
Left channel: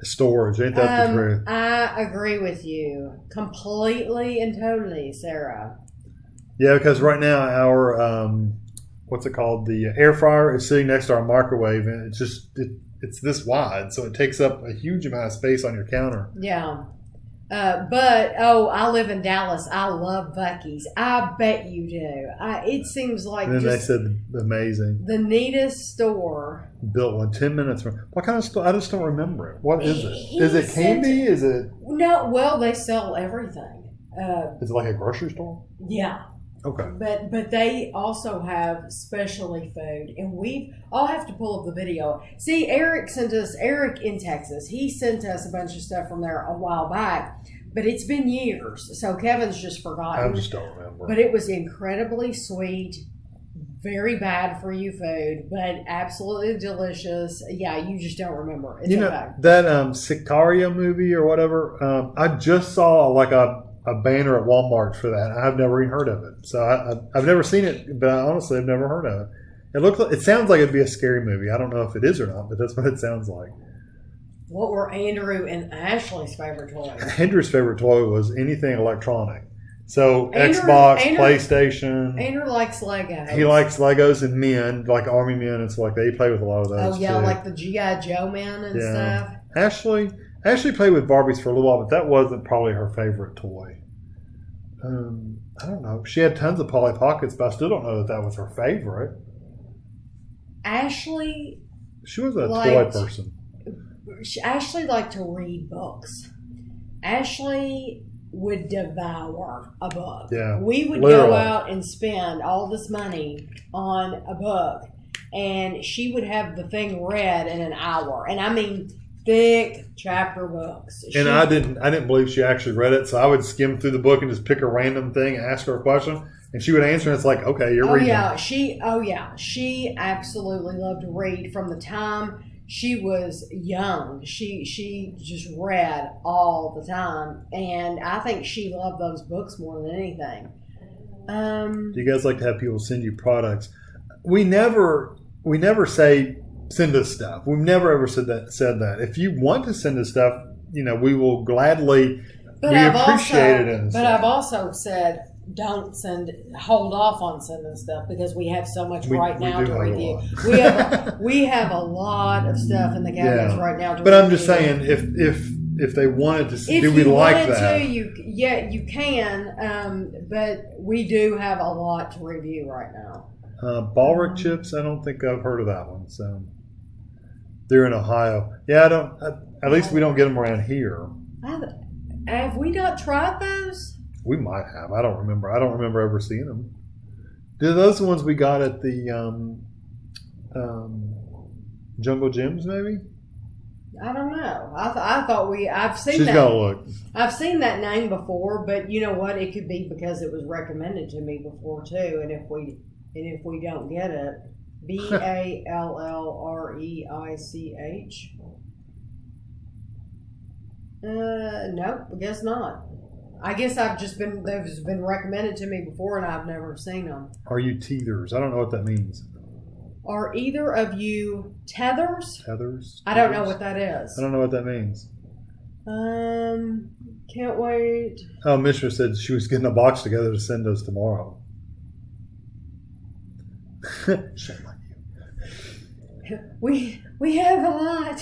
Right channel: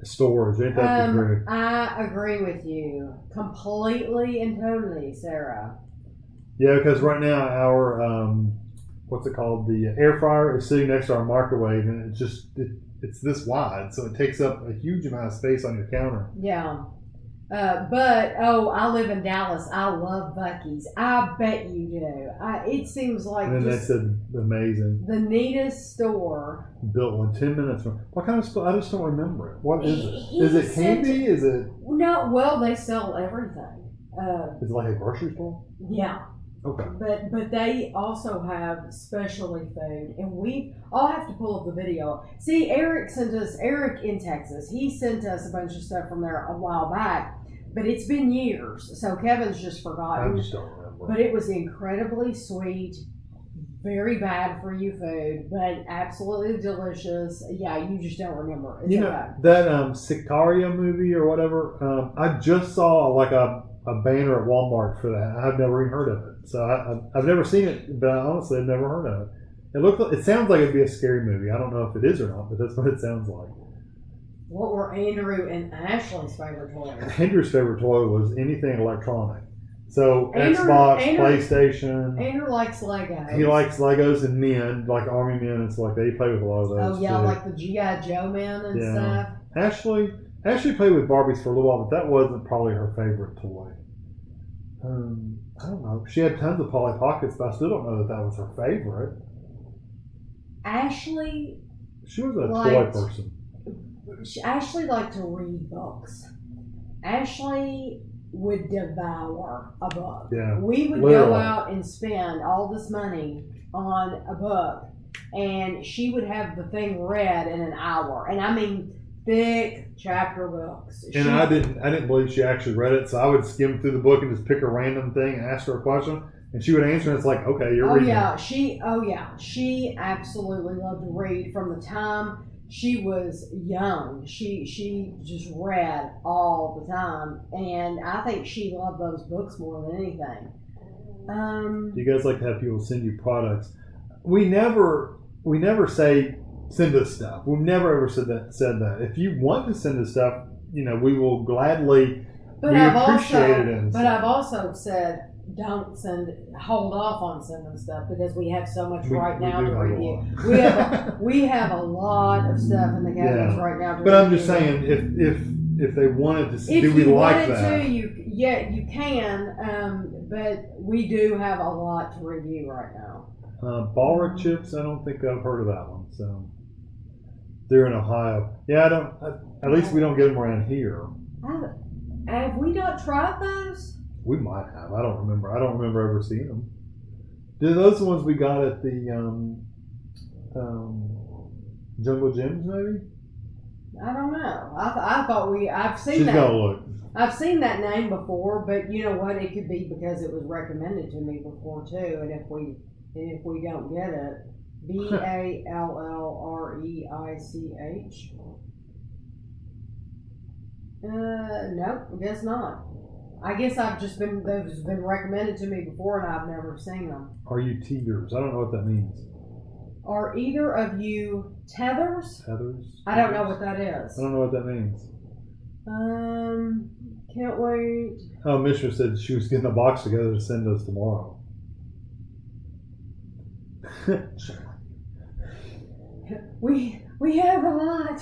Storage, ain't that the truth? I agree with you completely and totally, Sarah. Yeah, because right now our what's it called? The air fryer is sitting next to our microwave, and it's this wide, so it takes up a huge amount of space on your counter. Yeah. But I live in Dallas. I love Buc-ee's. I bet you do. It seems like. And then they said amazing. The neatest store. Built one 10 minutes from. What kind of store? I just don't remember it. What is it? Is it candy? Is it? No. Well, they sell everything. Is it like a grocery store? Yeah. Okay. But they also have specialty food, and I'll have to pull up the video. See, Eric in Texas, he sent us a bunch of stuff from there a while back, but it's been years, so Kevin's just forgotten. I just don't remember. But it was incredibly sweet, very bad for you food, but absolutely delicious. Yeah, you just don't remember. It's that Sicario movie or whatever, I just saw like a banner at Walmart for that. I've never even heard of it. So I've never seen it, but honestly, I've never heard of it. It sounds like it'd be a scary movie. I don't know if it is or not, but that's what it sounds like. What were Andrew and Ashley's favorite toys? Andrew's favorite toy was anything electronic. So Xbox, PlayStation. Andrew likes Legos. He likes Legos and men, like Army men and stuff like that. He played with a lot of those. Oh yeah, too. like the G.I. Joe men and stuff. Ashley played with Barbies for a little while, but that wasn't probably her favorite toy. I don't know. She had tons of Polly Pockets, but I still don't know that was her favorite. Ashley. She was a toy person. Ashley liked to read books. Ashley would devour a book. Yeah. We would go out and spend all this money on a book, and she would have the thing read in an hour. And I mean, thick chapter books. And I didn't believe she actually read it, so I would skim through the book and just pick a random thing and ask her a question, and she would answer, and it's like, okay, you're reading. She absolutely loved to read from the time she was young. She just read all the time, and I think she loved those books more than anything. Do you guys like to have people send you products? We never say send us stuff. We've never ever said that. If you want to send us stuff, we will gladly. Appreciate it. But I've also said hold off on sending stuff because we have so much right now to review. We have a lot of stuff in the cabinets right now to review. But I'm just saying, if they wanted to see, if do we you like wanted that? to, you can. But we do have a lot to review right now. Balric chips, I don't think I've heard of that one. So they're in Ohio. Yeah, I don't. At least we don't get them around here. Have we not tried those? We might have. I don't remember. I don't remember ever seeing them. Do those the ones we got at the Jungle Gyms, maybe? I don't know. I thought I've seen She's that. gotta look. I've seen that name before, but you know what? It could be because it was recommended to me before too. And if we don't get it, BALLREICH. Nope, I guess not. I guess they've been recommended to me before, and I've never seen them. Are you teethers? I don't know what that means. Are either of you tethers? Tethers? I don't know what that is. I don't know what that means. Can't wait. Oh, Mishra said she was getting a box together to send us tomorrow. Shame on you. We have a lot.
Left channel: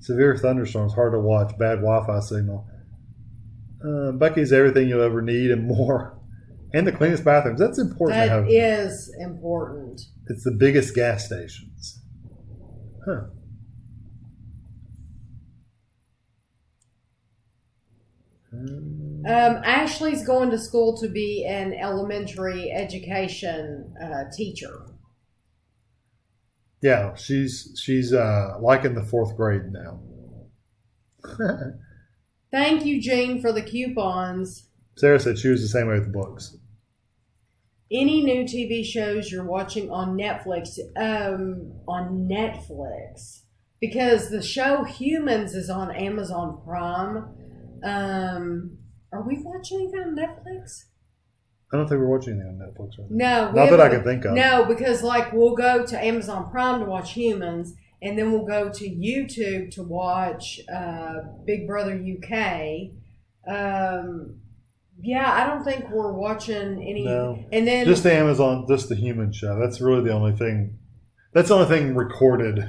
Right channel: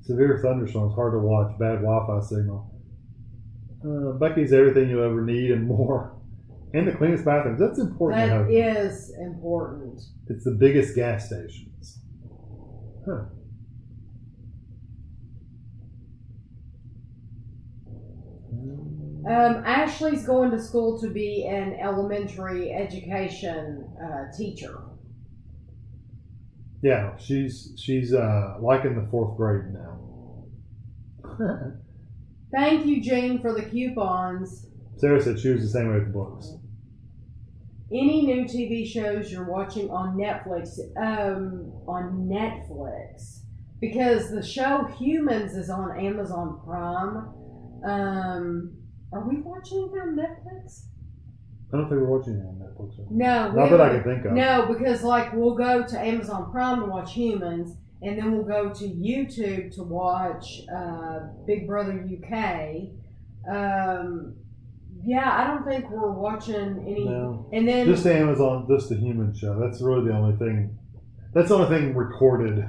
Severe thunderstorms, hard to watch, bad Wi-Fi signal. Bucky's everything you'll ever need and more. And the cleanest bathrooms. That's important. That is important. It's the biggest gas stations. Huh. Ashley's going to school to be an elementary education teacher. Yeah, she's liking the 4th grade now. Thank you, Jane, for the coupons. Sarah said she was the same way with the books. Any new TV shows you're watching on Netflix? Because the show Humans is on Amazon Prime. Are we watching anything on Netflix? I don't think we're watching anything on Netflix right now. No. Not that I can think of. No, because we'll go to Amazon Prime to watch Humans, and then we'll go to YouTube to watch Big Brother UK. Yeah, I don't think we're watching any. No. And then just the Amazon, just the Human show. That's really the only thing. That's the only thing recorded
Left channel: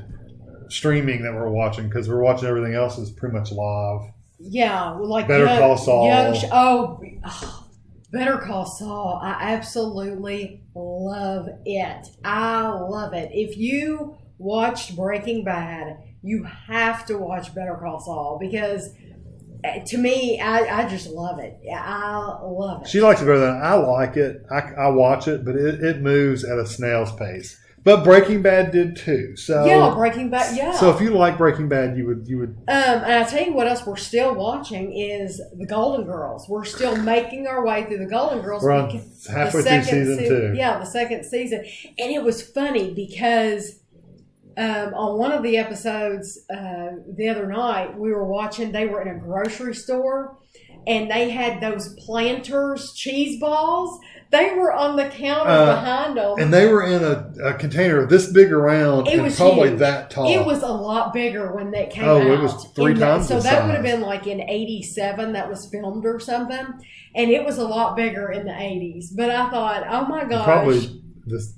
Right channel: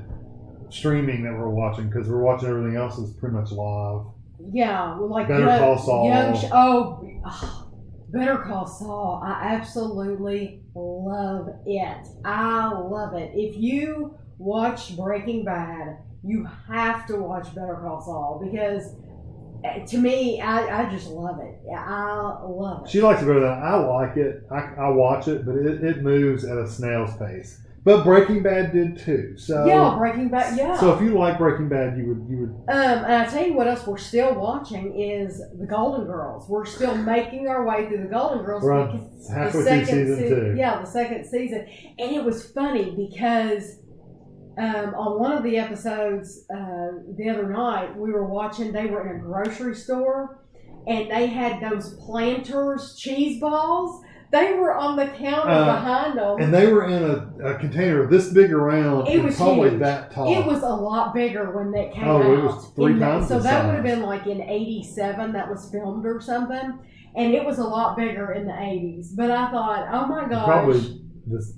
streaming that we're watching, because we're watching everything else is pretty much live. Yeah, like Better Call Saul. Better Call Saul. I absolutely love it. I love it. If you watched Breaking Bad, you have to watch Better Call Saul, because to me, I just love it. I love it. She likes to go there. I like it. I watch it, but it moves at a snail's pace. But Breaking Bad did too. So yeah, Breaking Bad. Yeah. So if you like Breaking Bad, you would. And I tell you what else we're still watching is the Golden Girls. We're still making our way through the Golden Girls. We're on halfway through season 2. Yeah, the second season, and it was funny because on one of the episodes the other night we were watching. They were in a grocery store, and they had those Planters cheese balls. They were on the counter behind them. And they were in a container this big around and probably huge. That tall. It was a lot bigger when that came out. Oh, it was 3 times So the that size. would have been like in 87 that was filmed or something. And it was a lot bigger in the 80s. But I thought, oh my gosh. Probably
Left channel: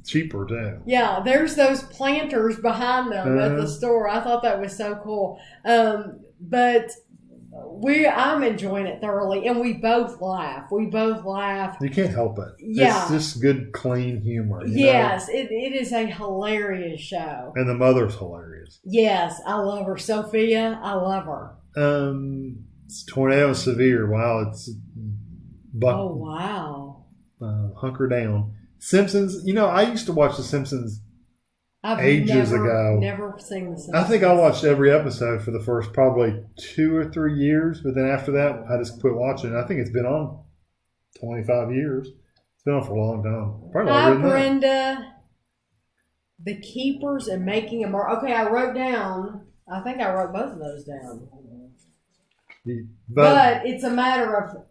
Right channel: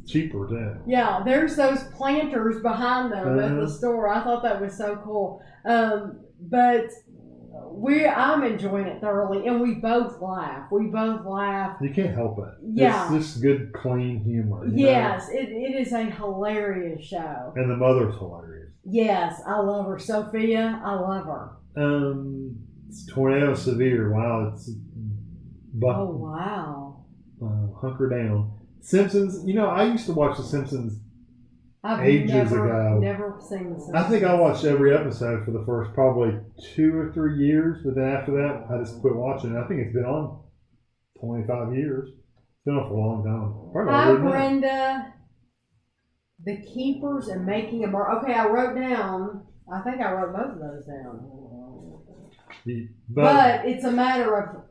cheaper too. Yeah, there's those Planters behind them at the store. I thought that was so cool. But I'm enjoying it thoroughly, and we both laugh. You can't help it. Yeah. It's just good, clean humor. Yes, it is a hilarious show. And the mother's hilarious. Yes, I love her. Sophia, I love her. It's tornado severe. Wow, it's oh, wow. Hunker down. Simpsons, I used to watch The Simpsons ages ago. Never seen The Simpsons. I think I watched every episode for the first probably 2 or 3 years, but then after that, I just quit watching. I think it's been on 25 years. It's been on for a long time. Probably Hi, Brenda. The Keepers and Making a Murder. Okay, I wrote both of those down. But it's a matter of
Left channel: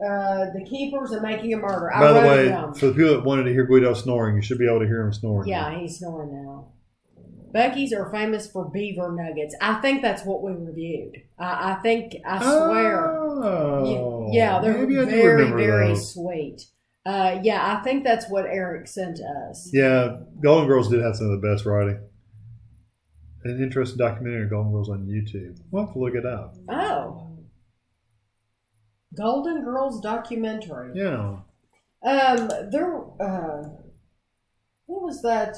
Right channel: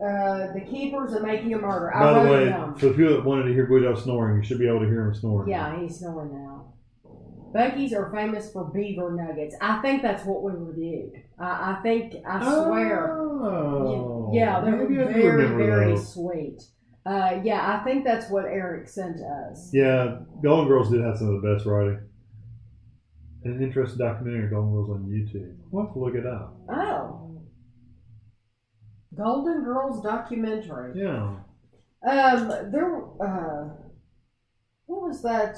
The Keepers and Making a Murder. By the way, for the people that wanted to hear Guido snoring, you should be able to hear him snoring. Yeah, he's snoring now. Buc-ee's are famous for beaver nuggets. I think that's what we reviewed. I swear. Oh. Yeah, they're very, very sweet. I think that's what Eric sent us. Yeah, Golden Girls did have some of the best writing. an interesting documentary of Golden Girls on YouTube. We'll have to look it up. Oh. Golden Girls documentary. Yeah. What was that?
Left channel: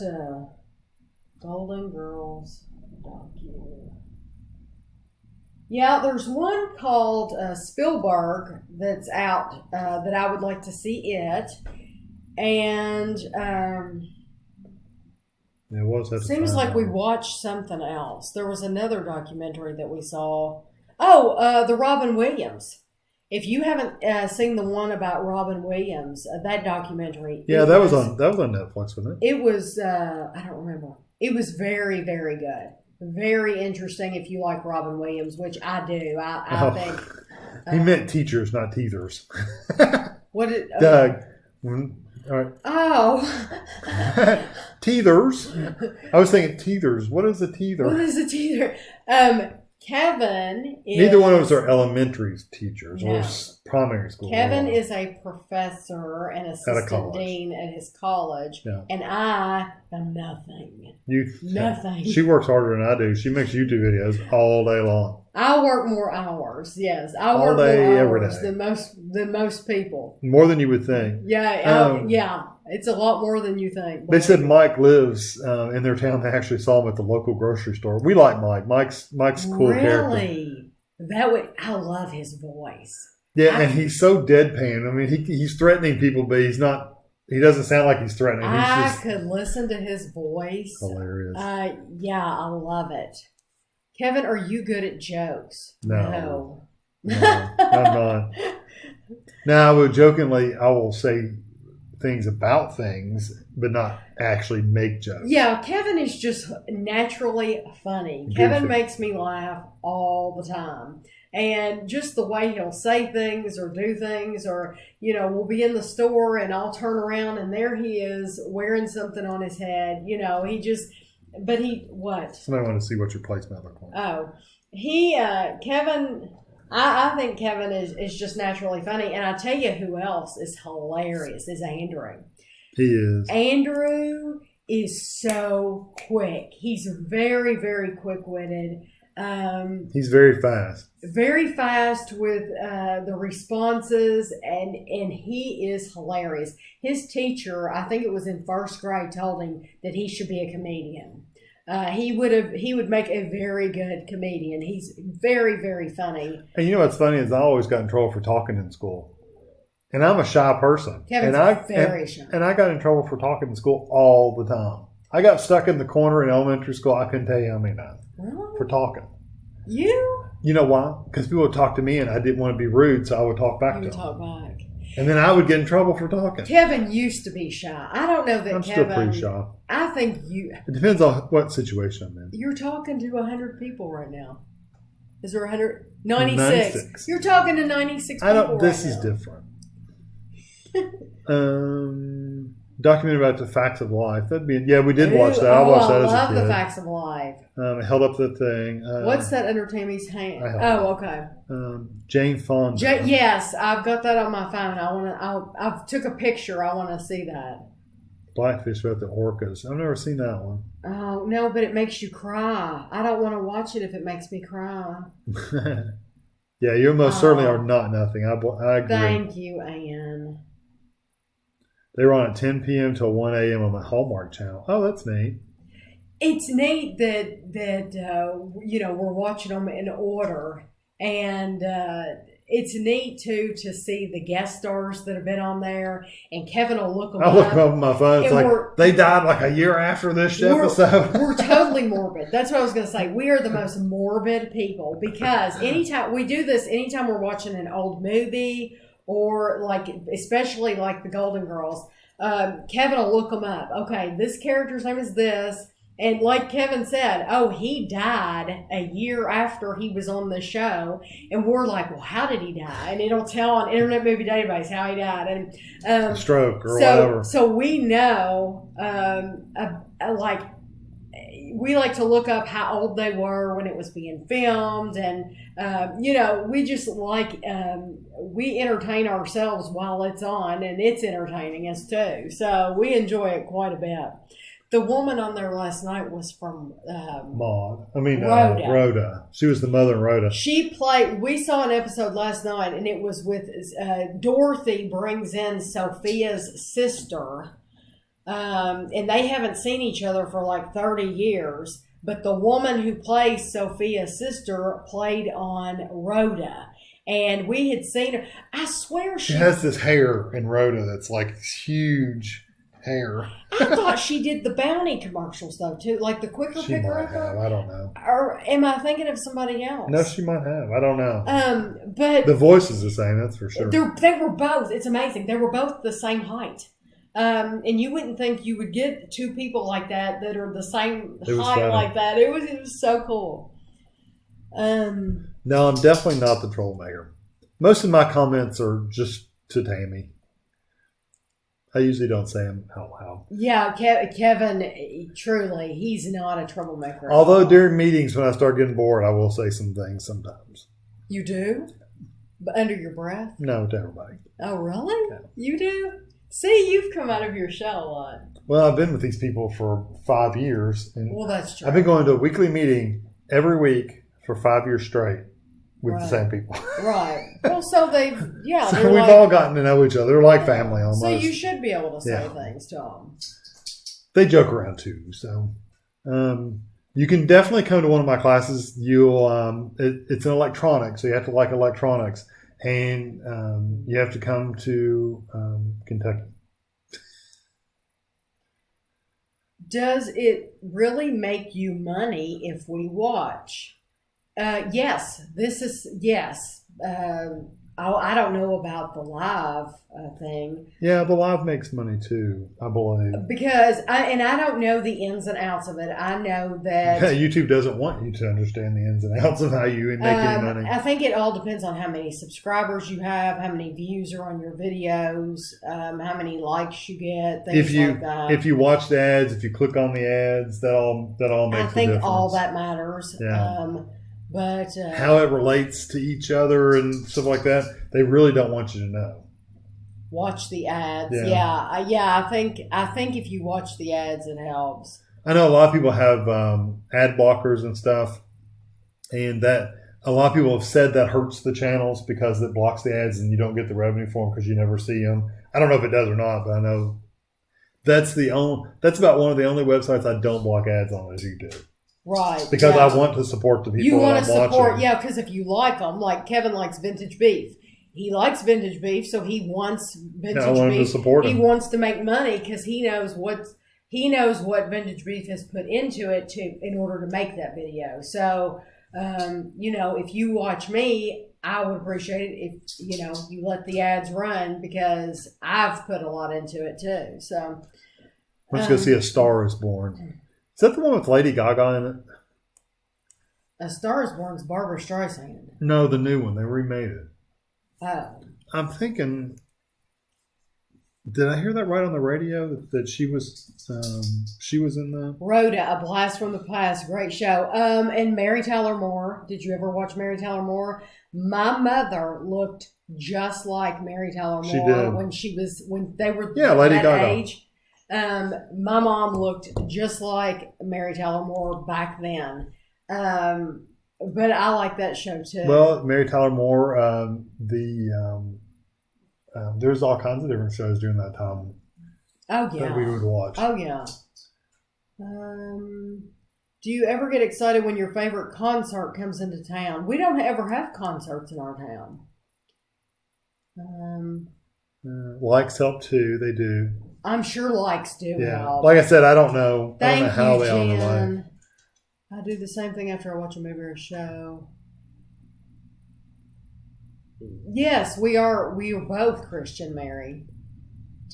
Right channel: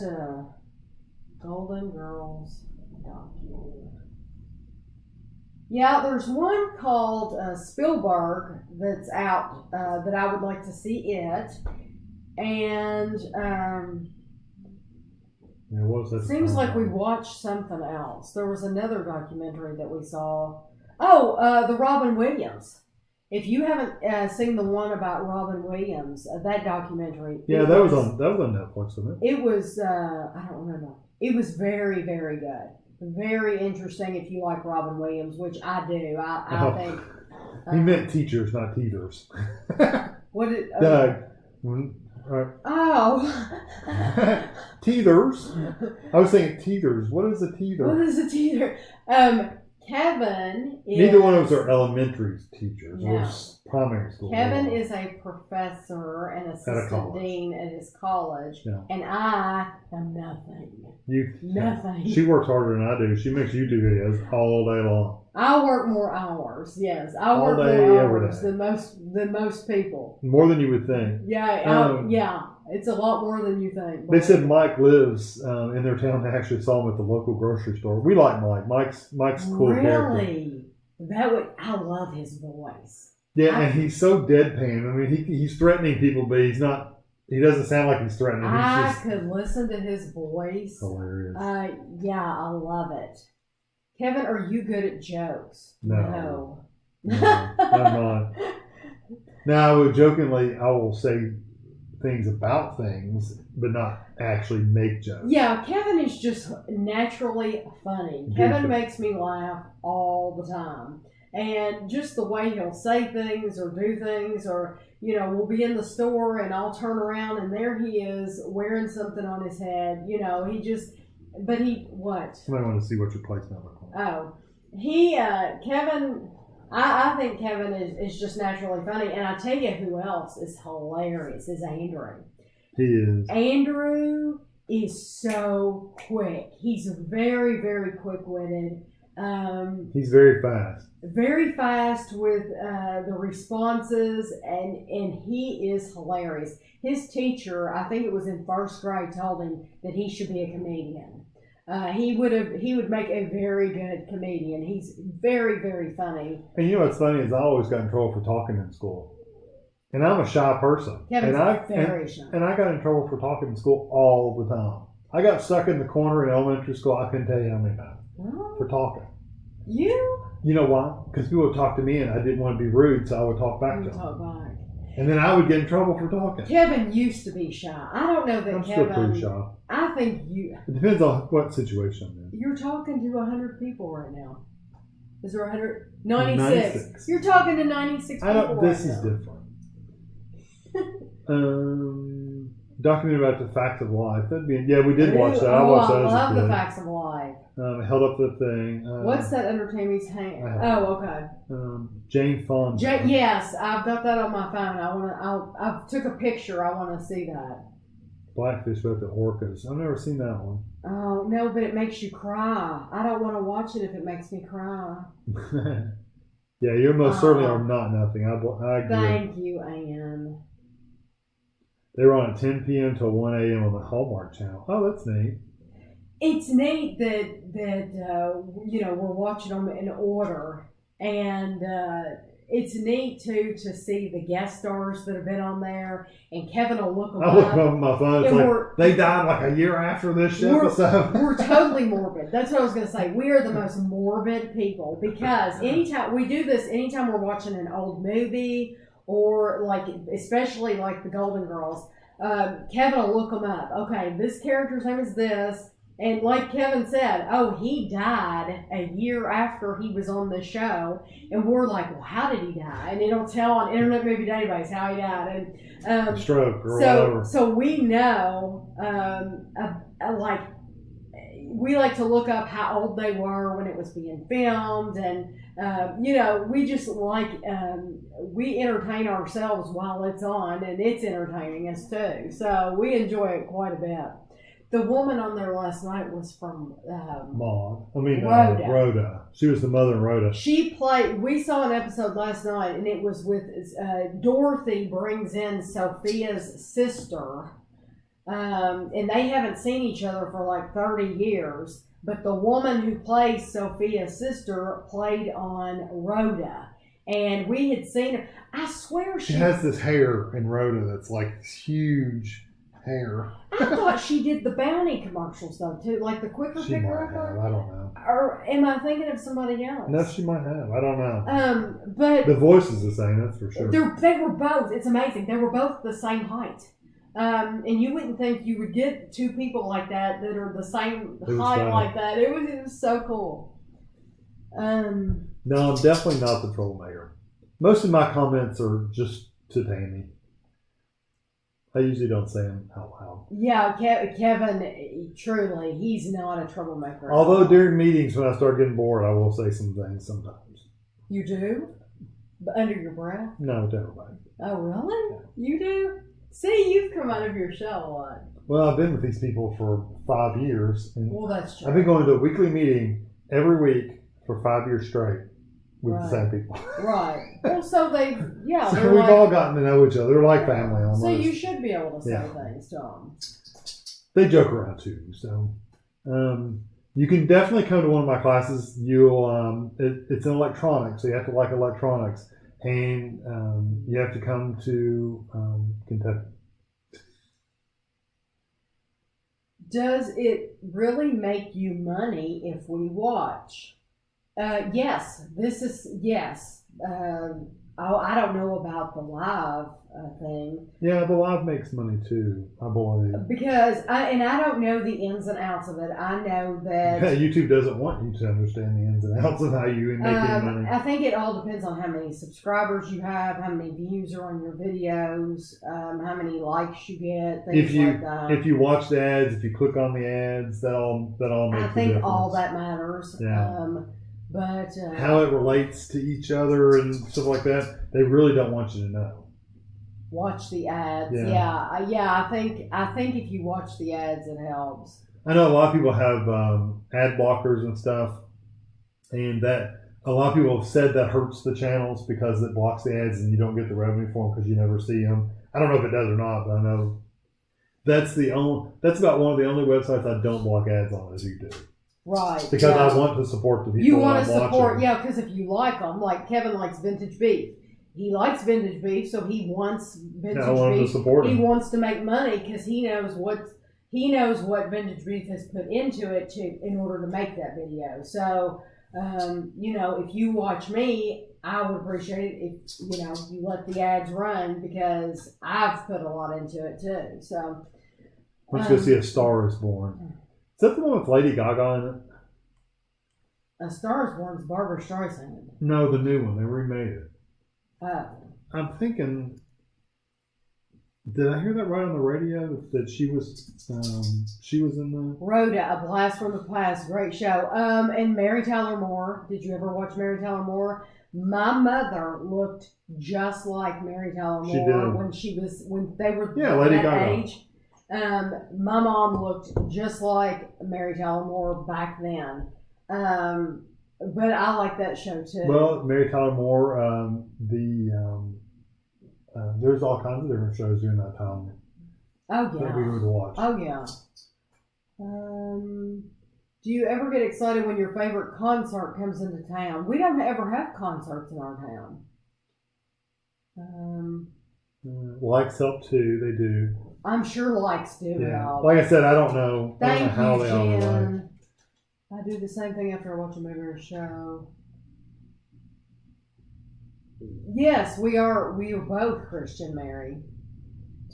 Golden Girls docu. Yeah, there's one called Spielberg that's out that I would like to see it, and Yeah, what was that? seems like we watched something else. There was another documentary that we saw. Oh, the Robin Williams. If you haven't seen the one about Robin Williams, that documentary. Yeah, that was on Netflix, wasn't it? It was. I don't remember. It was very, very good. Very interesting if you like Robin Williams, which I do. I think. He meant teachers, not teethers. What did Doug. All right. Oh. Teethers. I was thinking teethers. What is a teether? What is a teeter? Kevin is... Neither one of us are elementary teachers No. or primary school. Kevin is a professor and assistant college. dean at his college, Yeah. and I am nothing. Nothing. She works harder than I do. She makes YouTube videos all day long. I work more hours. Yes, I All work day, more every hours day. than most people. More than you would think. Yeah, yeah. It's a lot more than you think. They said Mike lives in their town. They actually saw him at the local grocery store. We like Mike. Mike's a cool character. Really? I love his voice. Yeah, and he's so deadpan. I mean, he's threatening people, but he's not. He doesn't sound like he's threatening. He's I just could listen to his voice. hilarious. Yeah, I love it. Kevin, are you good at jokes? No, I'm not. Now, I will say things about things, but not actually make jokes. Yeah, Kevin is just naturally funny. Goofy. Kevin makes me laugh all the time. And just the way he'll say things or do things, or, we'll be in the store and I'll turn around and there he is wearing something on his head. What? Somebody want to see what your placement looks like. Oh, Kevin, I think Kevin is just naturally funny. And I tell you who else is hilarious is Andrew. He is. Andrew is so quick. He's very, very quick-witted. He's very fast. Very fast with the responses, and he is hilarious. His teacher, I think it was in first grade, told him that he should be a comedian. He would make a very good comedian. He's very, very funny. And you know what's funny is I always got in trouble for talking in school. And I'm a shy person. Kevin's very shy. And I got in trouble for talking in school all the time. I got stuck in the corner in elementary school. I couldn't tell you how many times. Really? For talking. You? You know why? Because people would talk to me and I didn't want to be rude, so I would talk back to them. Talk back. And then I would get in trouble for talking. Kevin used to be shy. I don't know that I'm Kevin... still pretty shy. I think It depends on what situation I'm in. You're talking to 100 people right now. Is there 100? 96. 96. You're talking to 96 people This right is now. different. Documentary about the facts of life. We did watch that. I watched that as a love kid. the facts of life. Held up the thing. What's that under Tammy's hand? Okay. Jane Fonda. Yes, I've got that on my phone. I took a picture. I want to see that. Blackfish about the orcas. I've never seen that one. Oh no, but it makes you cry. I don't want to watch it if it makes me cry. Yeah, you most certainly are not nothing. I agree. Thank you, Ann. They were on at 10 p.m. till 1 a.m. on the Hallmark Channel. Oh, that's neat. It's neat that we're watching them in order, and it's neat too to see the guest stars that have been on there. And Kevin will look them I look up on my phone. It's like they died like a year after this episode. We're totally morbid. That's what I was going to say. We are the most morbid people because anytime we're watching an old movie. Or especially like the Golden Girls, Kevin will look them up. Okay, this character's name is this. And like Kevin said, he died a year after he was on the show. And we're like, well, how did he die? And it'll tell on Internet Movie Database how he died. And stroke or whatever. So we know, we like to look up how old they were when it was being filmed. And, we just we entertain ourselves while it's on, and it's entertaining us too. So we enjoy it quite a bit. The woman on there last night was from Rhoda. She was the mother of Rhoda. She played. We saw an episode last night, and it was with Dorothy brings in Sophia's sister, and they haven't seen each other for like 30 years. But the woman who plays Sophia's sister played on Rhoda. And we had seen her. I swear she has this hair in Rhoda that's like huge hair. I thought she did the Bounty commercials though too, like the Quicker She Picker. might have. I don't know. Or am I thinking of somebody else? No, she might have. I don't know. But the voice is the same. That's for sure. They were both. It's amazing. They were both the same height. And you wouldn't think you would get two people like that are the same height funny. like that. It was so cool. No, I'm definitely not the troublemaker. Most of my comments are just to Tami. I usually don't say them out loud. Yeah, Kevin, truly, he's not a troublemaker. Although during meetings when I start getting bored, I will say some things sometimes. You do? But under your breath? No, to everybody. Oh, really? Yeah. You do? See, you've come out of your shell a lot. Well, I've been with these people for 5 years. And well, that's true. I've been going to a weekly meeting every week for 5 years straight with the same people. Right. Well, so So we've all gotten to know each other. They're like family almost. So you should be able to say things to them. They joke around too. So you can definitely come to one of my classes. It's an electronics, so you have to like electronics. And you have to come to Kentucky. Does it really make you money if we watch? Yes. Yes. I don't know about the live thing. Yeah, the live makes money too, I believe. Because I don't know the ins and outs of it. I know that YouTube doesn't want you to understand the ins and outs of how you make any money. I think it all depends on how many subscribers you have, how many views are on your videos, how many likes you get, things like that. If you watch the ads, if you click on the ads, that all makes a difference. I think all that matters. Yeah. But how it relates to each other and stuff like that, they really don't want you to know. Watch the ads. Yeah. I think if you watch the ads, it helps. I know a lot of people have ad blockers and stuff, and that a lot of people have said that hurts the channels because it blocks the ads and you don't get the revenue for them because you never see them. I don't know if it does or not, but I know that's about one of the only websites I don't block ads on is YouTube. Right. Because I want to support the people you want I'm to support, watching. because if you like them, like Kevin likes vintage beef. He likes vintage beef, so he wants vintage I want beef. to support him. He wants to make money because he knows what vintage beef has put into it in order to make that video. So, if you watch me, I would appreciate it if you let the ads run because I've put a lot into it too. So, let's go see A Star Is Born. Is that the one with Lady Gaga in it? A Star Is Born's Barbara Streisand. No, the new one. They remade it. Oh. I'm thinking, did I hear that right on the radio that she was in the Rhoda, A Blast from the Past, great show. And Mary Tyler Moore. Did you ever watch Mary Tyler Moore? My mother looked just like Mary Tyler Moore she did. when they were Lady that Gaga. age. My mom looked just like Mary Tyler Moore back then. But I like that show too. Well, Mary Tyler Moore, there's all kinds of different shows during that time. Oh yeah. That we would watch. Oh yeah. Do you ever get excited when your favorite concert comes into town? We don't ever have concerts in our town. Likes help too. They do. I'm sure likes do help. Like I said, I don't know. Thank I don't know how you, they all relate. Jen. I do the same thing after I watch a movie or a show. Yes, we are both Christian, Mary.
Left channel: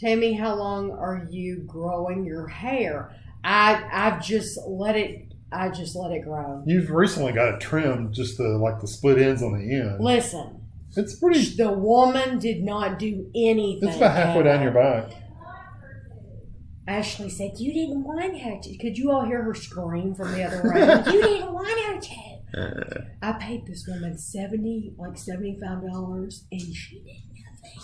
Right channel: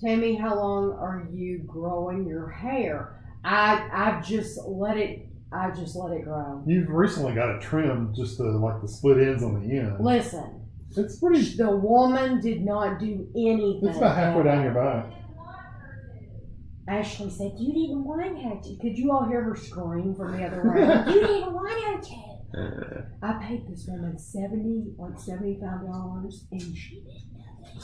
Tami, how long are you growing your hair? I've just let it grow. You've recently got it trimmed, just the split ends on the end. Listen. It's pretty. The woman did not do anything. It's about halfway down your back. Ashley said, "You didn't want her to." Could you all hear her scream from the other room? You didn't want her to. I paid this woman $75, and she did nothing.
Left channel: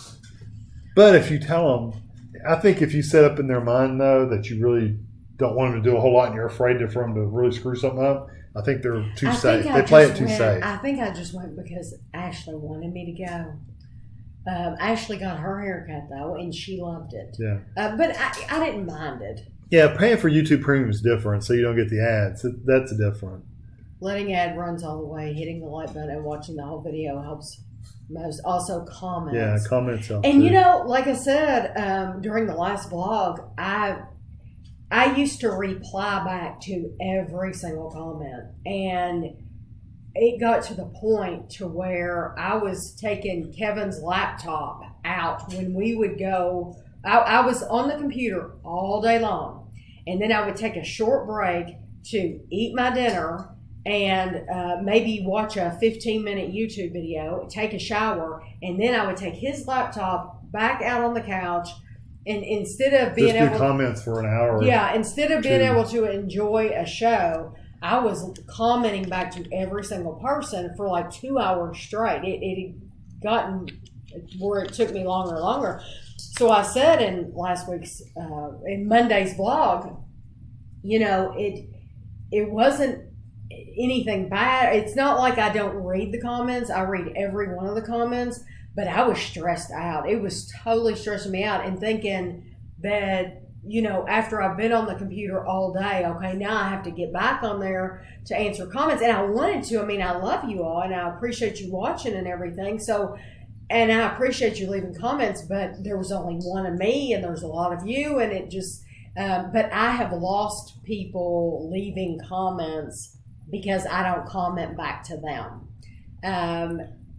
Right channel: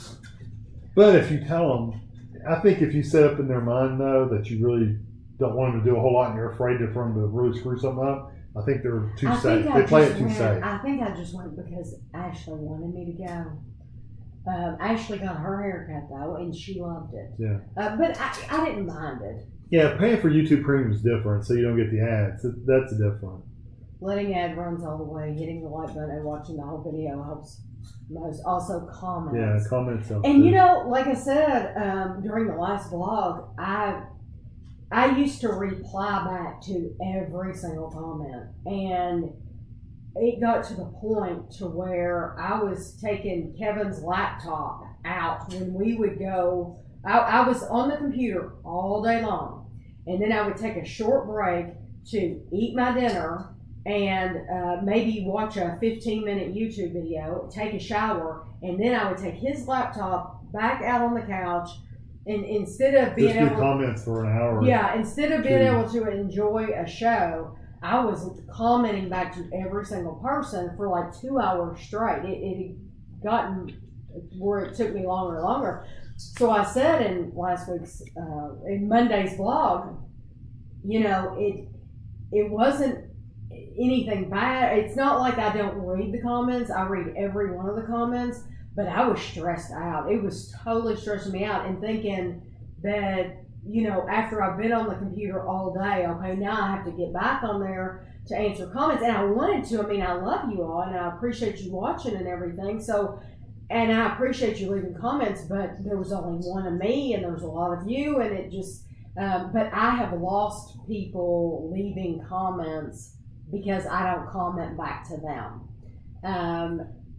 But if you tell them, I think if you set up in their mind though that you really don't want them to do a whole lot and you're afraid for them to really screw something up. I think they're too I safe. think They play it too safe. I think I just went because Ashley wanted me to go. Ashley got her haircut though, and she loved it. Yeah. But I didn't mind it. Yeah, paying for YouTube Premium is different, so you don't get the ads. That's different. Letting ad runs all the way, hitting the like button, and watching the whole video helps most. Also, comments. Yeah, comments help. And too. you know, like I said during the last vlog, I used to reply back to every single comment, and it got to the point to where I was taking Kevin's laptop out when we would go. I was on the computer all day long, and then I would take a short break to eat my dinner and maybe watch a 15-minute YouTube video, take a shower, and then I would take his laptop back out on the couch, and instead of being just do able comments for an hour. Yeah, instead of being able to enjoy a show, I was commenting back to every single person for like 2 hours straight. It had gotten where it took me longer and longer. So I said in last week's, in Monday's vlog, you know, it wasn't anything bad. It's not like I don't read the comments. I read every one of the comments, but I was stressed out. It was totally stressing me out and thinking that, you know, after I've been on the computer all day, okay, now I have to get back on there to answer comments. And I wanted to. I mean, I love you all and I appreciate you watching and everything. So, and I appreciate you leaving comments, but there was only one of me and there's a lot of you, and it just, but I have lost people leaving comments because I don't comment back to them.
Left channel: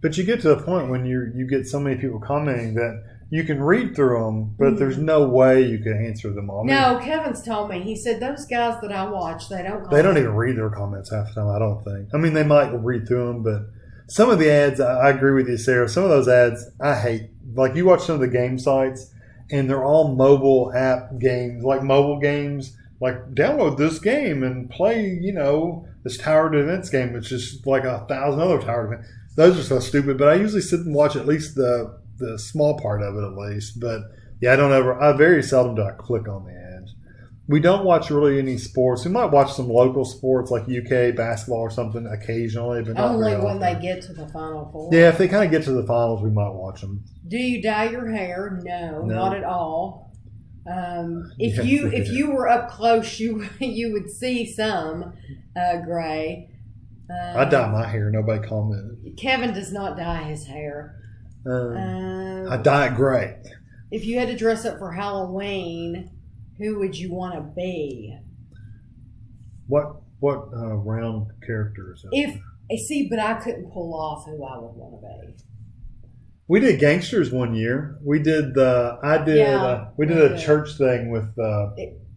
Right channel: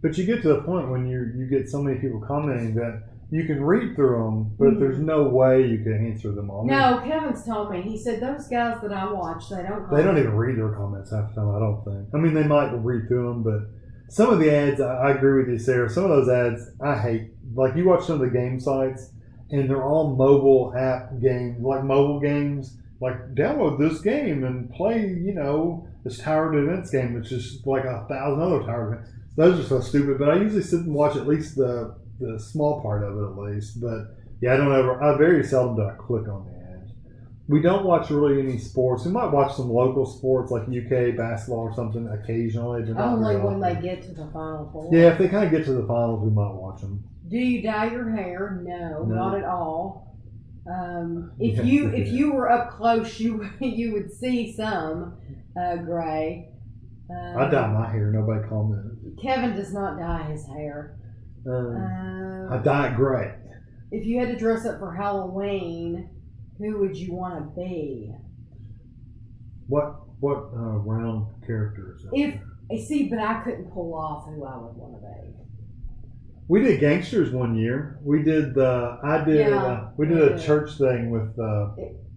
But you get to the point when you get so many people commenting that you can read through them, but there's no way you can answer them all. No, Kevin's told me. He said those guys that I watch, they don't comment. They don't even read their comments half the time, I don't think. I mean, they might read through them, but some of the ads, I agree with you, Sarah. Some of those ads I hate. Like you watch some of the game sites, and they're all mobile app games, like mobile games. Like download this game and play, you know, this Tower Defense game, which is like 1,000 other Tower Defense. Those are so stupid. But I usually sit and watch at least the small part of it at least. But yeah, I very seldom do I click on the ads. We don't watch really any sports. We might watch some local sports like UK basketball or something occasionally. But not only very when often. they get to the Final Four. Yeah, if they kind of get to the finals, we might watch them. Do you dye your hair? No, not at all. If Yeah. you were up close, you would see some gray. I dye my hair. Nobody commented. Kevin does not dye his hair. I dye it gray. If you had to dress up for Halloween, who would you want to be? What round characters? But I couldn't pull off who I would want to be. We did gangsters one year. We did a church thing with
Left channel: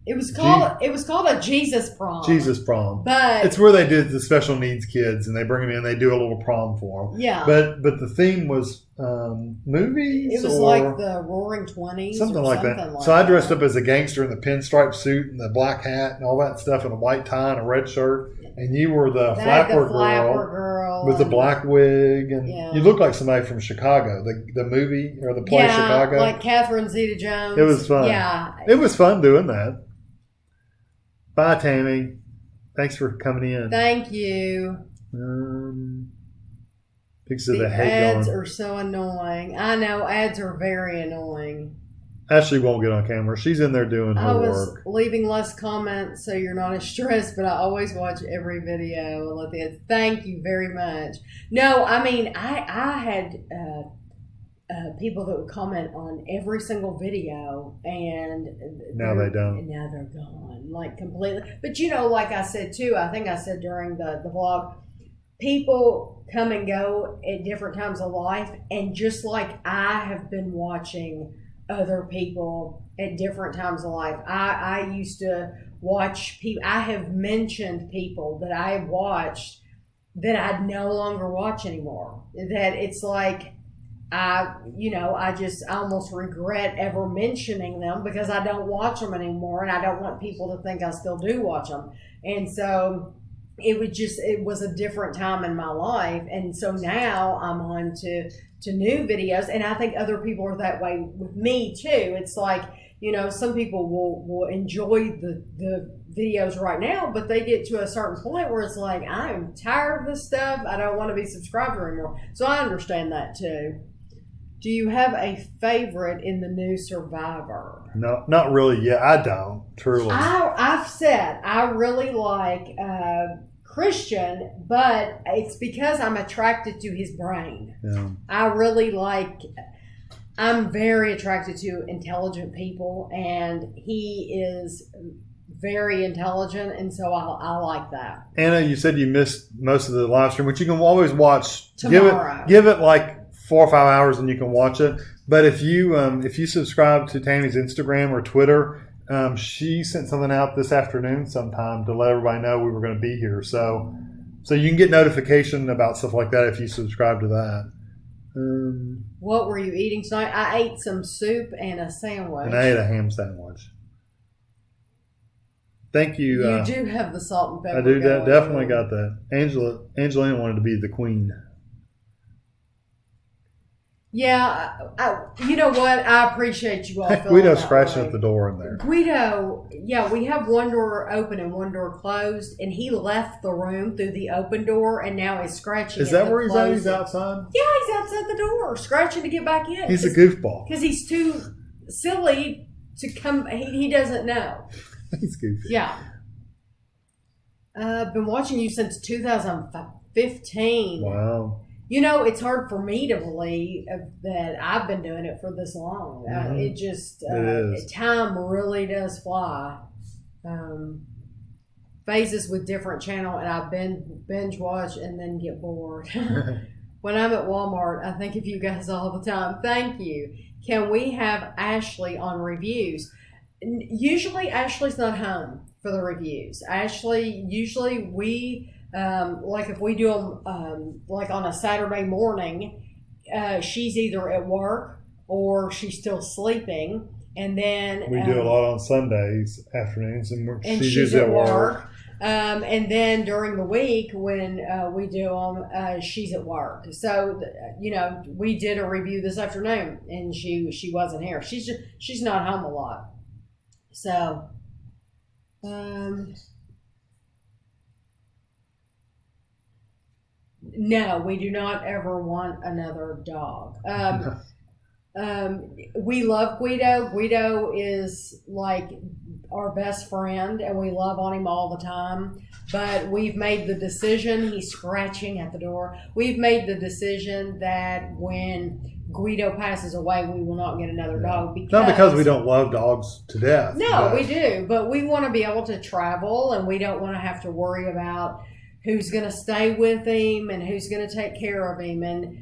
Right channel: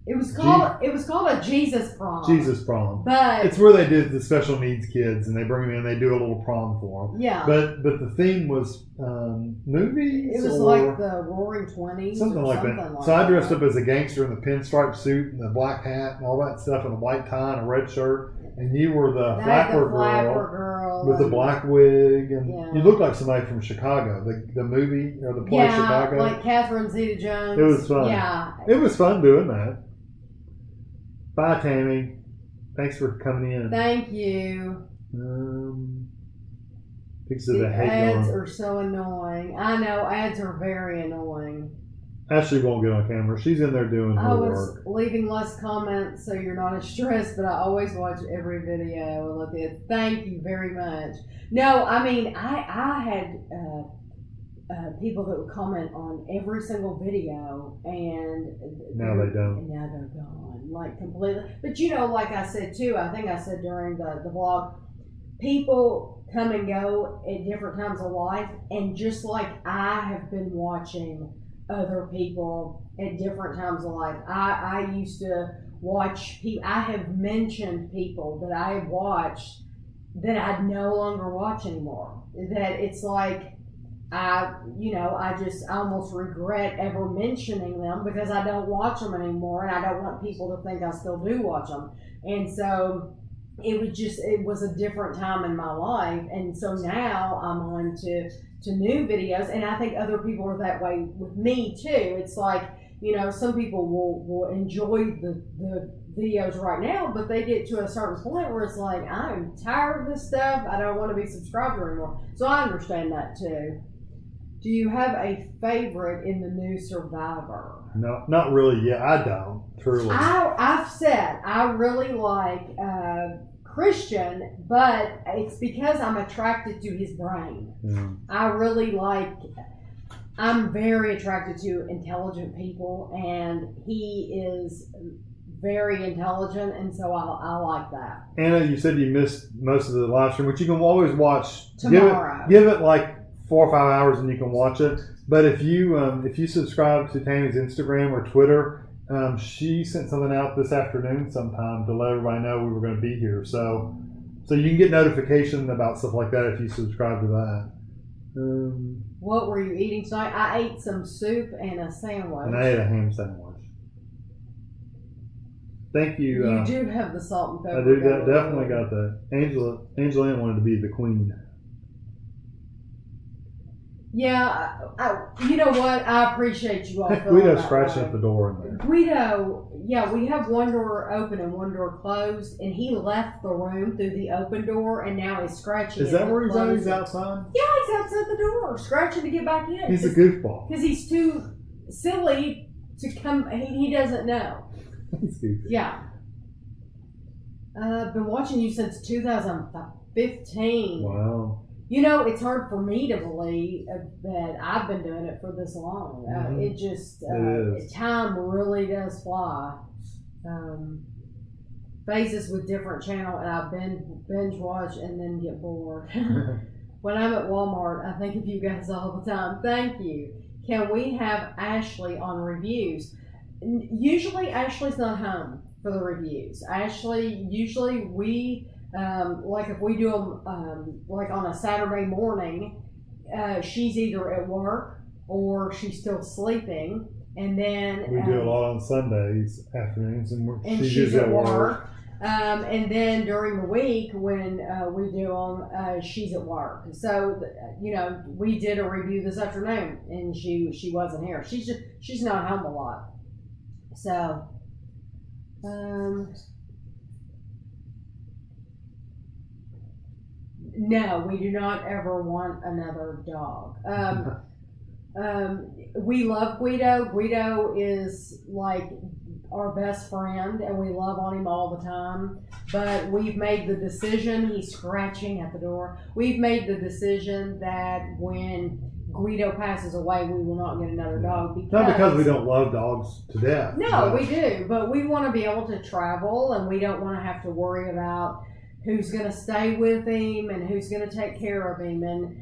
It was called a Jesus prom. Jesus prom. But it's where they do the special needs kids and they bring them in. They do a little prom for them. Yeah. But the theme was movies. It was like the Roaring 20s. Something like that. So I dressed up as a gangster in the pinstripe suit and the black hat and all that stuff and a white tie and a red shirt. And you were the flapper girl with the black wig, and you look like somebody from Chicago, the movie or the play Chicago. Like Catherine Zeta-Jones. It was fun. Yeah, it was fun doing that. Bye, Tami. Thanks for coming in. Thank you. Pictures of the ads hate are so annoying. I know ads are very annoying. Ashley won't get on camera. She's in there doing her work. I was leaving less comments so you're not as stressed, but I always watch every video and let the ads. Thank you very much. No, I mean, I had people that would comment on every single video, and now they don't. And now they're gone, like completely. But you know, like I said too, I think I said during the vlog, people come and go at different times of life, and just like I have been watching other people at different times of life. I used to watch people. I have mentioned people that I have watched that I no longer watch anymore. That it's like I almost regret ever mentioning them because I don't watch them anymore, and I don't want people to think I still do watch them. And so it was a different time in my life, and so now I'm on to new videos, and I think other people are that way with me too. It's like some people will enjoy the videos right now, but they get to a certain point where it's like, I'm tired of this stuff. I don't want to be subscribed anymore. So I understand that too. Do you have a favorite in the new Survivor? No, not really. Yeah, I don't. Truly. I've said I really like Christian, but it's because I'm attracted to his brain. Yeah. I'm very attracted to intelligent people, and he is very intelligent, and so I like that. Anna, you said you missed most of the live stream, which you can always watch tomorrow. Give it like 4 or 5 hours, and you can watch it. But if you subscribe to Tami's Instagram or Twitter, she sent something out this afternoon sometime to let everybody know we were going to be here. So you can get notification about stuff like that if you subscribe to that. What were you eating tonight? I ate some soup and a sandwich. And I ate a ham sandwich. Thank you. You do have the salt and pepper. I do. Definitely got that. Angelina wanted to be the queen. Yeah, you know what? I appreciate you all. Guido's scratching at the door in there. Guido, yeah, we have one door open and one door closed, and he left the room through the open door, and now he's scratching. Is that where he's at? He's outside? Yeah, he's outside the door, scratching to get back in. He's a goofball. Because he's too silly to come. He doesn't know. He's goofy. Yeah. I've been watching you since 2015. Wow. It's hard for me to believe that I've been doing it for this long. Mm-hmm. It just, time really does fly. Phases with different channel, and I binge watch and then get bored. When I'm at Walmart, I think of you guys all the time. Thank you. Can we have Ashley on reviews? Usually Ashley's not home for the reviews. Usually we... like if we do them like on a Saturday morning, she's either at work or she's still sleeping, and then we do a lot on Sundays afternoons, and she's at work. And then during the week when we do them, she's at work. So we did a review this afternoon, and she wasn't here. She's not home a lot. So. No, we do not ever want another dog. We love Guido. Guido is like our best friend, and we love on him all the time. But we've made the decision, he's scratching at the door. We've made the decision that when Guido passes away, we will not get another dog. Not because we don't love dogs to death. No, we do. But we want to be able to travel, and we don't want to have to worry about who's going to stay with him and who's going to take care of him, and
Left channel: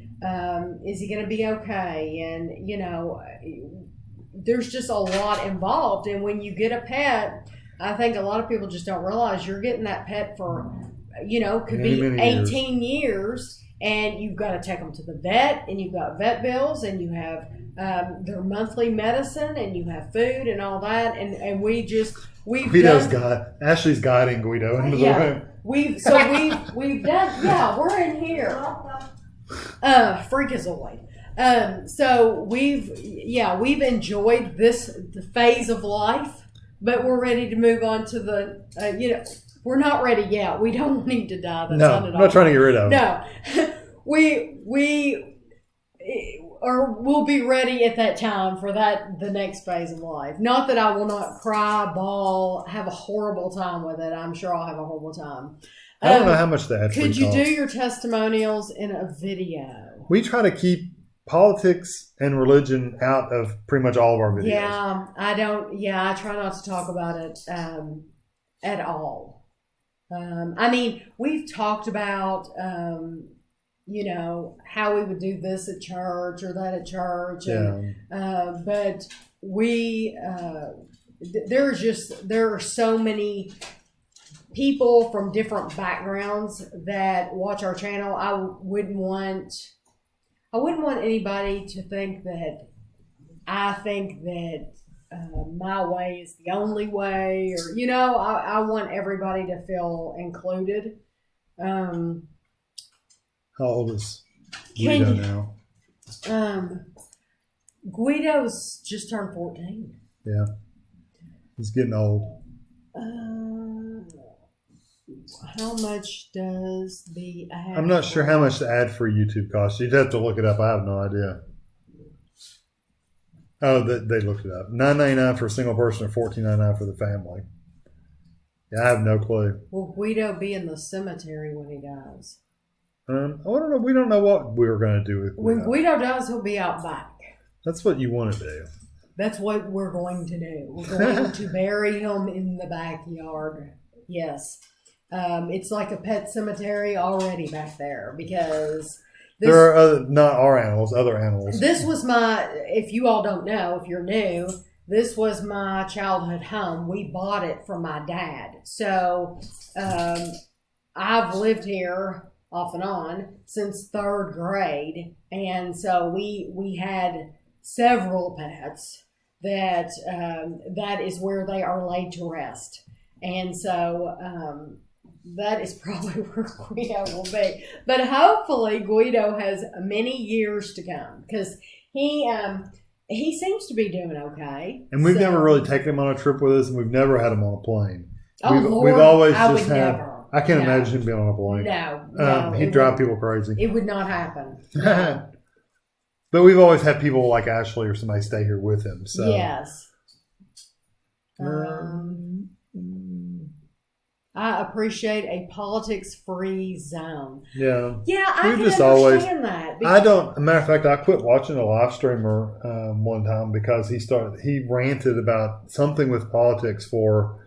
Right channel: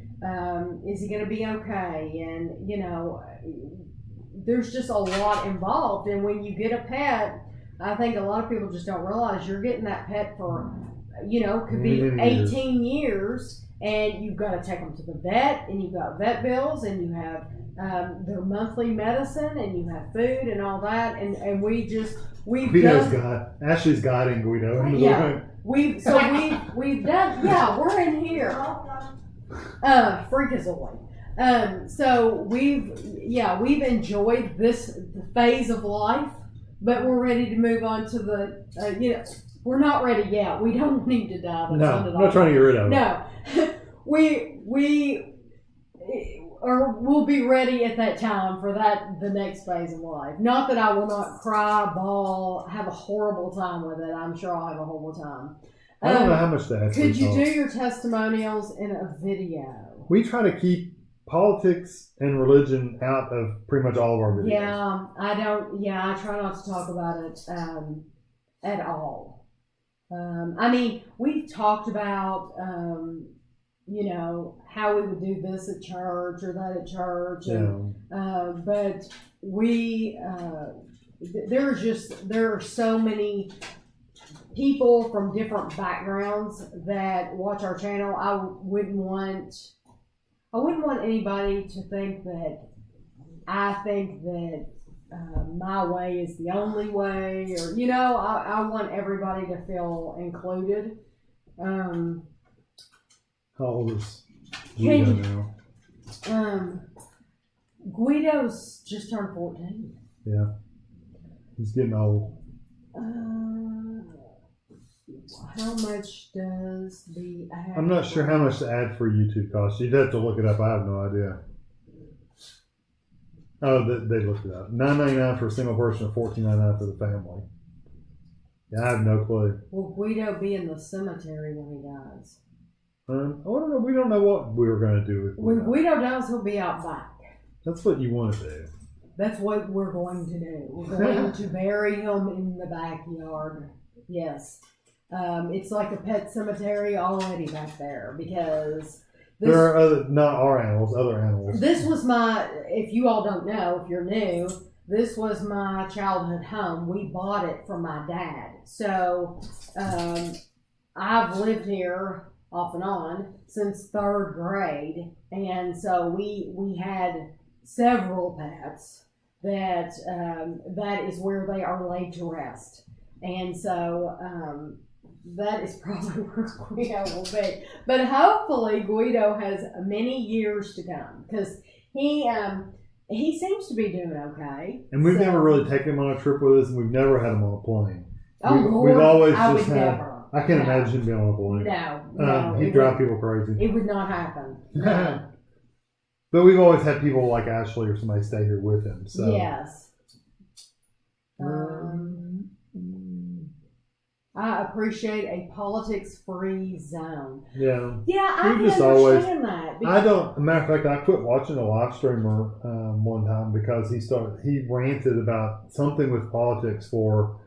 is he going to be okay? And there's just a lot involved. And when you get a pet, I think a lot of people just don't realize you're getting that pet for could be 18 years, and you've got to take them to the vet, and you've got vet bills, and you have their monthly medicine, and you have food and all that, and Ashley's guiding Guido into the room. We've done, we're in here. Freakazoid. So we've enjoyed the phase of life, but we're ready to move on to the, we're not ready yet. We don't need to die. No, I'm not trying to get rid of it. No, we'll be ready at that time for the next phase of life. Not that I will not cry, bawl, have a horrible time with it. I'm sure I'll have a horrible time. I don't know how much that actually could you costs. do your testimonials in a video? We try to keep politics and religion out of pretty much all of our videos. Yeah, I don't. Yeah, I try not to talk about it at all. We've talked about how we would do this at church or that at church, but there are so many people from different backgrounds that watch our channel. I wouldn't want anybody to think that I think that my way is the only way, or I want everybody to feel included. How old is Guido now? Guido's just turned 14. Yeah. He's getting old. How much does the ad? I'm not sure how much the ad for YouTube costs. You'd have to look it up. I have no idea. Oh, they looked it up. $9.99 for a single person or $14.99 for the family. Yeah, I have no clue. Will Guido be in the cemetery when he dies? I don't know. We don't know what we were going to do with Guido. When Guido dies, he'll be out back. That's what you want to do. That's what we're going to do. We're going to bury him in the backyard. Yes. It's like a pet cemetery already back there because there are not our animals, other animals. This was if you all don't know, if you're new, this was my childhood home. We bought it from my dad. So I've lived here off and on since 3rd grade. And so we had several pets that is where they are laid to rest. And so that is probably where Guido will be. But hopefully Guido has many years to come because he seems to be doing okay. And we've never really taken him on a trip with us, and we've never had him on a plane. Lord, we've always I just would had. never. I can't imagine him being on a plane. No. He'd drive people crazy. It would not happen. No. But we've always had people like Ashley or somebody stay here with him. So yes. I appreciate a politics-free zone. Yeah. Yeah, I can understand that. I don't. As a matter of fact, I quit watching a live streamer one time because he ranted about something with politics for,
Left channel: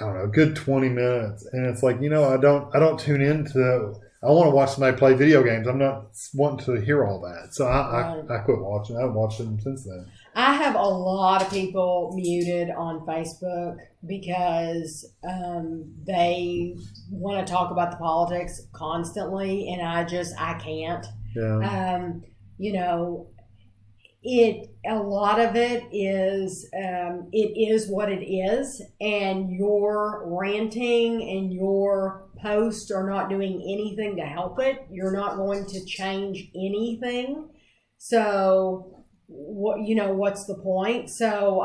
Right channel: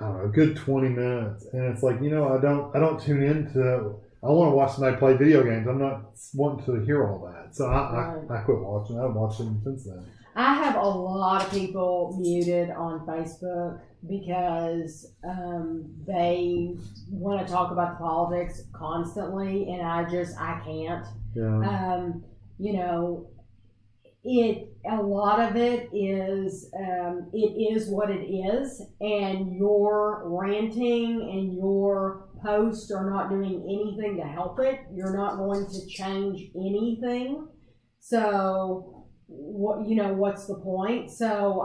I don't know, a good 20 minutes, and it's like, I don't tune into. I want to watch somebody play video games. I'm not wanting to hear all that, so I quit watching. I haven't watched them since then. I have a lot of people muted on Facebook because they want to talk about the politics constantly, and I can't. Yeah. A lot of it is what it is, and your ranting and your posts are not doing anything to help it. You're not going to change anything. So what's the point? So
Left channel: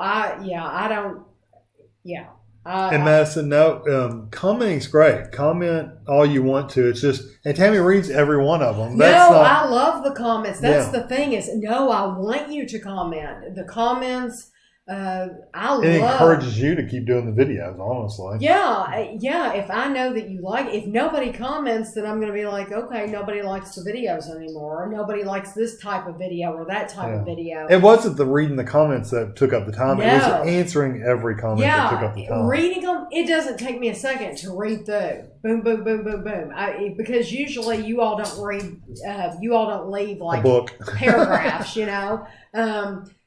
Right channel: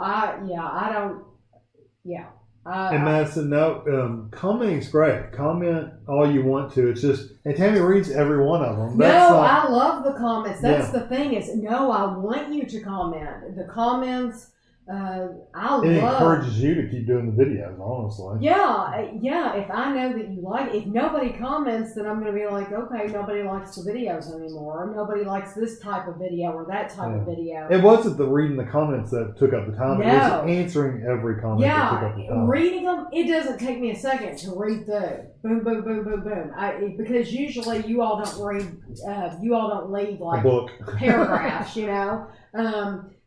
and Madison, no, commenting's great. Comment all you want to. It's just, and Tami reads every one of them. I love the comments. That's the thing is, I want you to comment. The comments, it encourages you to keep doing the videos, honestly. Yeah. If I know that you like, if nobody comments, then I'm going to be like, okay, nobody likes the videos anymore, or nobody likes this type of video or that type of video. It wasn't the reading the comments that took up the time. No. It was answering every comment that took up the time. Reading them, it doesn't take me a second to read through. Boom, boom, boom, boom, boom. Because usually you all don't read, you all don't leave like a book. Paragraphs,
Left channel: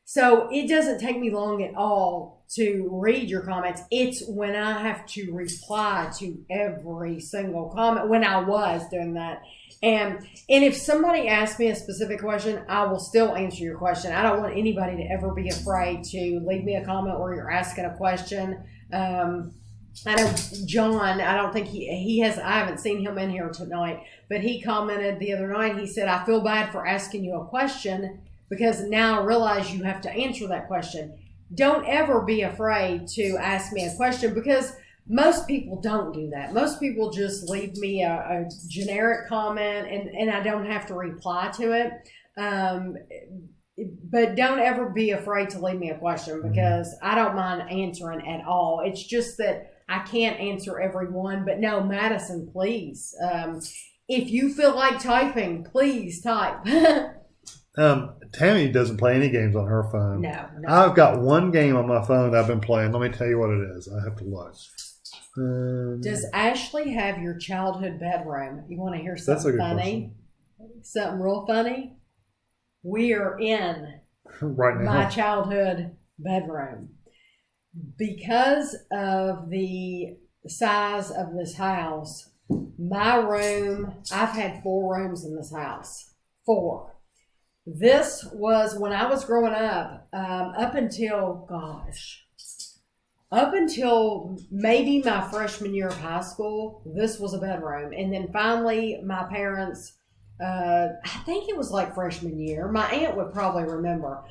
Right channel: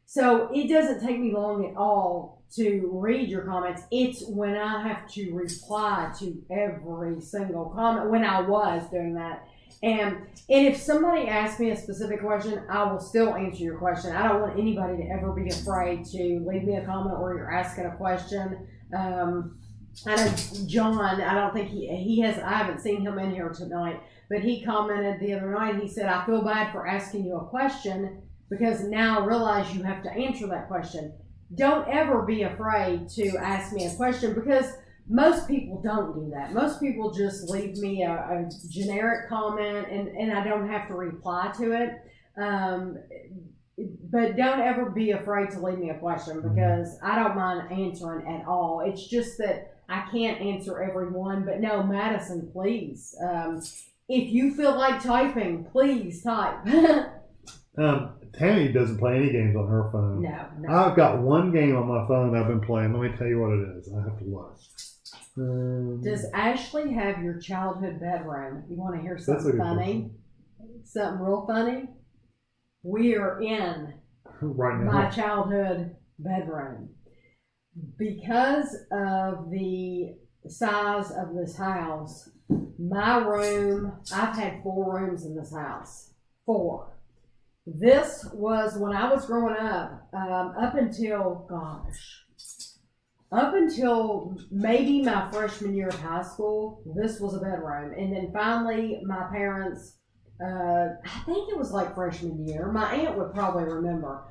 So it doesn't take me long at all to read your comments. It's when I have to reply to every single comment, when I was doing that. And if somebody asks me a specific question, I will still answer your question. I don't want anybody to ever be afraid to leave me a comment where you're asking a question. I know John, I don't think he has, I haven't seen him in here tonight, but he commented the other night, he said, I feel bad for asking you a question, because now I realize you have to answer that question. Don't ever be afraid to ask me a question, because most people don't do that. Most people just leave me a generic comment and I don't have to reply to it. But don't ever be afraid to leave me a question, because I don't mind answering at all. It's just that I can't answer every one. But no, Madison, please. If you feel like typing, please type. Tami doesn't play any games on her phone. No. I've got one game on my phone I've been playing. Let me tell you what it is. I have to look. Does Ashley have your childhood bedroom? You want to hear something funny? Question. Something real funny? We are in right now. My childhood bedroom. Because of the size of this house, my room, I've had 4 rooms in this house. 4. This was when I was growing up, up until maybe my freshman year of high school, this was a bedroom. And then finally, my parents, I think it was like freshman year, my aunt would probably remember.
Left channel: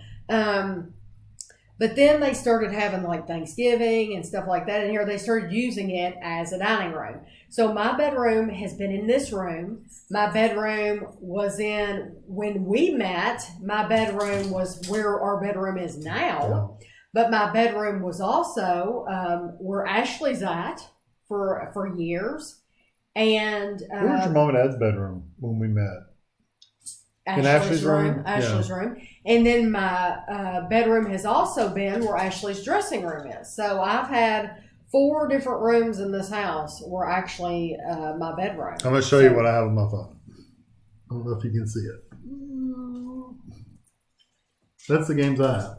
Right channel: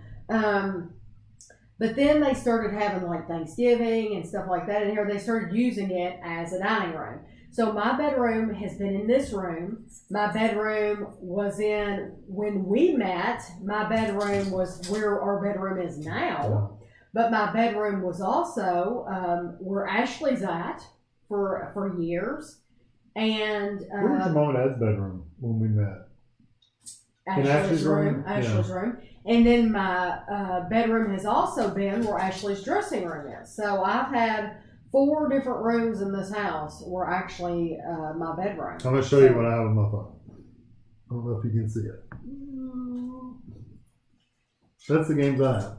But then they started having like Thanksgiving and stuff like that in here. They started using it as a dining room. So my bedroom has been in this room. My bedroom was in, when we met, my bedroom was where our bedroom is now. But my bedroom was also where Ashley's at for years. And where was your mom and dad's bedroom when we met? Ashley's room. Ashley's room. And then my bedroom has also been where Ashley's dressing room is. So I've had 4 different rooms in this house were actually my bedroom. I'm going to show you what I have on my phone. I don't know if you can see it. That's the games I have.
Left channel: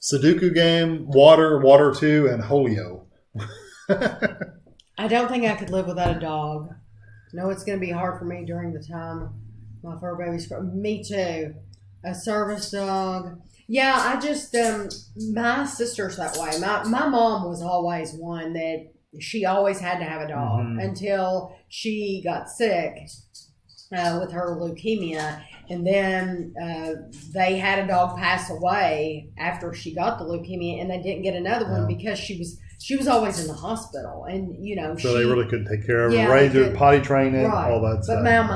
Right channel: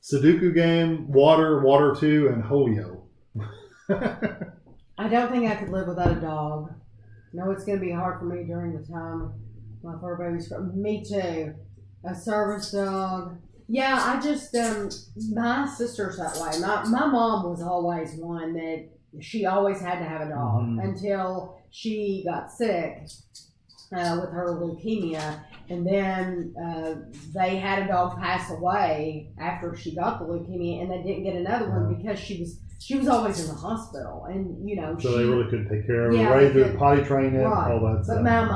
Sudoku game, Water 2, and Holio. I don't think I could live without a dog. No, it's going to be hard for me during the time my fur baby's growing. Me too. A service dog. Yeah, I just, my sister's that way. My mom was always one that she always had to have a dog until she got sick with her leukemia. And then they had a dog pass away after she got the leukemia, and they didn't get another one because she was always in the hospital, and so they really couldn't take care of her, raise her, potty train it, right. all that stuff. But now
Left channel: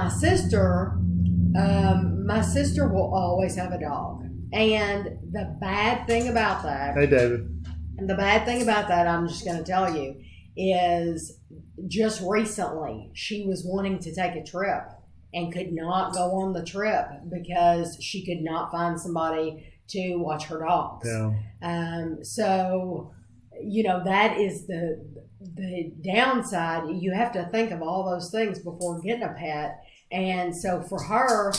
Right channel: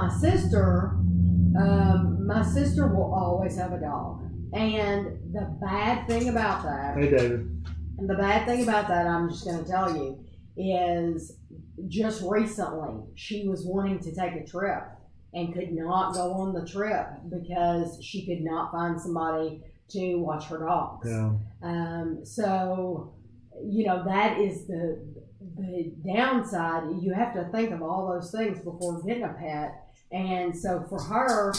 my sister will always have a dog, and the bad thing about that, hey David, and the bad thing about that, I'm just going to tell you, is just recently she was wanting to take a trip and could not go on the trip because she could not find somebody to watch her dogs. Yeah. So, that is the downside. You have to think of all those things before getting a pet. And so for her,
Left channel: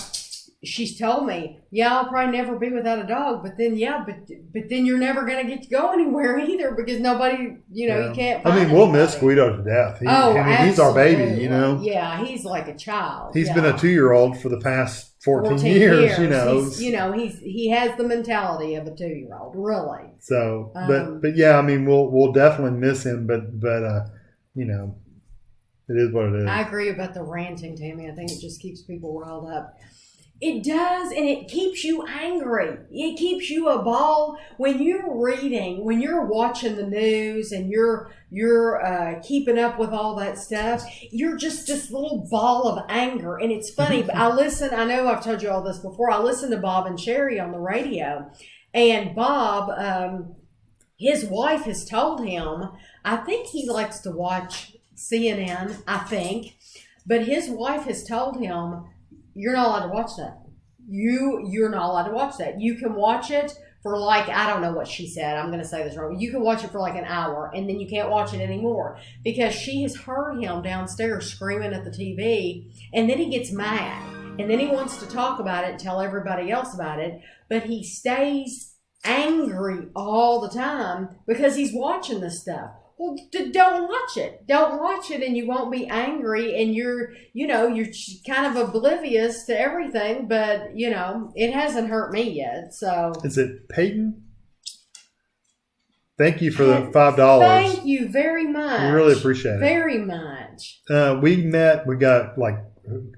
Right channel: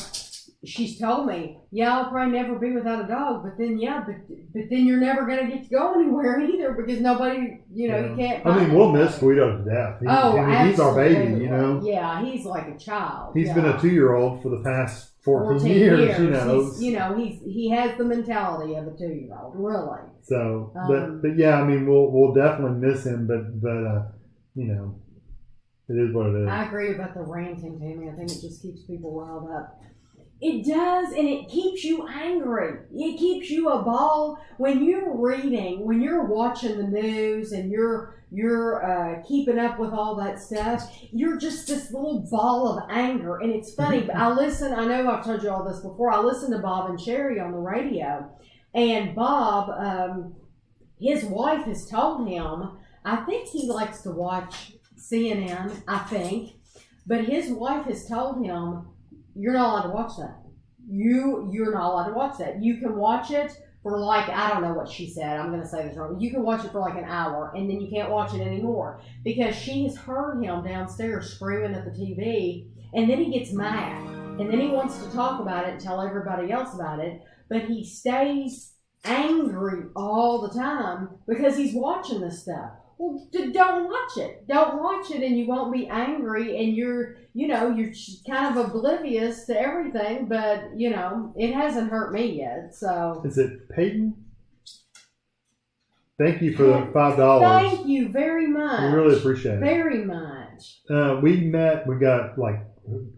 she's told me, I'll probably never be without a dog, but then then you're never going to get to go anywhere either because nobody, you can't find we'll miss Guido to death. He's our baby, Yeah, he's like a child. He's been a 2-year-old for the past 14 years. He has the mentality of a 2-year-old, really. So, but yeah, we'll definitely miss him, but it is what it is. I agree about the ranting, Tami. I think it just keeps people riled up. It does, and it keeps you angry. It keeps you a ball when you're reading, when you're watching the news, and you're keeping up with all that stuff. You're just this little ball of anger, and it's funny. But I know I've told you all this before. I listen to Bob and Sherry on the radio, and Bob, his wife has told him. I think he likes to watch CNN. I think, but his wife has told him, you're not allowed to watch that. You're not allowed to watch that. You can watch it for I don't know what she said. I'm going to say this wrong. You can watch it for an hour, and then you can't watch it anymore because she has heard him downstairs screaming at the TV, and then he gets mad, and then he wants to talk about it and tell everybody else about it, but he stays angry all the time because he's watching this stuff. Well, don't watch it. Don't watch it, and you won't be angry, and you're kind of oblivious to everything, but, it hasn't hurt me yet, so. Is it Peyton? Thank you for the $5. Thank you very much. We really appreciate it. Very much. We got,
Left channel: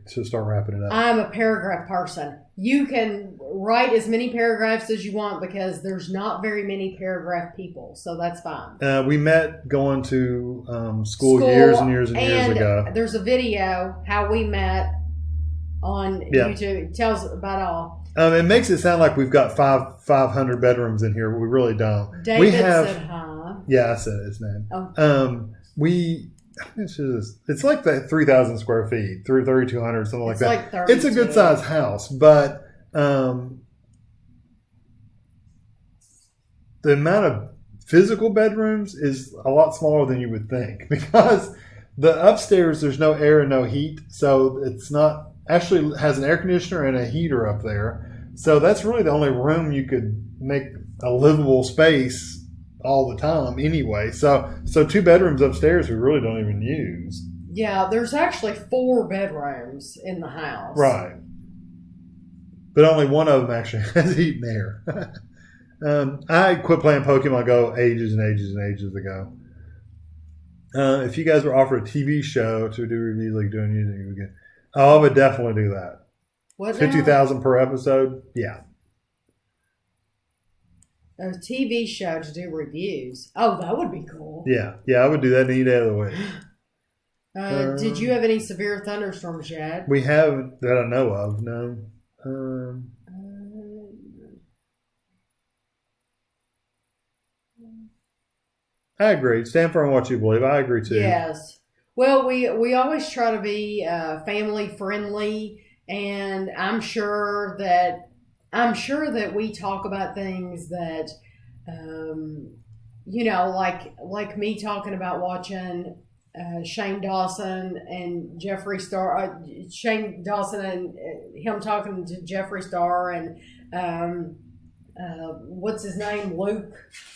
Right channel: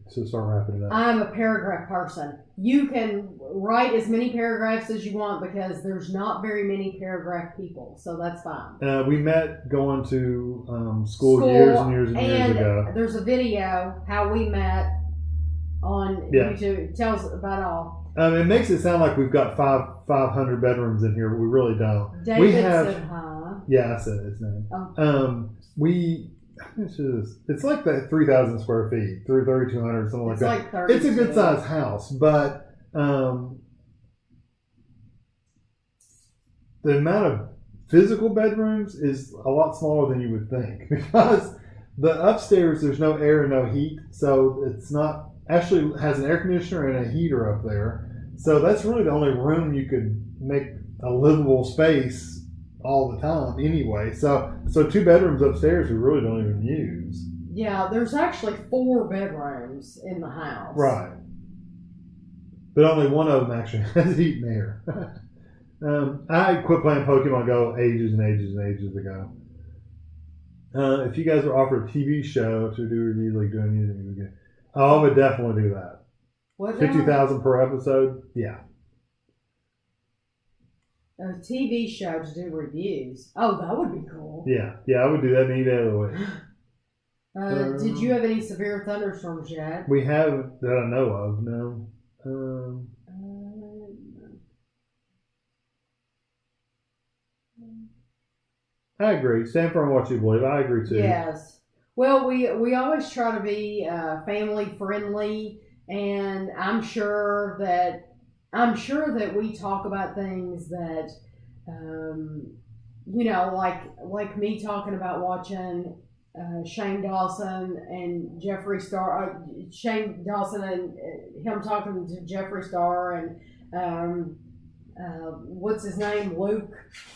to start wrapping it up. I'm a paragraph person. You can write as many paragraphs as you want because there's not very many paragraph people, so that's fine. We met going to school years and years and years ago. There's a video how we met on YouTube. It tells about all. It makes it sound like we've got 500 bedrooms in here, but we really don't. David said hi. Yeah, I said his name. Oh. It's like that 3,000 square feet, 3,200, something like that. 32. It's a good sized house, but the amount of physical bedrooms is a lot smaller than you would think because the upstairs there's no air and no heat, so it's not actually has an air conditioner and a heater up there. So that's really the only room you could make a livable space all the time anyway. So 2 bedrooms upstairs we really don't even use. Yeah, there's actually 4 bedrooms in the house. Right. But only one of them actually has heat and air. I quit playing Pokemon Go ages and ages and ages ago. If you guys were offered a TV show to do reviews like doing anything again, I would definitely do that. What? 50,000 per episode? Yeah. a TV show to do reviews. Oh, that would be cool. Yeah, I would do that any day of the week. Did you have any severe thunderstorms yet? We haven't that I know of. No. I agree. Stand for what you believe. I agree too. Yes. Well, we always try to be family friendly, and I'm sure that we talk about things that, like me talking about watching Shane Dawson and Jeffree Star, Shane Dawson and him talking to Jeffree Star and what's his name, Luke.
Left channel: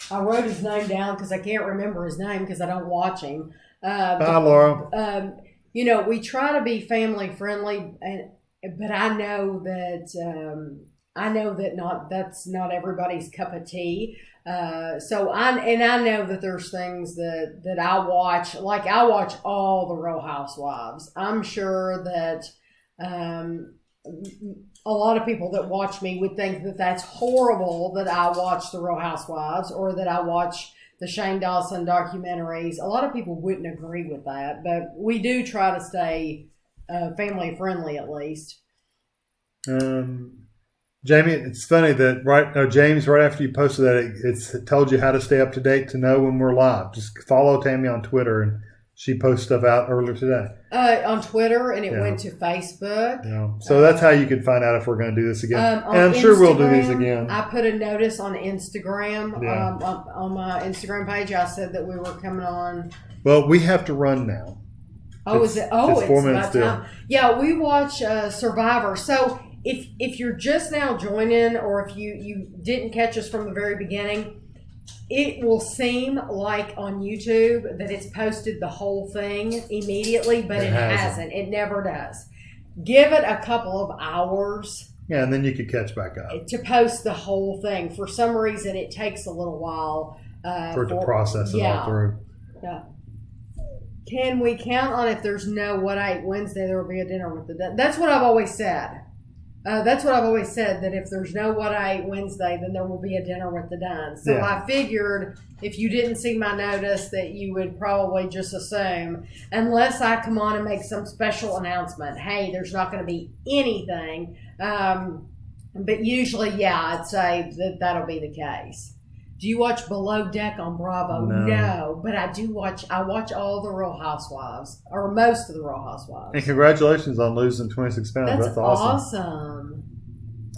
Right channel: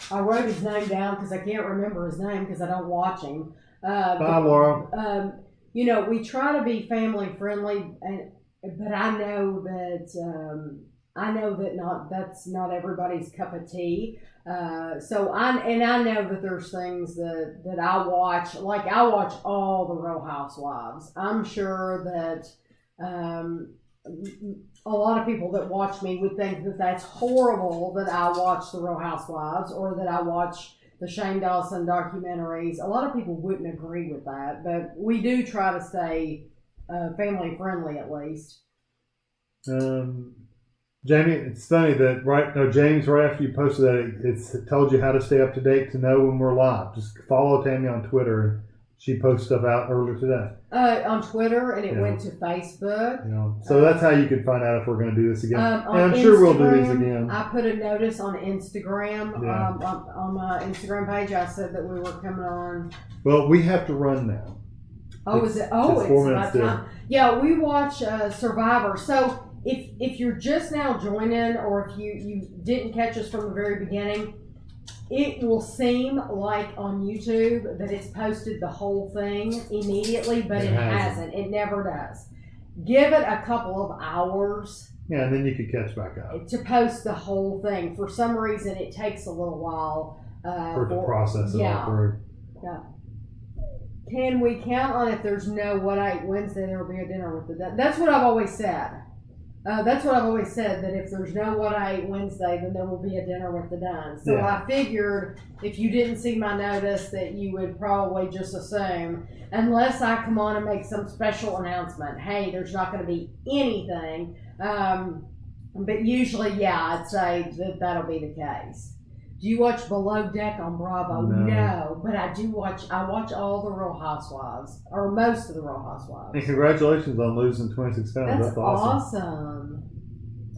I wrote his name down because I can't remember his name because I don't watch him. Bye, Laura. We try to be family friendly, but I know that that's not everybody's cup of tea. So I know that there's things that I watch. Like I watch all the Real Housewives. I'm sure that a lot of people that watch me would think that that's horrible that I watch the Real Housewives or that I watch the Shane Dawson documentaries. A lot of people wouldn't agree with that, but we do try to stay family friendly at least. Jamie, it's funny that James, right after you posted that, it told you how to stay up to date to know when we're live. Just follow Tami on Twitter, and she posts stuff out earlier today. On Twitter, and it went to Facebook. Yeah. So that's how you can find out if we're going to do this again. And I'm Instagram, sure we'll do these again. I put a notice on Instagram, on my Instagram page. I said that we were coming on. Well, we have to run now. Oh, is it? Oh, it's 4 my minutes time. Yeah, we watch Survivor. So if you're just now joining, or if you didn't catch us from the very beginning, it will seem like on YouTube that it's posted the whole thing immediately, but it hasn't. It never does. Give it a couple of hours. Yeah, and then you could catch back up. To post the whole thing. For some reason, it takes a little while. For it to process it all through. Yeah. Can we count on if there's no What I Ate Wednesday, there will be a dinner with the Dunn? That's what I've always said. That if there's no What I Ate Wednesday, then there will be a dinner with the Dunn. So I figured if you didn't see my notice that you would probably just assume, unless I come on and make some special announcement, hey, there's not going to be anything. But usually, I'd say that'll be the case. Do you watch Below Deck on Bravo? No, but I do watch. I watch all the Real Housewives, or most of the Real Housewives. And congratulations on losing 26 pounds. That's awesome.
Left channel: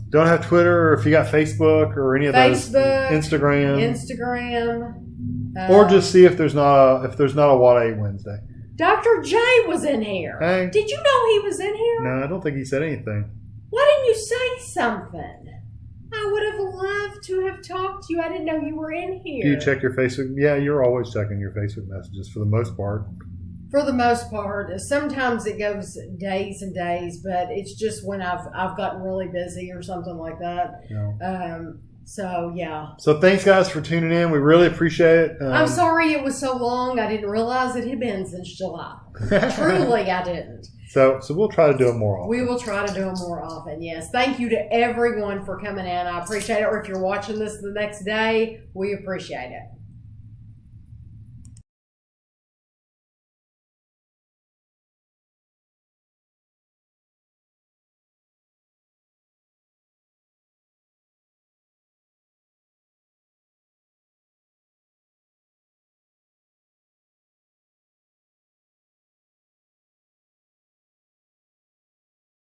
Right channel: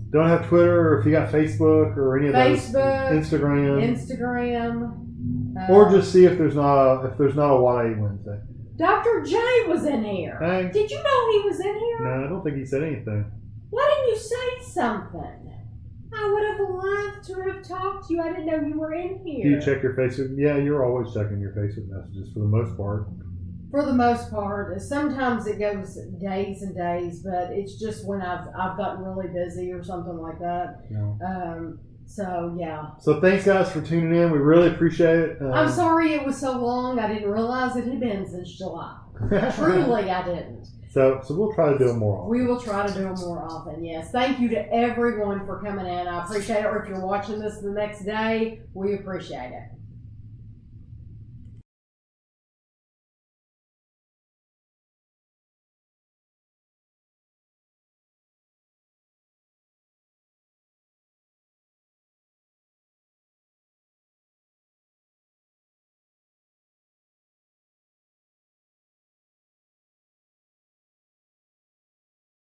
Don't have Twitter, or if you got Facebook or any of those. Instagram. Or just see if there's not a What I Ate Wednesday. Dr. J was in here. Hey. Did you know he was in here? No, I don't think he said anything. Why didn't you say something? I would have loved to have talked to you. I didn't know you were in here. Do you check your Facebook? Yeah, you're always checking your Facebook messages for the most part. For the most part. Sometimes it goes days and days, but it's just when I've gotten really busy or something like that. Yeah. So thanks, guys, for tuning in. We really appreciate it. I'm sorry it was so long. I didn't realize it had been since July. Truly, I didn't. So we'll try to do it more often. We will try to do it more often, yes. Thank you to everyone for coming in. I appreciate it. Or if you're watching this the next day, we appreciate it.